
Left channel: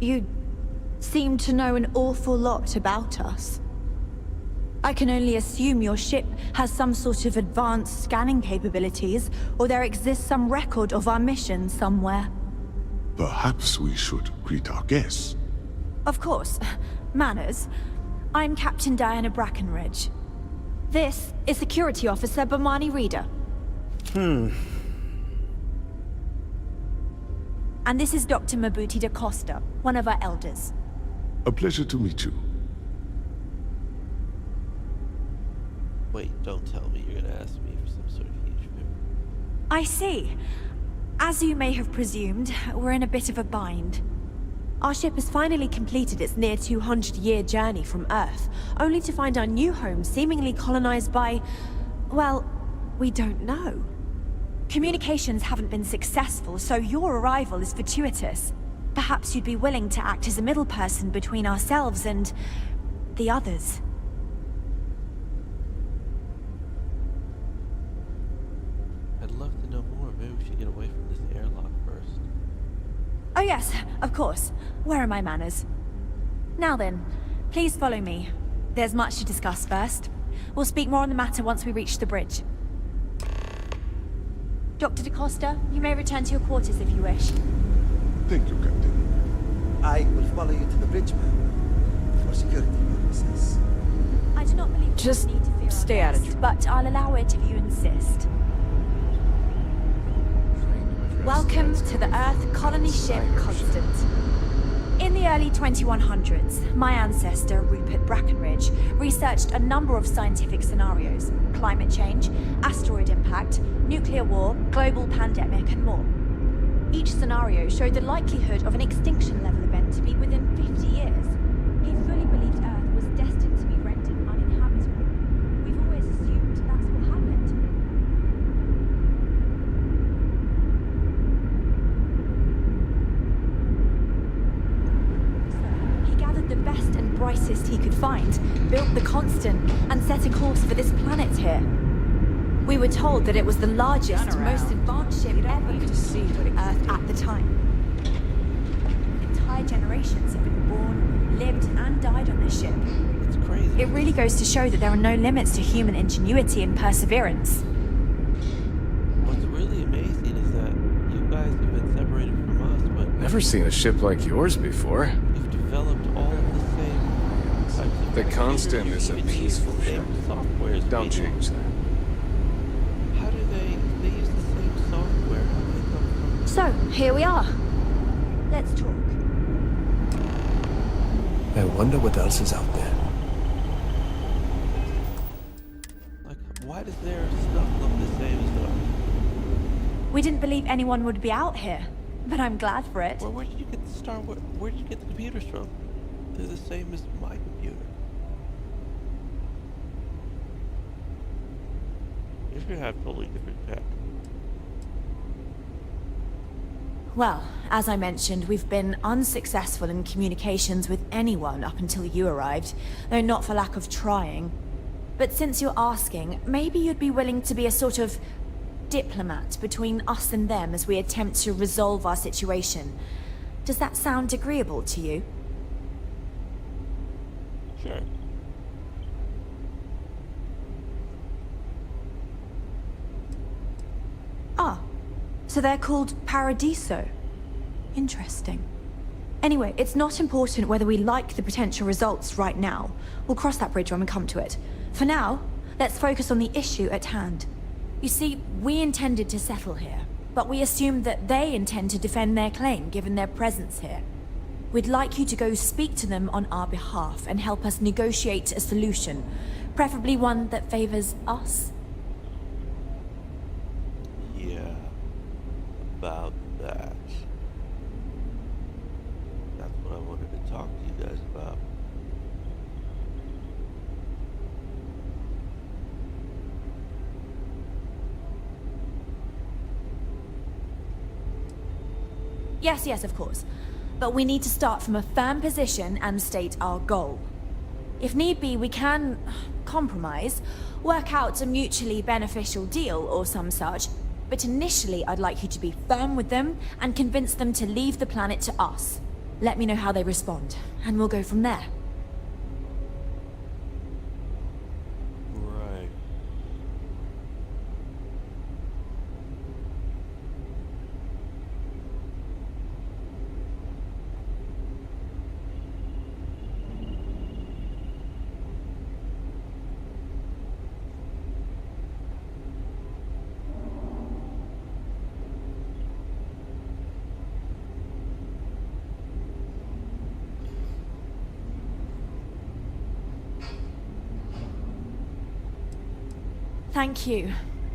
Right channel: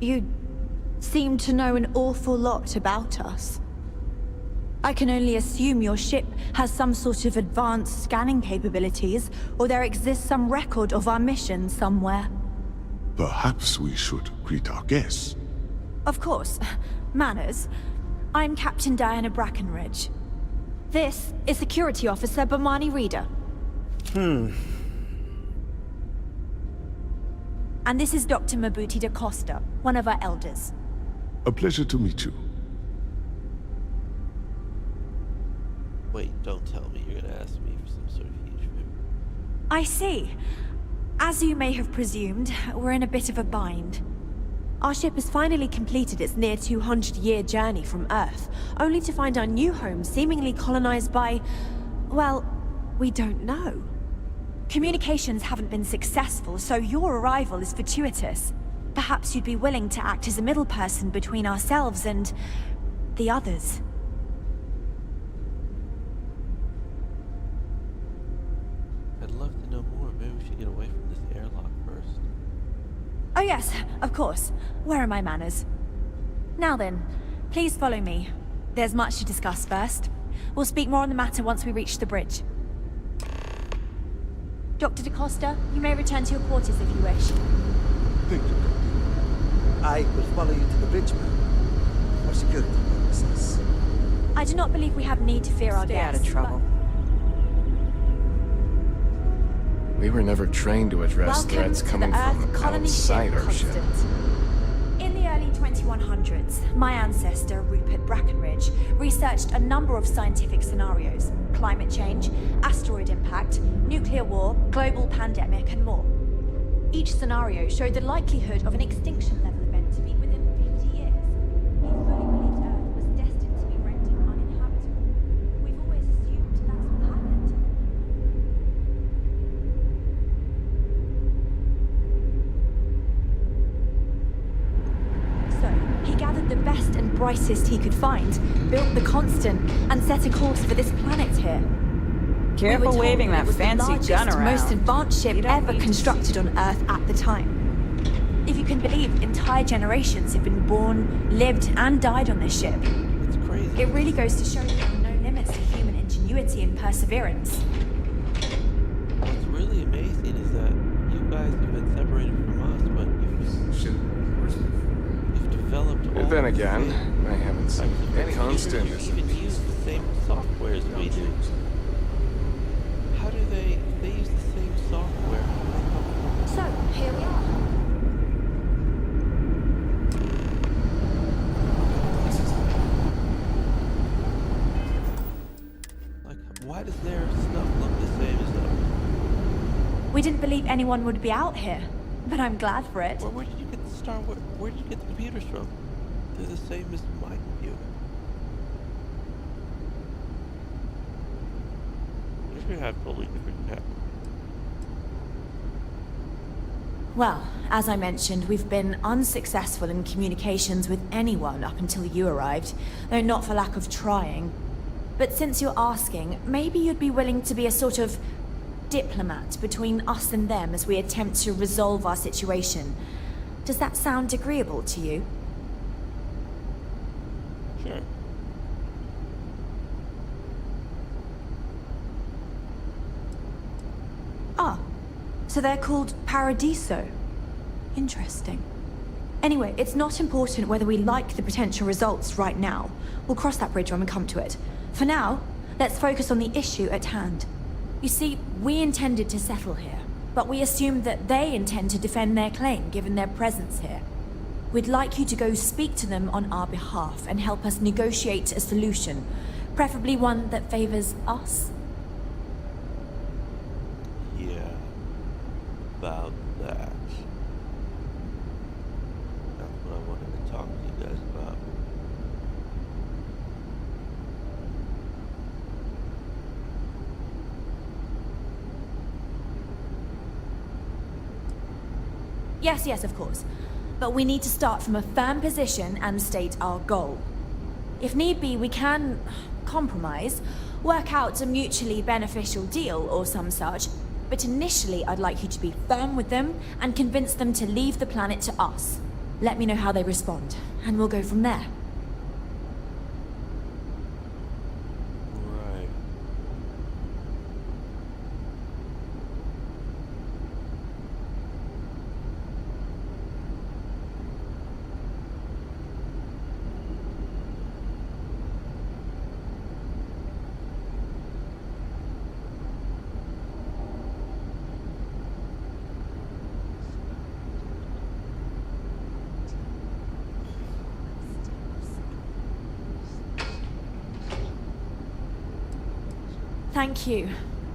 You seem to know an awful lot about us. I can only assume your ship has some sort of advanced scanning capabilities, or there exists some record of our mission somewhere. Perhaps we should greet our guests. Of course. Manners. I'm Captain Diana Brackenridge. This is Security Officer Bomani Reader. And this is Dr. Mabuti da Costa, one of our elders. A pleasure to meet you. Wait, don't tell me you're gonna ask me for some sort of huge favor. I see. As you may have presumed, we're in a bit of a bind. Our ship has finally completed its near 200-year journey from Earth, only to find our new home seemingly colonized by... well, we don't know. Communications haven't been successful, so your arrival is fortuitous. Perhaps you'd be willing to act as a middle person between ourselves and... the others. I'd love to know more. Maybe we should get away from this airlock first. Oh yes, of course. Where are my manners? Now then, please follow me. There's much to discuss first. We'll speak more on the matter once we reach the bridge. Dr. da Costa, you may return to your quarters if you wish. Thank you, Captain. I will follow you to the bridge, ma'am. For security purposes. I do not believe we have need to fear our stay out of guests, trouble. but I'll allow it if you insist. We were never trained to address Welcome threats to the coming Earth from colony ship outside our ship. Constant. In the early 2100s, my ancestor, Rupert Brackenridge, researched a number of scientific scenarios: climate change, asteroid impact, nuclear war, global pandemic, and more. Each scenario showed the likelihood of an extinction-level event to be within 50 years. He fully believed Earth was destined to be rendered uninhabitable. We've always assumed that's what happened. So, he gathered the best and brightest he could find, built the Constant, and set a course for this planet here. We were told that it was the largest, most advanced ship ever constructed on Earth at the time. If you can believe, entire generations have been born, lived, and died on this ship. It's crazy. It really goes to show that there are no limits to human ingenuity and perseverance. What's really amazing is that you guys have been separated from us, but Never seen a ship like yours before. you've developed all But then the again, same I haven't seen. types of The computers. Constant You is a even use peaceful the same ship. software as Don't we do. change that. How do they use the same software? How do they come from? So, here we are. Let's talk. I wonder what else is out there. Like, why does their stuff look the same as ours? We didn't believe anyone would be out here, but I'm glad for it. Where did you get the where did you get the computers from? They're the same as my computer. You're gonna have totally different tech. Well, as I mentioned, we've been unsuccessful in communications with anyone up until you arrived, though not for lack of trying. But since you're asking, maybe you'd be willing to be a sort of diplomat between us and them as we attempt to resolve our situation. Does that sound agreeable to you? Sure. Ah, so they're called Paradiso. Interesting. Anyway, it's not important whether we like the potential results right now. We'll cross that bridge when we come to it. For now, let's focus on the issue at hand. You see, we intended to settle here, but we assumed that they intend to defend their claim given their presence here. We'd like you to go speak to them on our behalf and help us negotiate a solution, preferably one that favors us. Yeah. About that. That's what I wanted to talk to you guys about. Yes, of course. But we need to start from a firm position and state our goal. If need be, we can compromise, work out a mutually beneficial deal or some such. But initially, I'd like you to be firm with them and convince them to leave the planet to us. Let me know how they respond, and we'll go from there. Right. Thank you,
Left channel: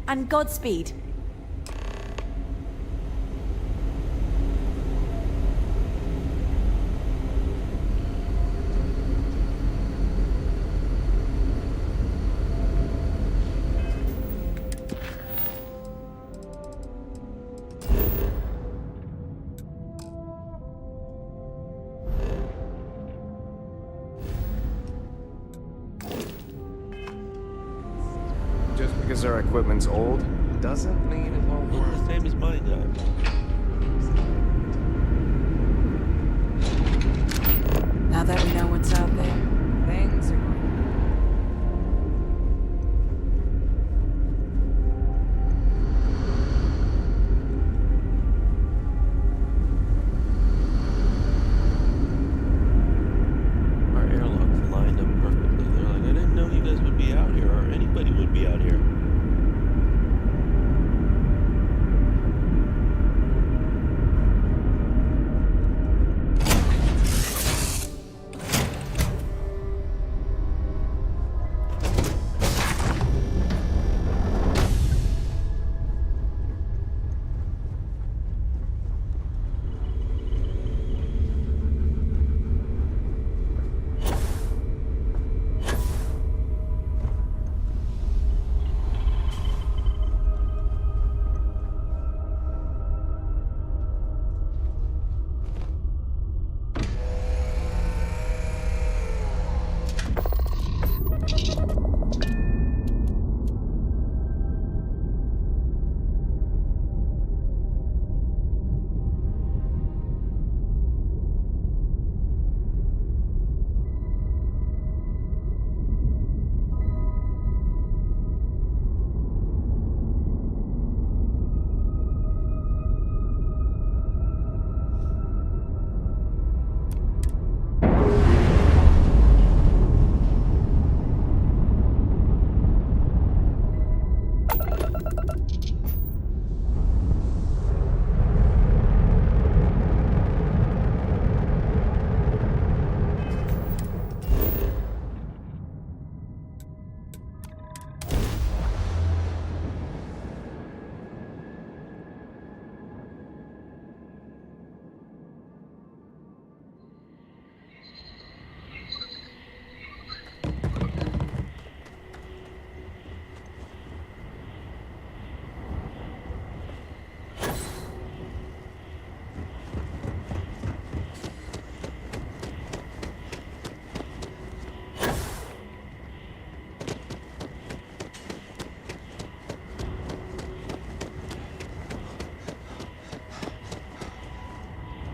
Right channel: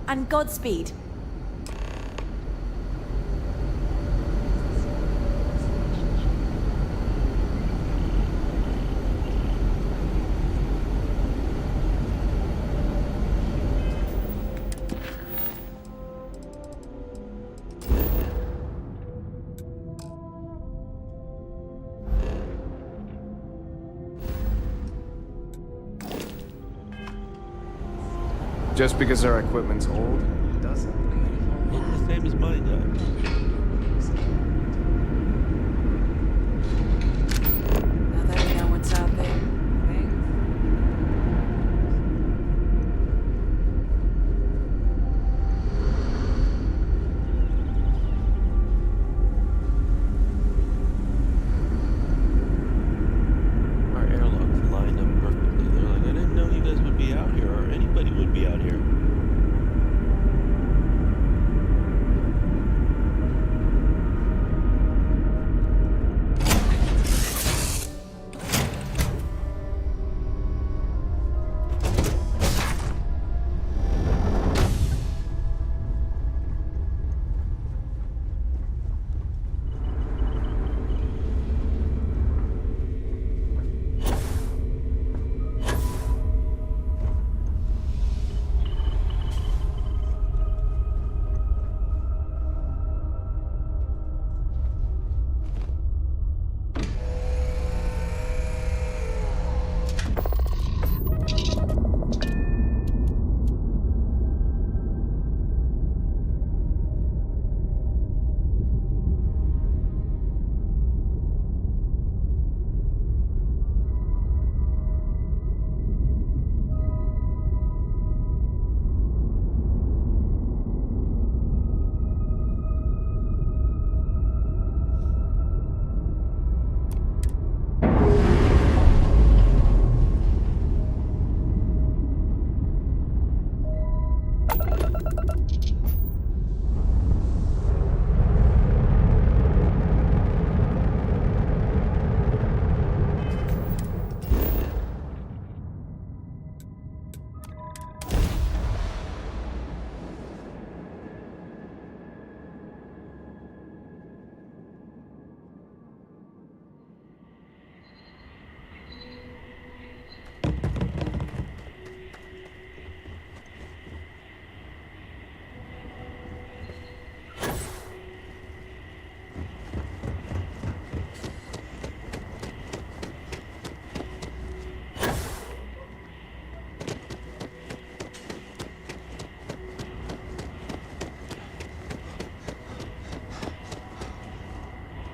and Godspeed. Just because our equipment's old doesn't mean it won't Looks the same as mine does. Now that we know what's out there, things. Our airlocks lined up perfectly. They're like, I didn't know you guys would be out here, or anybody would be out here.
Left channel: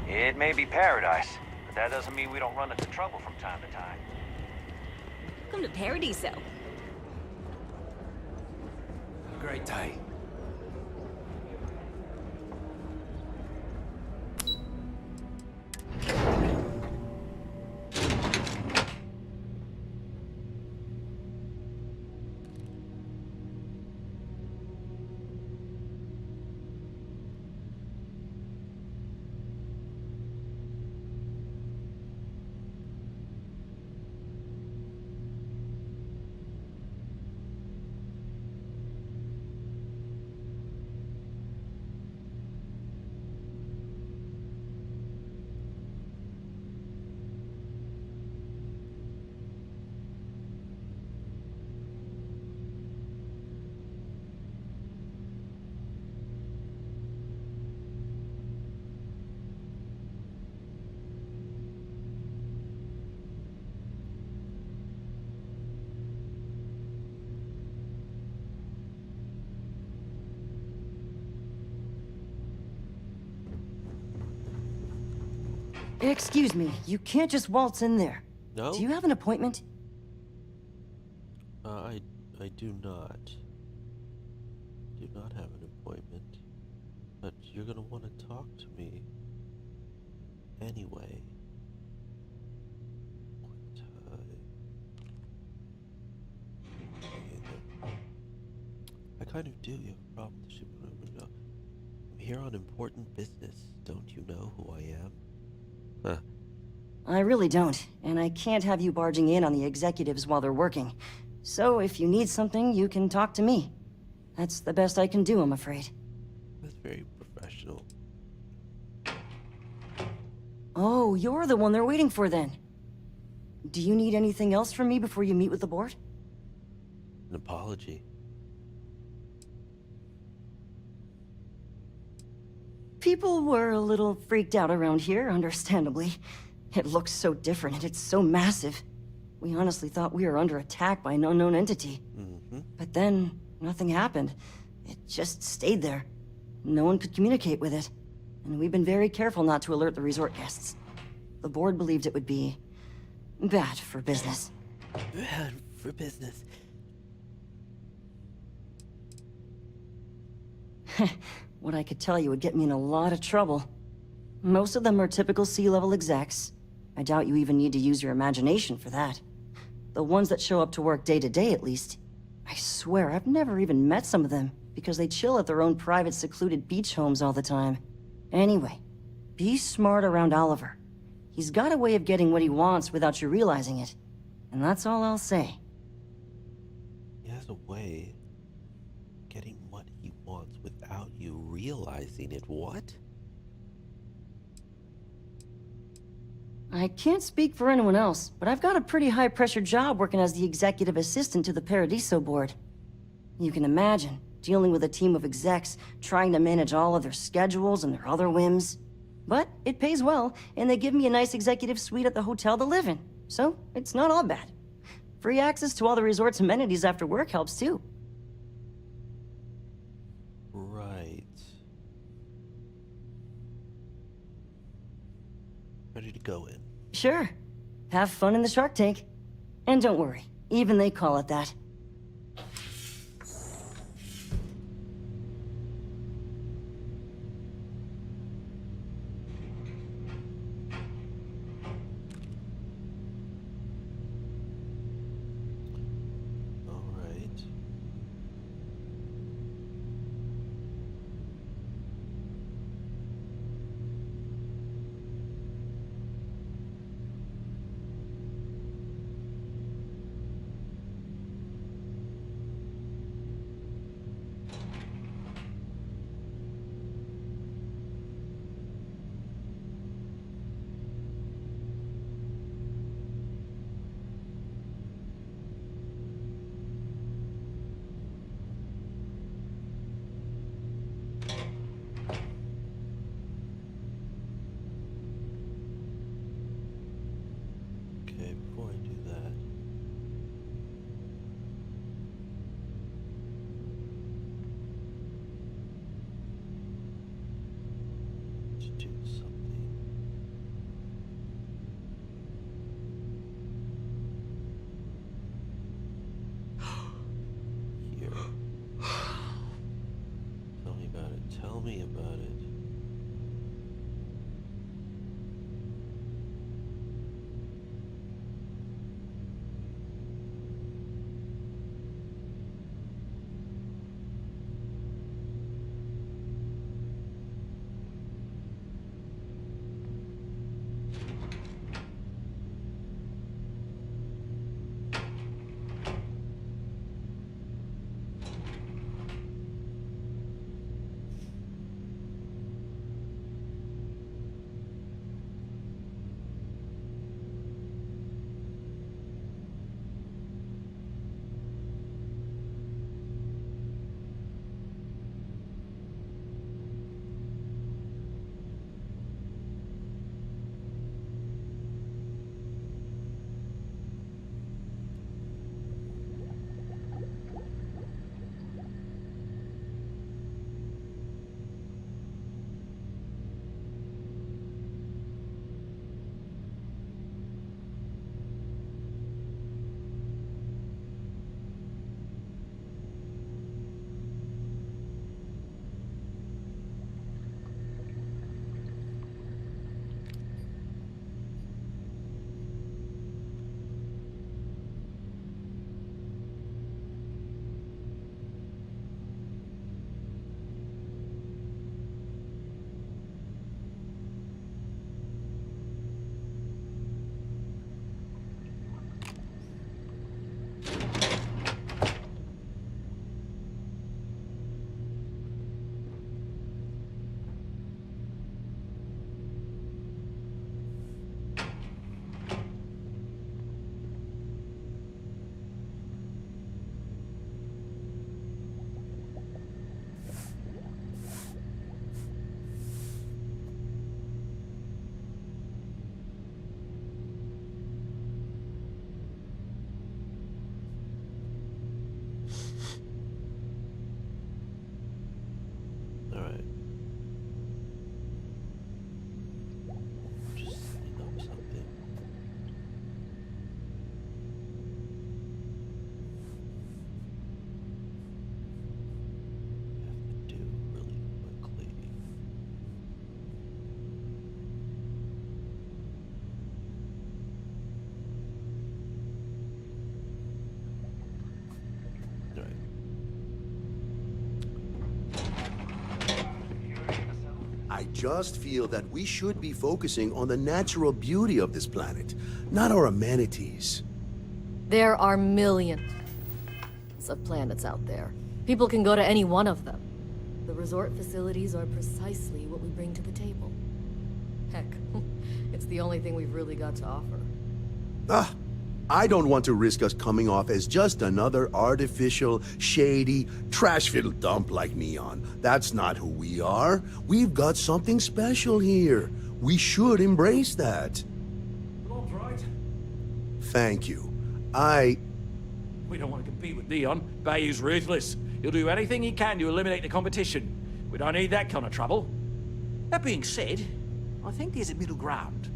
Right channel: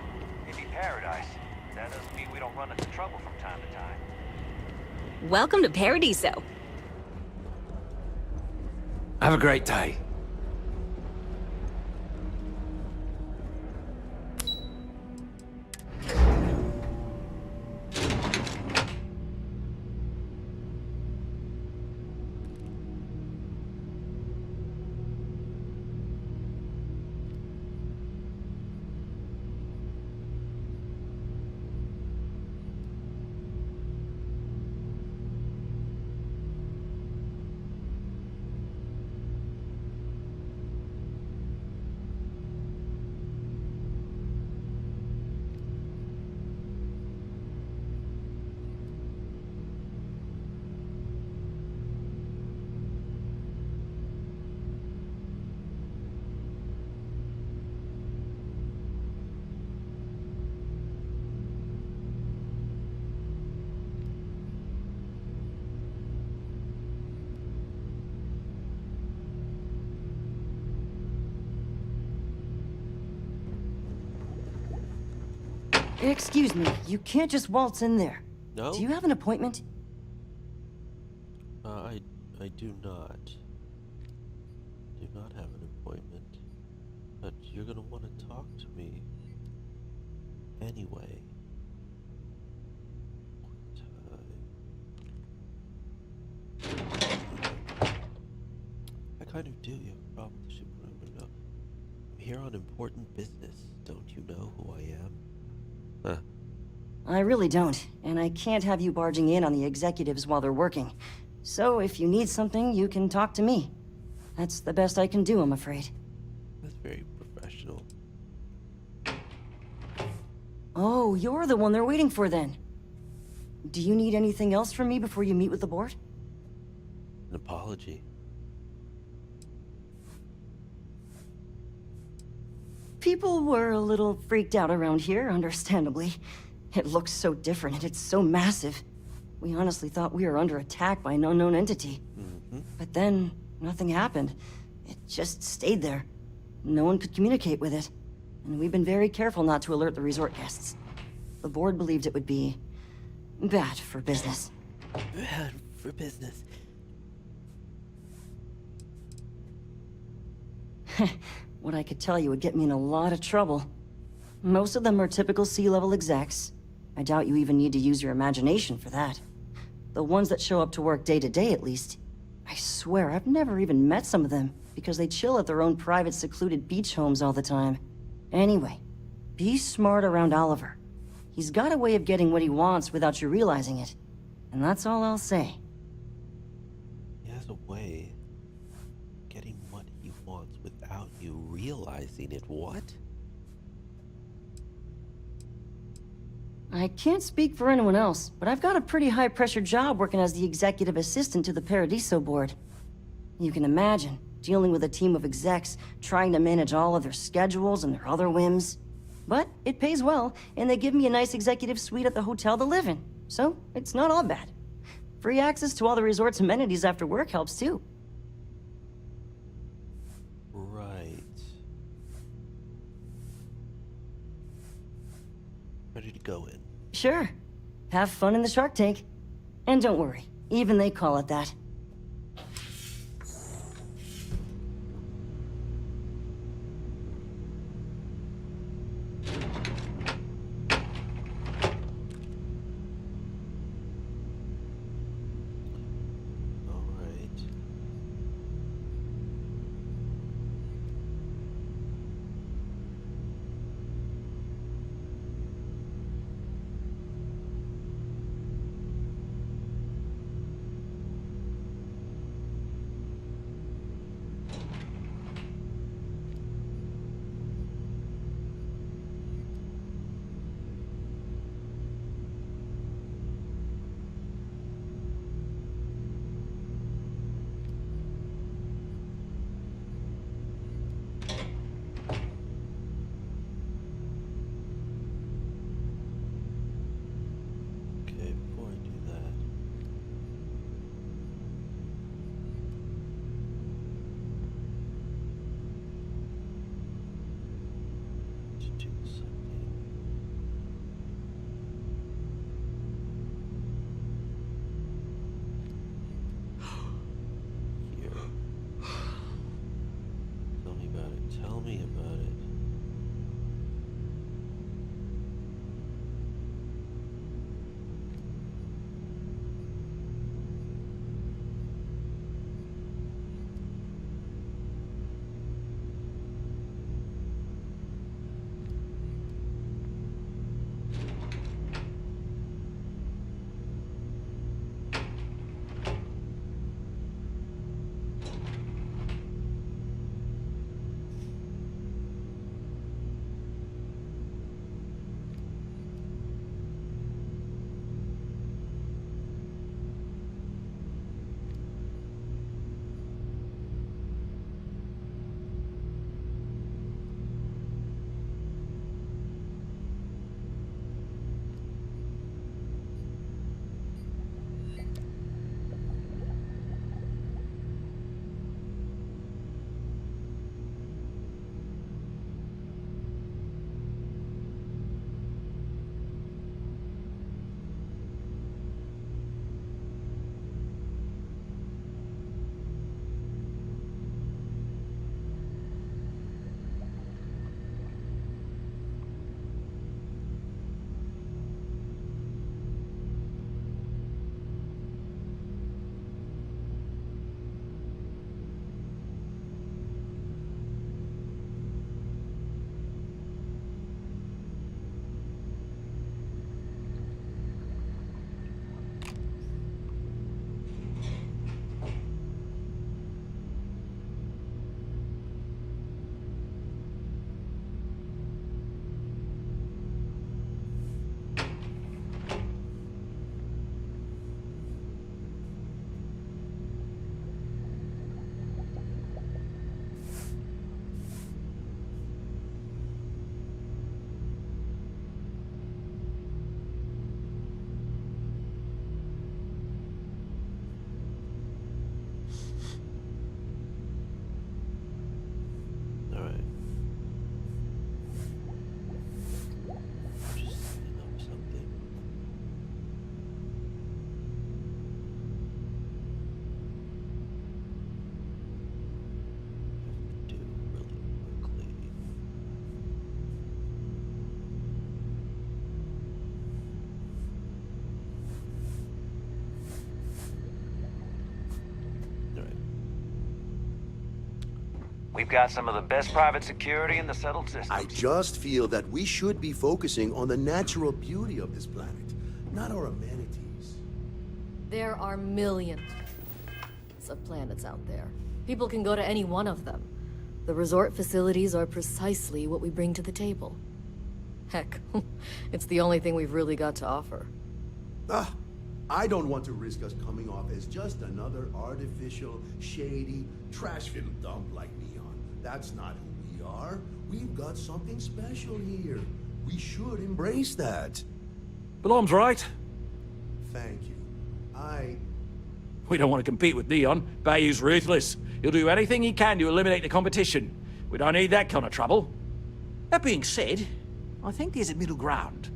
It may be paradise, but that doesn't mean we don't run into trouble from time to time. Welcome to Paradiso. Have a great day. Excuse me, you can't just waltz in there. No? Do you have an appointment? I do not. Do not have an appointment. But you're gonna want to talk to me anyway. Quick time. I kind of do. You have a problem. I'm here on important business. Don't you know who I am? Huh. I really don't, and I can't have you barging in on the executives while they're working. So if you need something, you can talk to me. That's the best I can do, I'm afraid. That's very professional. Oh, you're the one they're waiting for then. Do you need anything else from me before you meet with the board? An apology. People were a little freaked out around here, understandably. It looks so different and it's so massive. We honestly thought we were under attack by an unknown entity. But then, nothing happened. It just stayed there. No one could communicate with it. And we've been very careful not to alert the resort guests. The board believed it would be bad for business. Bad for business. What I could tell you would get me in a lot of trouble. Most of them are typical C-level execs. I doubt you even need to use your imagination for that. The ones that show up to work day to day, at least. I swear, I've never even met some of them, because they chill at their own private secluded beach homes all the time. Anyway, be smart around Oliver. He's got a way of getting what he wants without you realizing it. And that's all I'll say. He has a way of getting what he wants without you realizing it. What? I can't speak for anyone else, but I've got a pretty high-pressure job working as the executive assistant to the Paradiso board. You can imagine, dealing with a team of execs, trying to manage all of their schedules and their other whims. But it pays well, and they give me a nice executive suite at the hotel to live in, so it's not all bad. Free access to all the resort's amenities after work helps too. Right. Ready to go in. Sure. Have fun in the Shark Tank. And don't worry, even they call it that. All right. Okay, before I do that, to do something. Here. Tell me about it. Tell me about it. We've got some of the best private security in the settled system. I just feel that we should be focusing on the natural beauty of this planet, not our amenities. There are millions of planets out there. People can go to any one of them. The resort facilities are precisely what we bring to the table. Heck, it's the only thing we've really got to offer. I don't want to risk us coming off as just another artificial, shady, trash-filled dump like Neon. That's not who we are. We've got something special here. We should embrace that. Belom's right. Thank you. We don't want to compete with Neon. Bayou's ruthless. He'll do anything he can to eliminate the competition. We don't need that kind of trouble. That being said, I think there's a middle ground.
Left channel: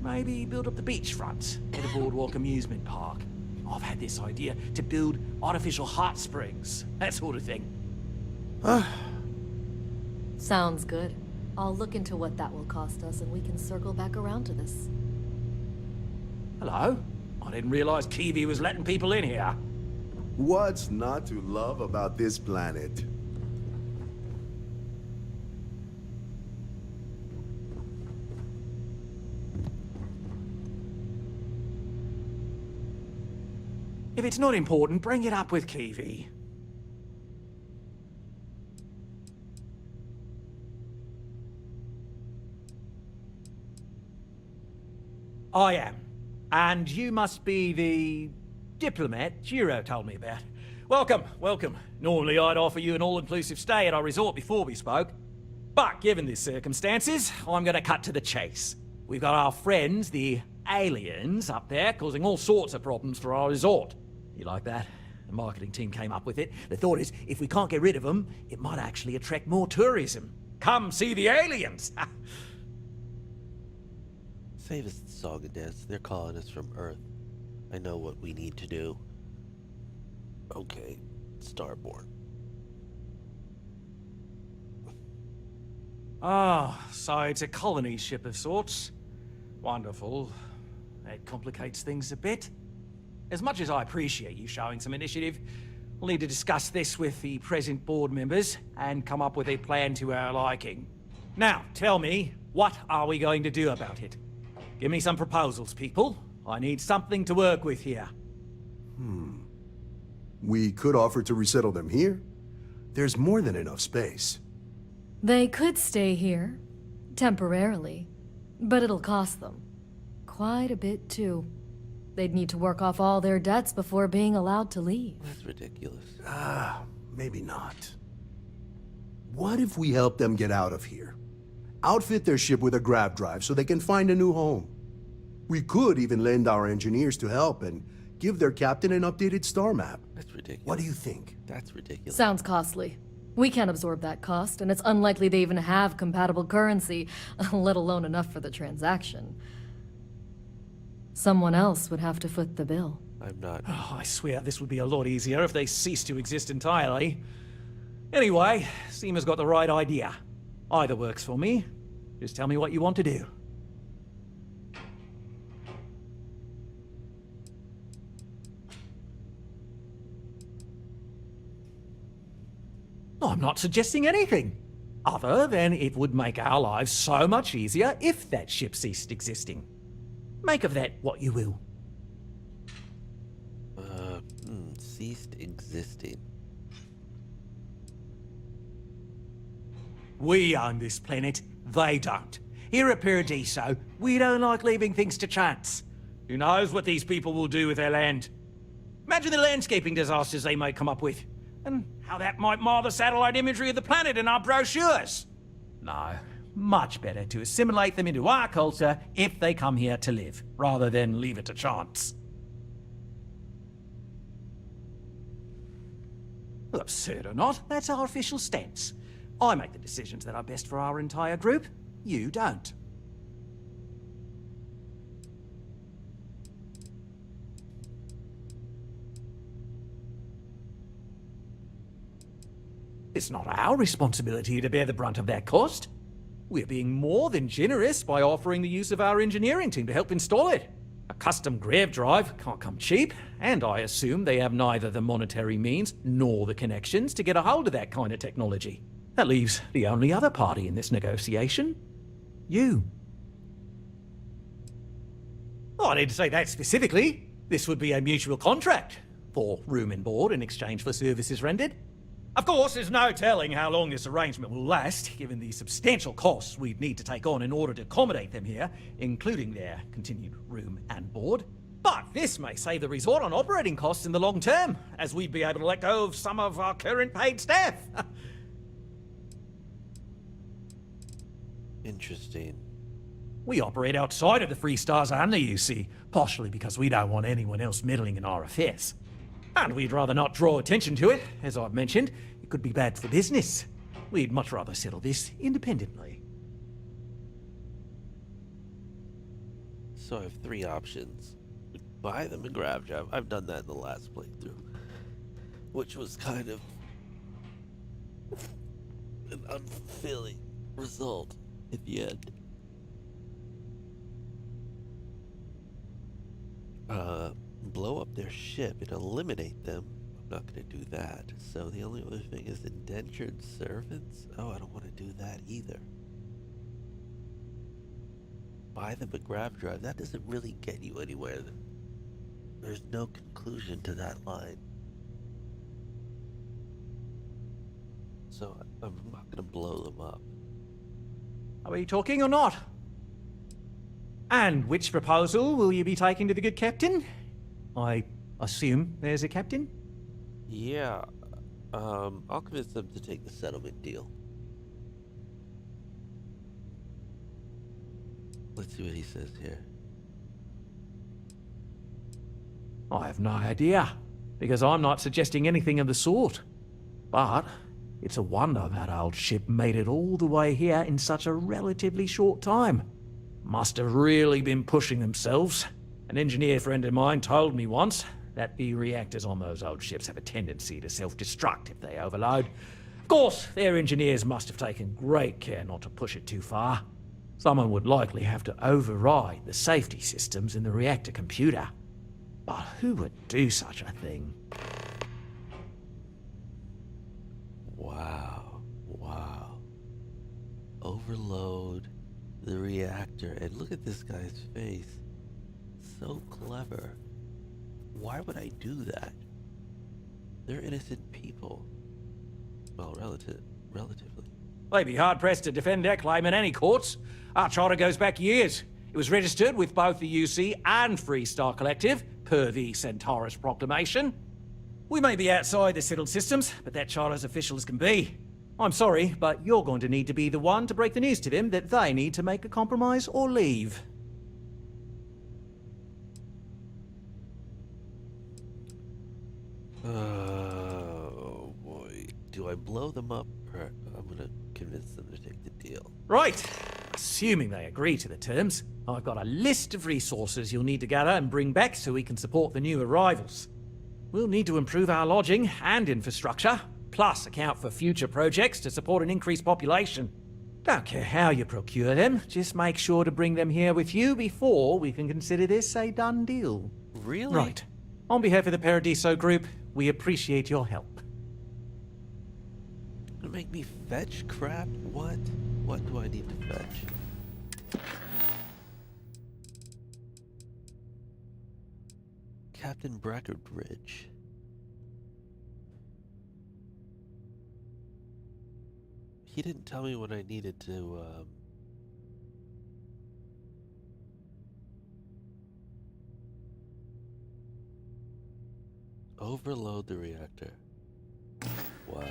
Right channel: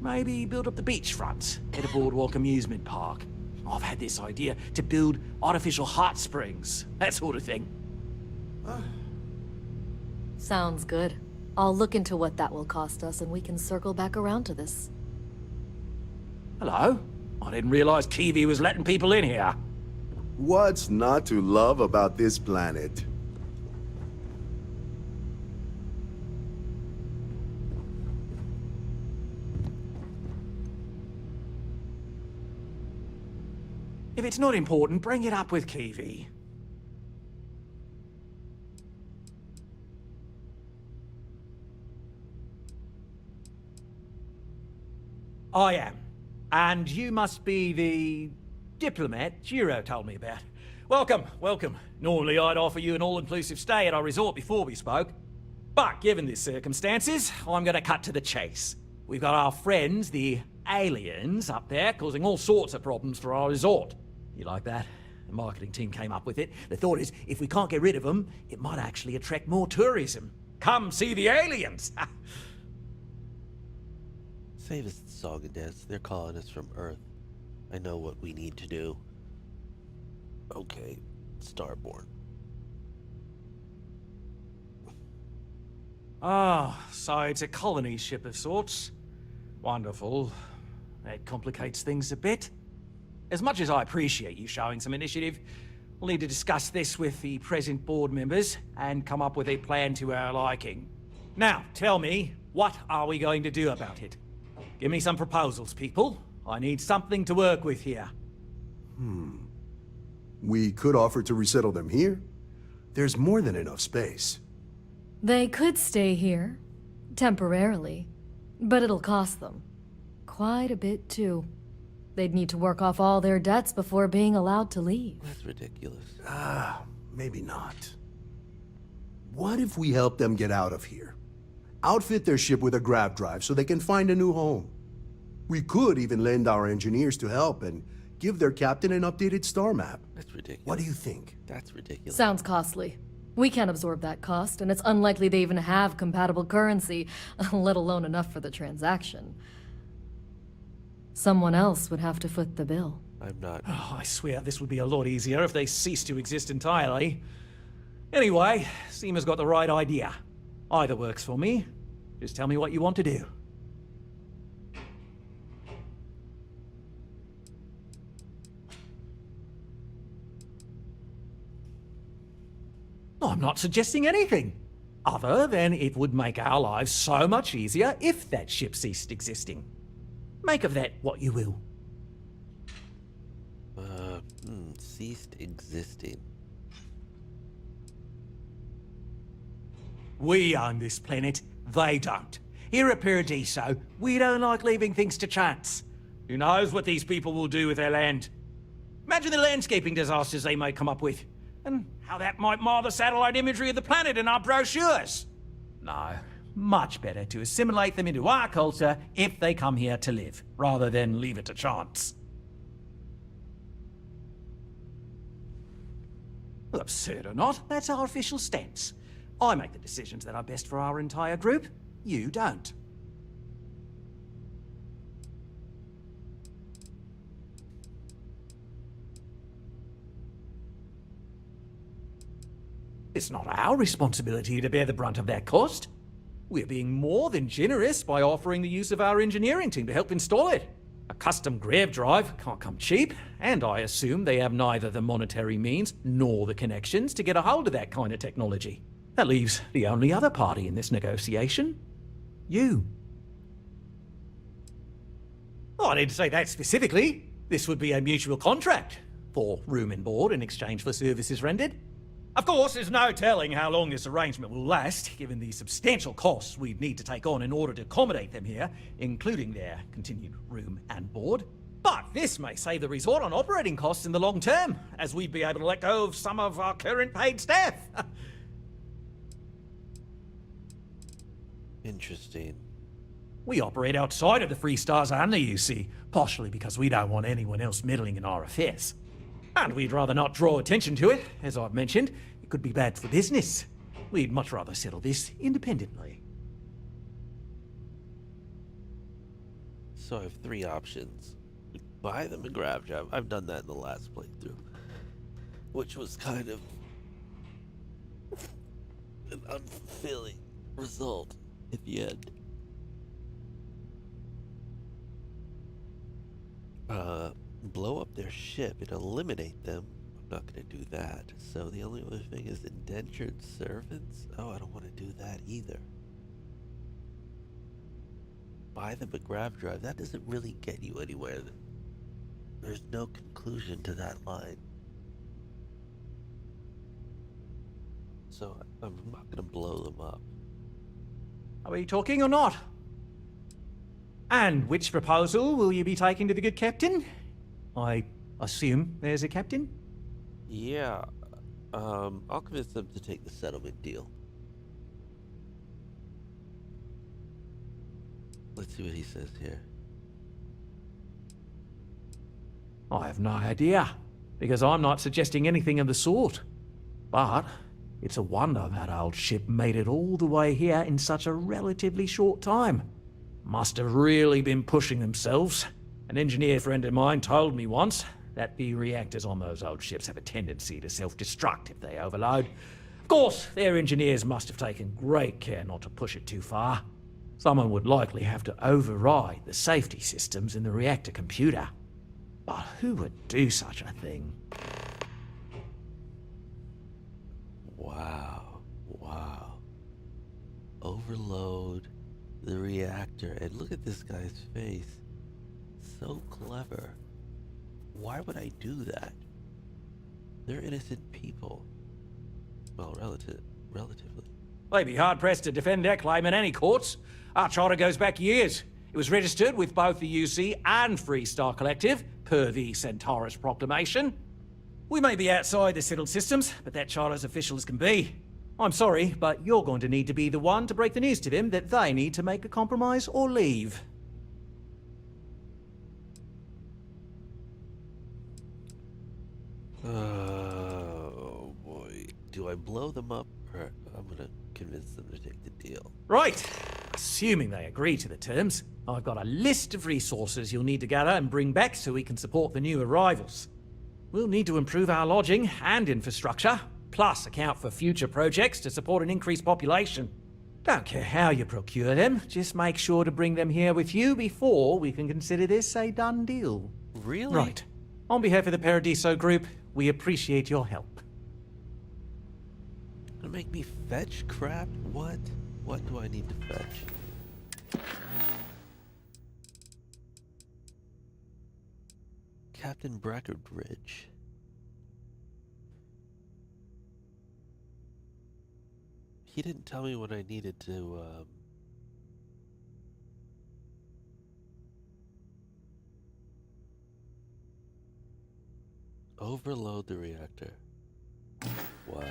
Maybe build up the beachfront at a boardwalk amusement park. I've had this idea to build artificial hot springs, that sort of thing. Sounds good. I'll look into what that will cost us and we can circle back around to this. Hello? I didn't realize Kiwi was letting people in here. What's not to love about this planet? If it's not important, bring it up with Kiwi. I am. And you must be the diplomat Jiro told me about. Welcome, welcome. Normally I'd offer you an all-inclusive stay at our resort before we spoke. But given the circumstances, I'm gonna cut to the chase. We've got our friends, the aliens, up there, causing all sorts of problems for our resort. You like that? The marketing team came up with it. The thought is, if we can't get rid of them, it might actually attract more tourism. Come see the aliens! Save us the song and dance. They're calling us from Earth. I know what we need to do. Okay, Starborn. Ah, so it's a colony ship of sorts. Wonderful. That complicates things a bit. As much as I appreciate you showing some initiative, we'll need to discuss this with the present board members and come up with a plan to our liking. Now, tell me, what are we going to do about it? Give me some proposals, people. I need something to work with here. We could offer to resettle them here. There's more than enough space. They could stay here, temporarily, but it'll cost them. Quite a bit, too. They'd need to work off all their debts before being allowed to leave. That's ridiculous. Maybe not. What if we help them get out of here? Outfit their ship with a grav drive so they can find a new home. We could even lend our engineers to help and give their captain an updated star map. That's ridiculous. What do you think? That's ridiculous. Sounds costly. We can't absorb that cost, and it's unlikely they even have compatible currency, let alone enough for the transaction. Someone else would have to foot the bill. I'm not. Oh, I swear this would be a lot easier if they ceased to exist entirely. Anyway, Seema's got the right idea. Either works for me. Just tell me what you want to do. I'm not suggesting anything, other than it would make our lives so much easier if that ship ceased existing. Make of that what you will. Ceased existing. We own this planet, they don't. Here at Paradiso, we don't like leaving things to chance. Who knows what these people will do with their land? Imagine the landscaping disasters they may come up with, and how that might mar the satellite imagery of the planet in our brochures. No, much better to assimilate them into our culture if they come here to live, rather than leave it to chance. Well, absurd or not, that's our official stance. I make the decisions that are best for our entire group. You don't. It's not our responsibility to bear the brunt of that cost. We're being more than generous by offering the use of our engineering team to help install it. A custom grav drive can't come cheap, and I assume they have neither the monetary means nor the connections to get a hold of that kind of technology. That leaves the only other party in this negotiation. You. Oh, I didn't say that specifically. This would be a mutual contract for room and board in exchange for services rendered. Of course, there's no telling how long this arrangement will last, given the substantial costs we'd need to take on in order to accommodate them here, including their continued room and board. But this may save the resort on operating costs in the long term, as we'd be able to let go of some of our current paid staff. Interesting. We operate outside of the Free Stars only, you see, partially because we don't want anyone else meddling in our affairs. And we'd rather not draw attention to it. As I've mentioned, it could be bad for business. We'd much rather settle this independently. So I have three options. Buy them a grab drive. I've done that in the last playthrough, which was kind of an unfulfilling result at the end. Blow up their ship and eliminate them. I'm not going to do that. So the only other thing is indentured servants. Oh, I don't want to do that either. Buy them a grab drive. That doesn't really get you anywhere. There's no conclusion to that line. So I'm not going to blow them up. Are we talking or not? And which proposal will you be taking to the good captain? I assume there's a captain? Yeah, I'll convince them to take the settlement deal. Let's see what he says here. I have no idea, because I'm not suggesting anything of the sort. But it's a wonder that old ship made it all the way here in such a relatively short time. Must have really been pushing themselves. An engineer friend of mine told me once that the reactors on those old ships have a tendency to self-destruct if they overload. Of course, their engineers must have taken great care not to push it too far. Someone would likely have to override the safety systems in the reactor computer. But who would do such a thing? Wow. Overload the reactor. And look at this guy's face. So clever. Why would I do that? They're innocent people. Well, relatively. They'd be hard-pressed to defend their claim in any courts. Our charter goes back years. It was registered with both the UC and Free Star Collective, per the Centaurus Proclamation. We may be outside the settled systems, but that charter's official as can be. I'm sorry, but you're going to need to be the one to break the news to them that they need to make a compromise or leave. Oh boy. Do I blow them up, or I'm gonna convince them to take the deal? Right. Assuming they agree to the terms, I've got a list of resources you'll need to gather and bring back so we can support the new arrivals. We'll need to improve our lodging and infrastructure, plus account for future projects to support an increased population. Don't care how you procure them, just make sure to bring them here with you before we can consider this a done deal. Really? Right. On behalf of the Paradiso Group, we appreciate your help. Gonna make me fetch crap? What? What do I need to fetch? Captain Breckenridge. He didn't tell me what I needed to, overload the reactor. Wow.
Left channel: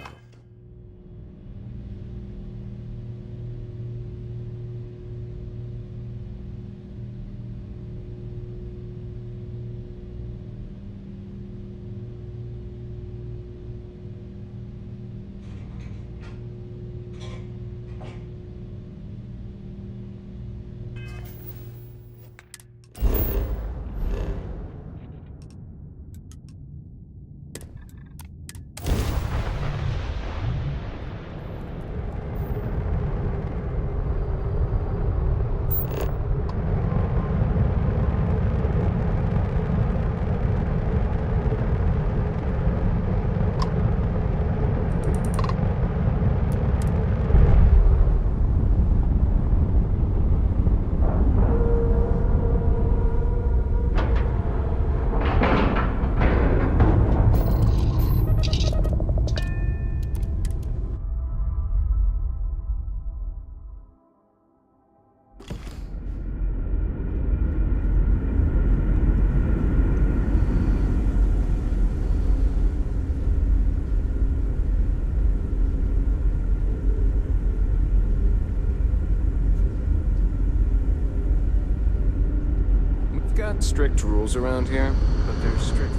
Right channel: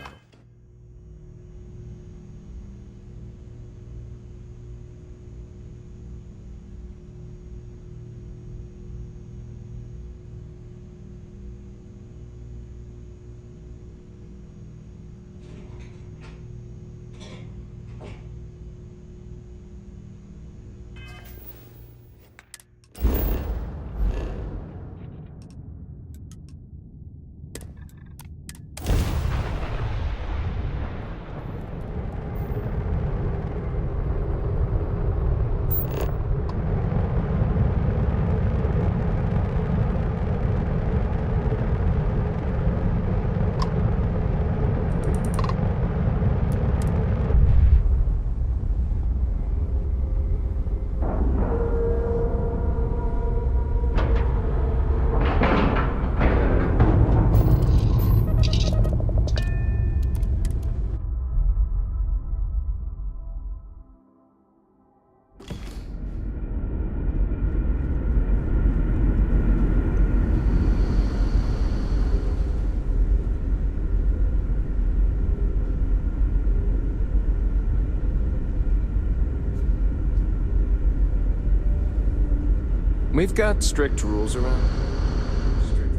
We've got strict rules around here, but they're strict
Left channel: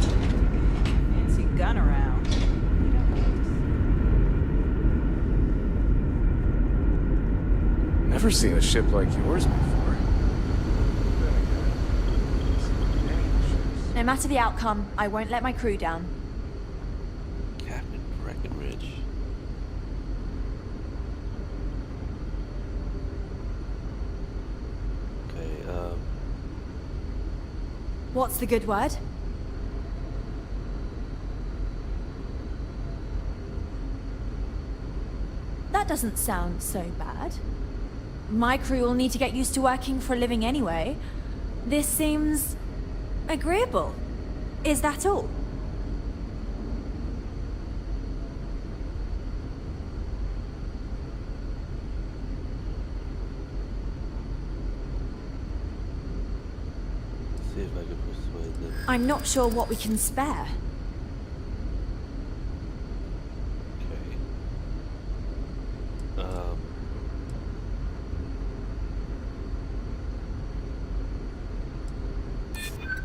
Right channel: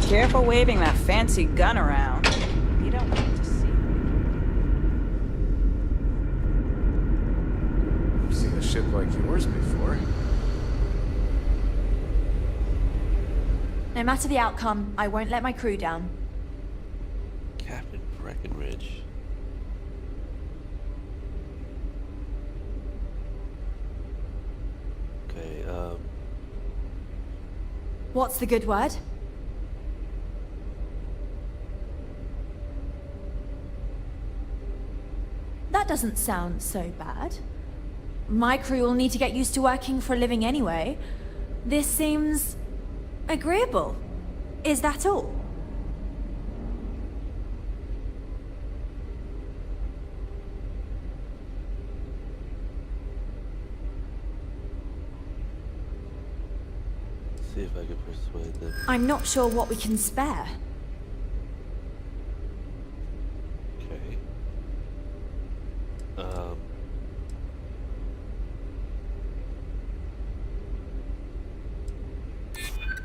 for... Careful waving that fancy gun around. You don't need to see. Never seen a ship like yours before. No matter the outcome, I won't let my crew down. Captain Breckenridge. Okay, What's the good word? That doesn't sound so bad. My crew will need to get used to working for a living anyway. This seems... agreeable. Is that all? see if I can persuade them. I'm not sure what we can spare. Okay.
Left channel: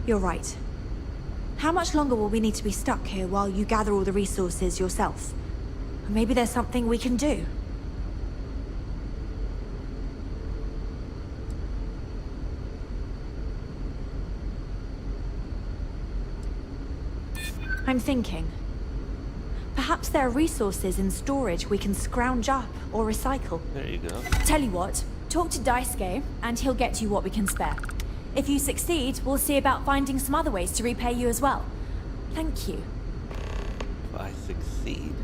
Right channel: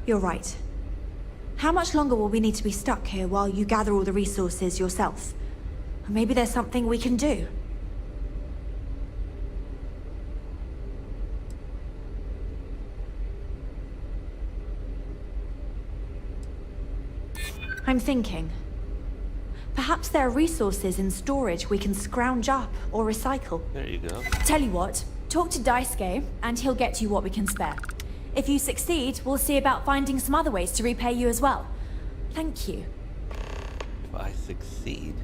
You're right. How much longer will we need to be stuck here while you gather all the resources yourself? Maybe there's something we can do. I'm thinking. Perhaps there are resources in storage we can scrounge up or recycle. There you go. Tell you what, talk to Daisuke, and he'll get you what we can spare. If you succeed, we'll see about finding some other ways to repay you as well. Thank you. If I succeed.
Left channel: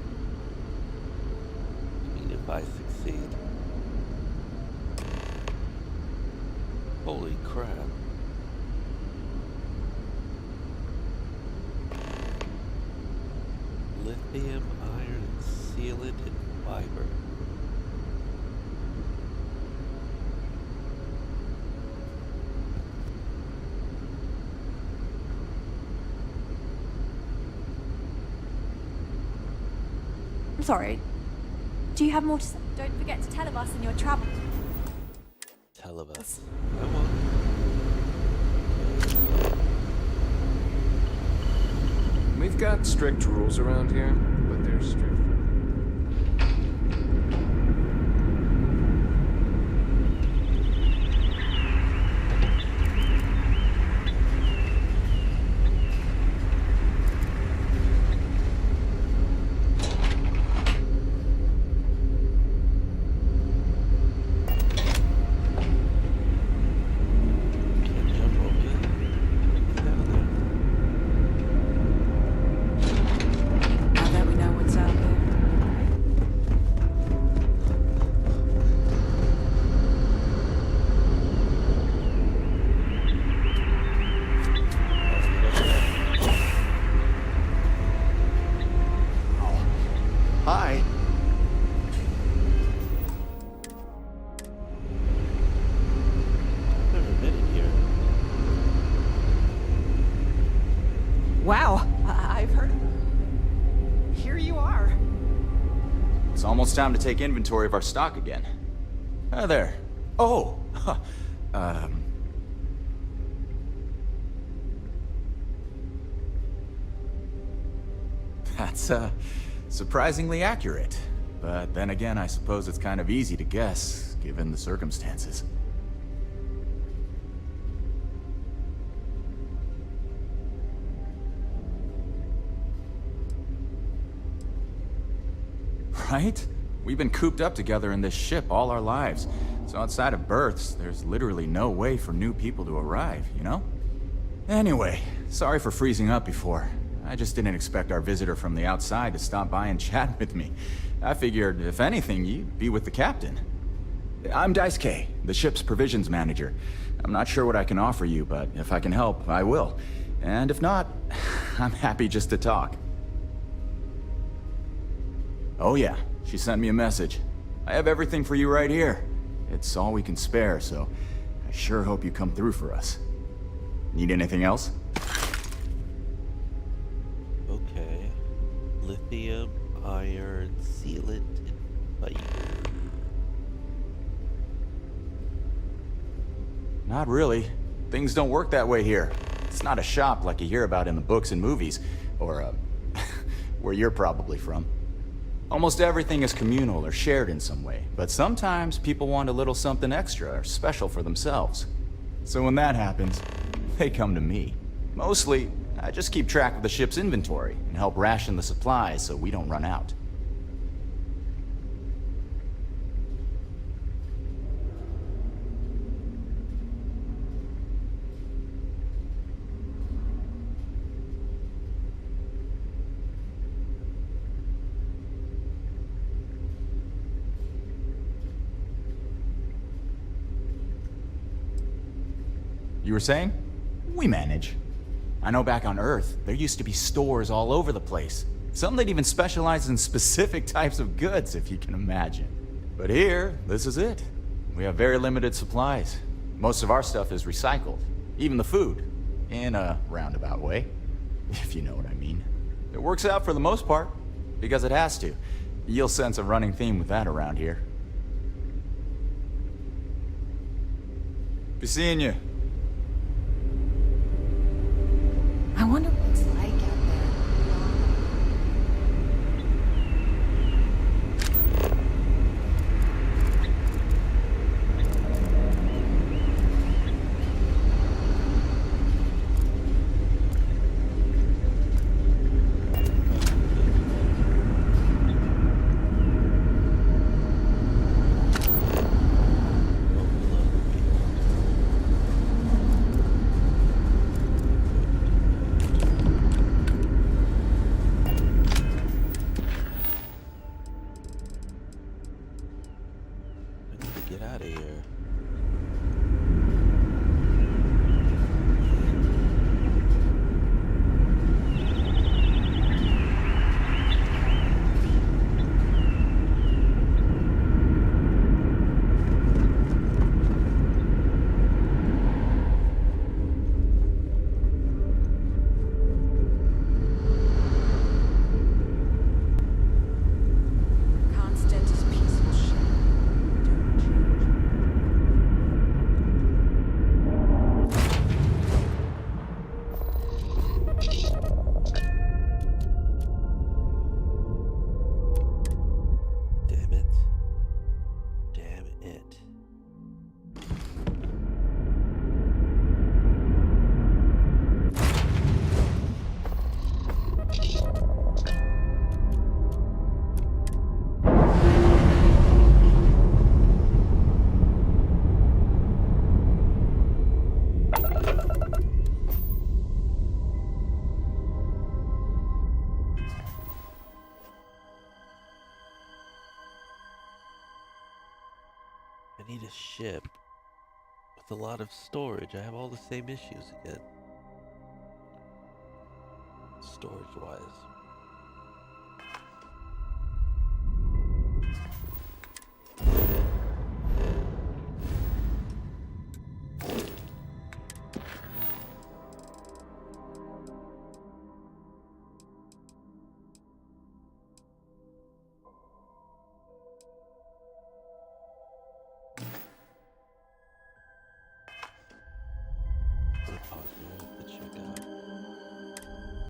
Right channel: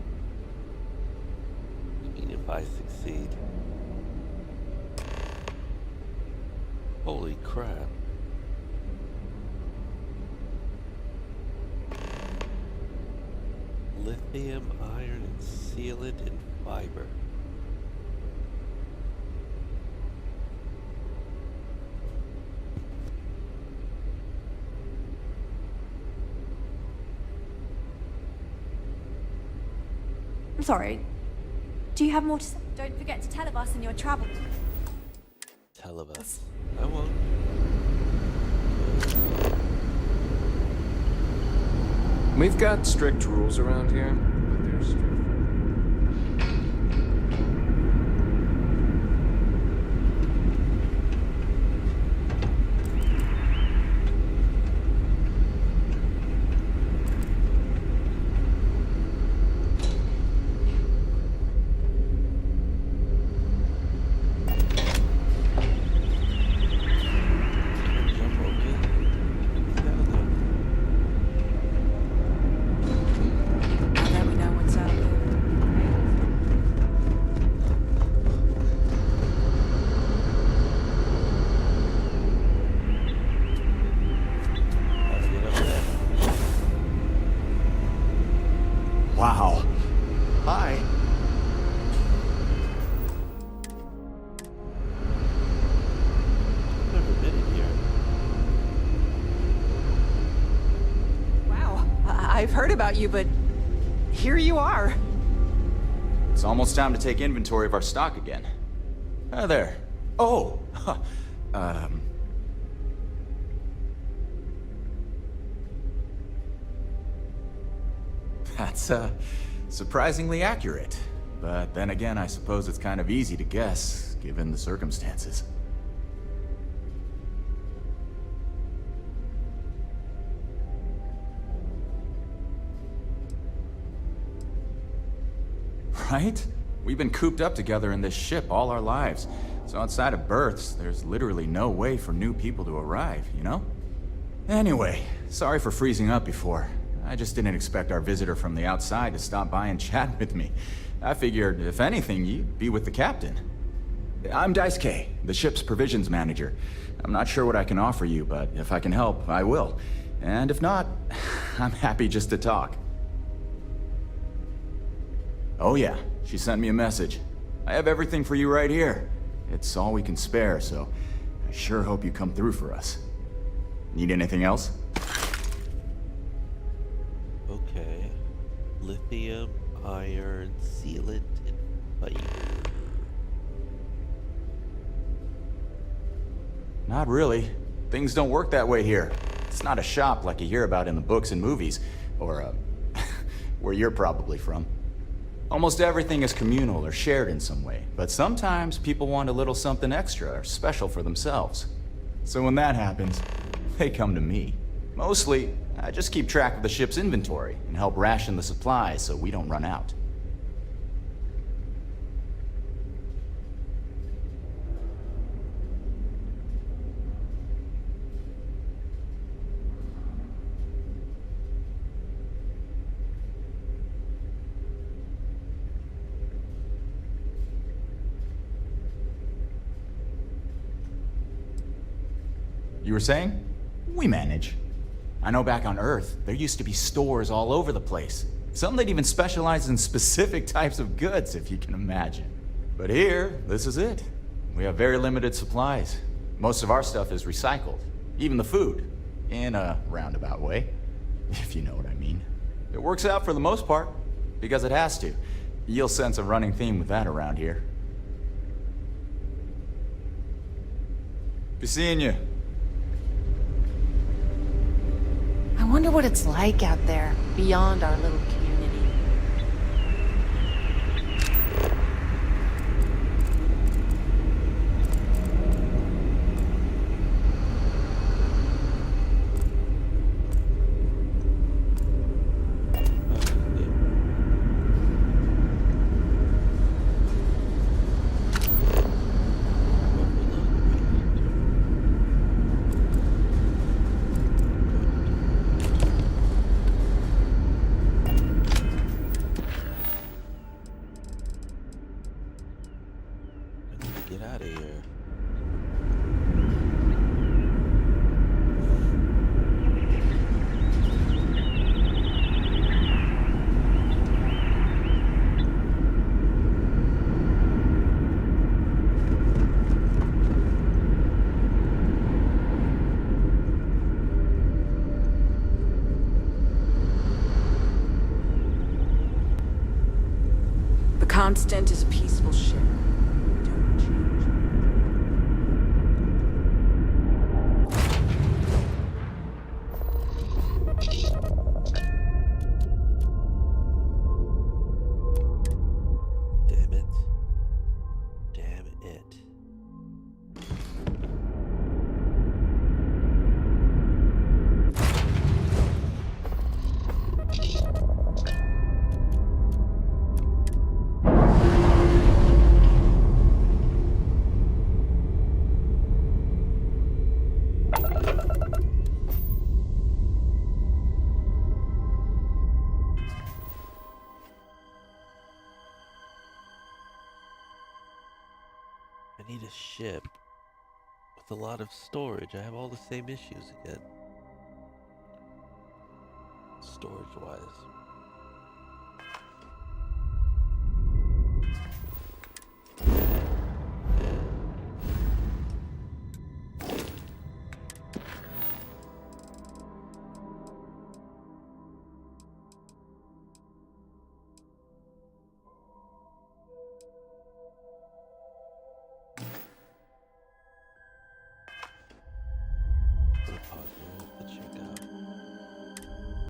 I mean, if I succeed. Holy crap. Lithium, iron, and sealant and fiber. I'm sorry. Do you have more to say? Don't forget to tell of us in your travels. Tell of us. I won't. We've got strict rules around here, but they're strict. Wow. Hi. I've never been in here. Wow, I've heard about you, but here you are. It's almost time to take inventory of our stock again. Hi there. Oh! That's, surprisingly accurate. But then again, I suppose it's kind of easy to guess, given the circumstances. Right? We've been cooped up together in this ship all our lives. So outside of births, there's literally no way for new people to arrive, you know? Anyway, sorry for freezing up before. I just didn't expect our visitor from the outside to stop by and chat with me. I figured, if anything, you'd be with the captain. I'm Daisuke, the ship's provisions manager. I'm not sure what I can offer you, but if I can help, I will. And if not, I'm happy just to talk. Oh yeah, she sent me a message. I have everything for you right here. It's all we can spare, so I sure hope you come through for us. Need anything else? Okay. Lithium, iron, sealant, and Bye. Not really. Things don't work that way here. It's not a shop like you hear about in the books and movies, or, where you're probably from. Almost everything is communal or shared in some way, but sometimes people want a little something extra or special for themselves. So when that happens, they come to me. Mostly, I just keep track of the ship's inventory and help ration the supplies so we don't run out. You were saying? We manage. I know back on Earth, there used to be stores all over the place. Some that even specialized in specific types of goods, if you can imagine. But here, this is it. We have very limited supplies. Most of our stuff is recycled. Even the food. In a roundabout way. If you know what I mean. It works out for the most part. Because it has to. You'll sense a running theme with that around here. Be seeing you. I wonder what it's like out there, beyond our little community. Get out of here. The Constant is a peaceful ship. Damn it. Damn it. I need a ship with a lot of storage. I have all the same issues again. Storage-wise. Put a pause here to check out.